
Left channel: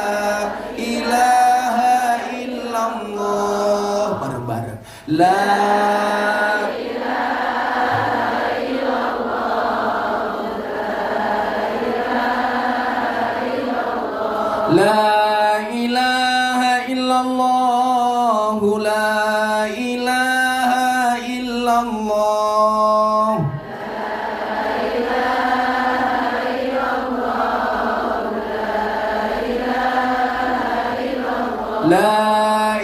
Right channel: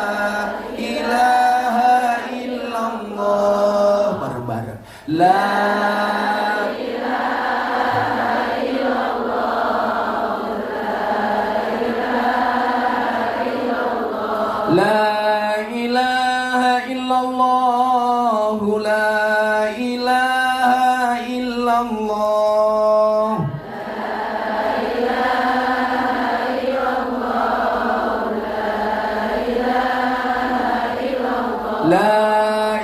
ilaha illallah, bareng-bareng la La ilaha illallah, la ilaha illallah, la ilaha illallah, la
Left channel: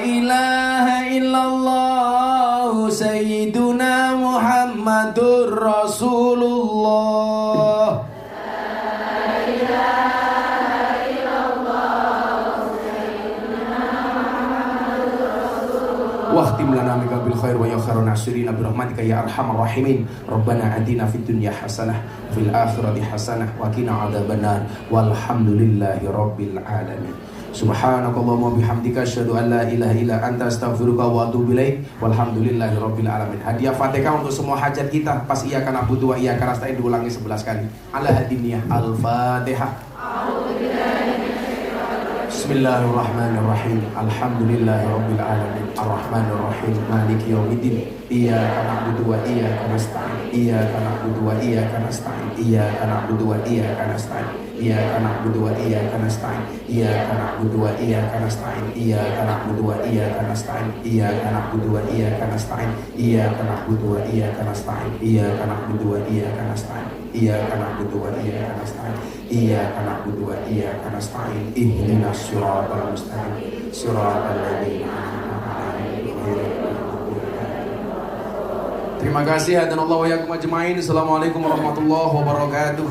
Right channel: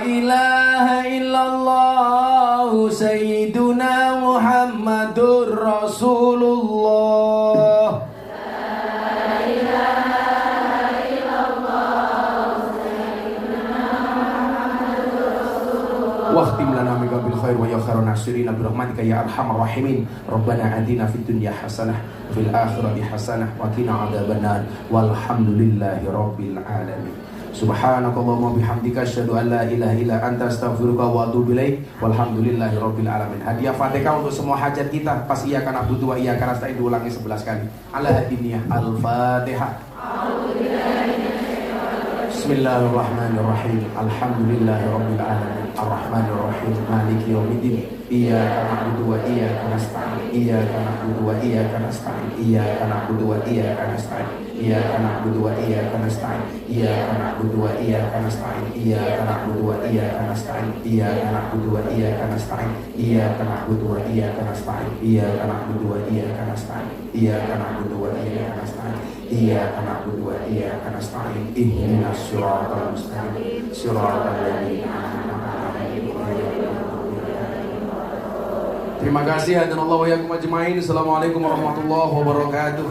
ilaha illallah, Sayyiduna Muhammadur Rasulullah. Wahtim lana min bil khair wa ya khairun nasirin birahmatika ya arhamar rahimin. Rabbana atina fid dunya hasanah fil akhirati hasanah wa qina adzabannar walhamdulillahi rabbil alamin. Subhanakallahumma bihamdika asyhadu an la ilaha illa anta astaghfiruka wa atubu ilaik. Walhamdulillahi rabbil alamin. Hadiah Fatihah untuk semua hajat kita. Pas iyyaka na'budu wa iyyaka nasta'in diulangi 11 kali. Ala hadiniyah Al-Fatihah. Bismillahirrahmanirrahim. Alhamdulillahirabbil alamin. Arrahmanirrahim. Maliki yaumiddin. Iyyaka na'budu wa iyyaka nasta'in. Iyyaka na'budu wa iyyaka nasta'in. Iyyaka na'budu wa iyyaka nasta'in. Iyyaka na'budu wa iyyaka nasta'in. Iyyaka na'budu wa iyyaka nasta'in. Iyyaka na'budu wa iyyaka nasta'in. Iyyaka na'budu wa iyyaka nasta'in. Iyyaka na'budu wa iyyaka nasta'in. Iyyaka na'budu wa iyyaka nasta'in. Iyyaka na'budu wa iyyaka nasta'in. Iyyaka na'budu wa iyyaka nasta'in. Ihdinas siratal mustaqim. Siratal ladzina an'amta 'alaihim ghairil maghdubi 'alaihim. Terima kasih hadanallahu wa iyyakum ajmain. Assalamualaikum warahmatullahi wabarakatuh.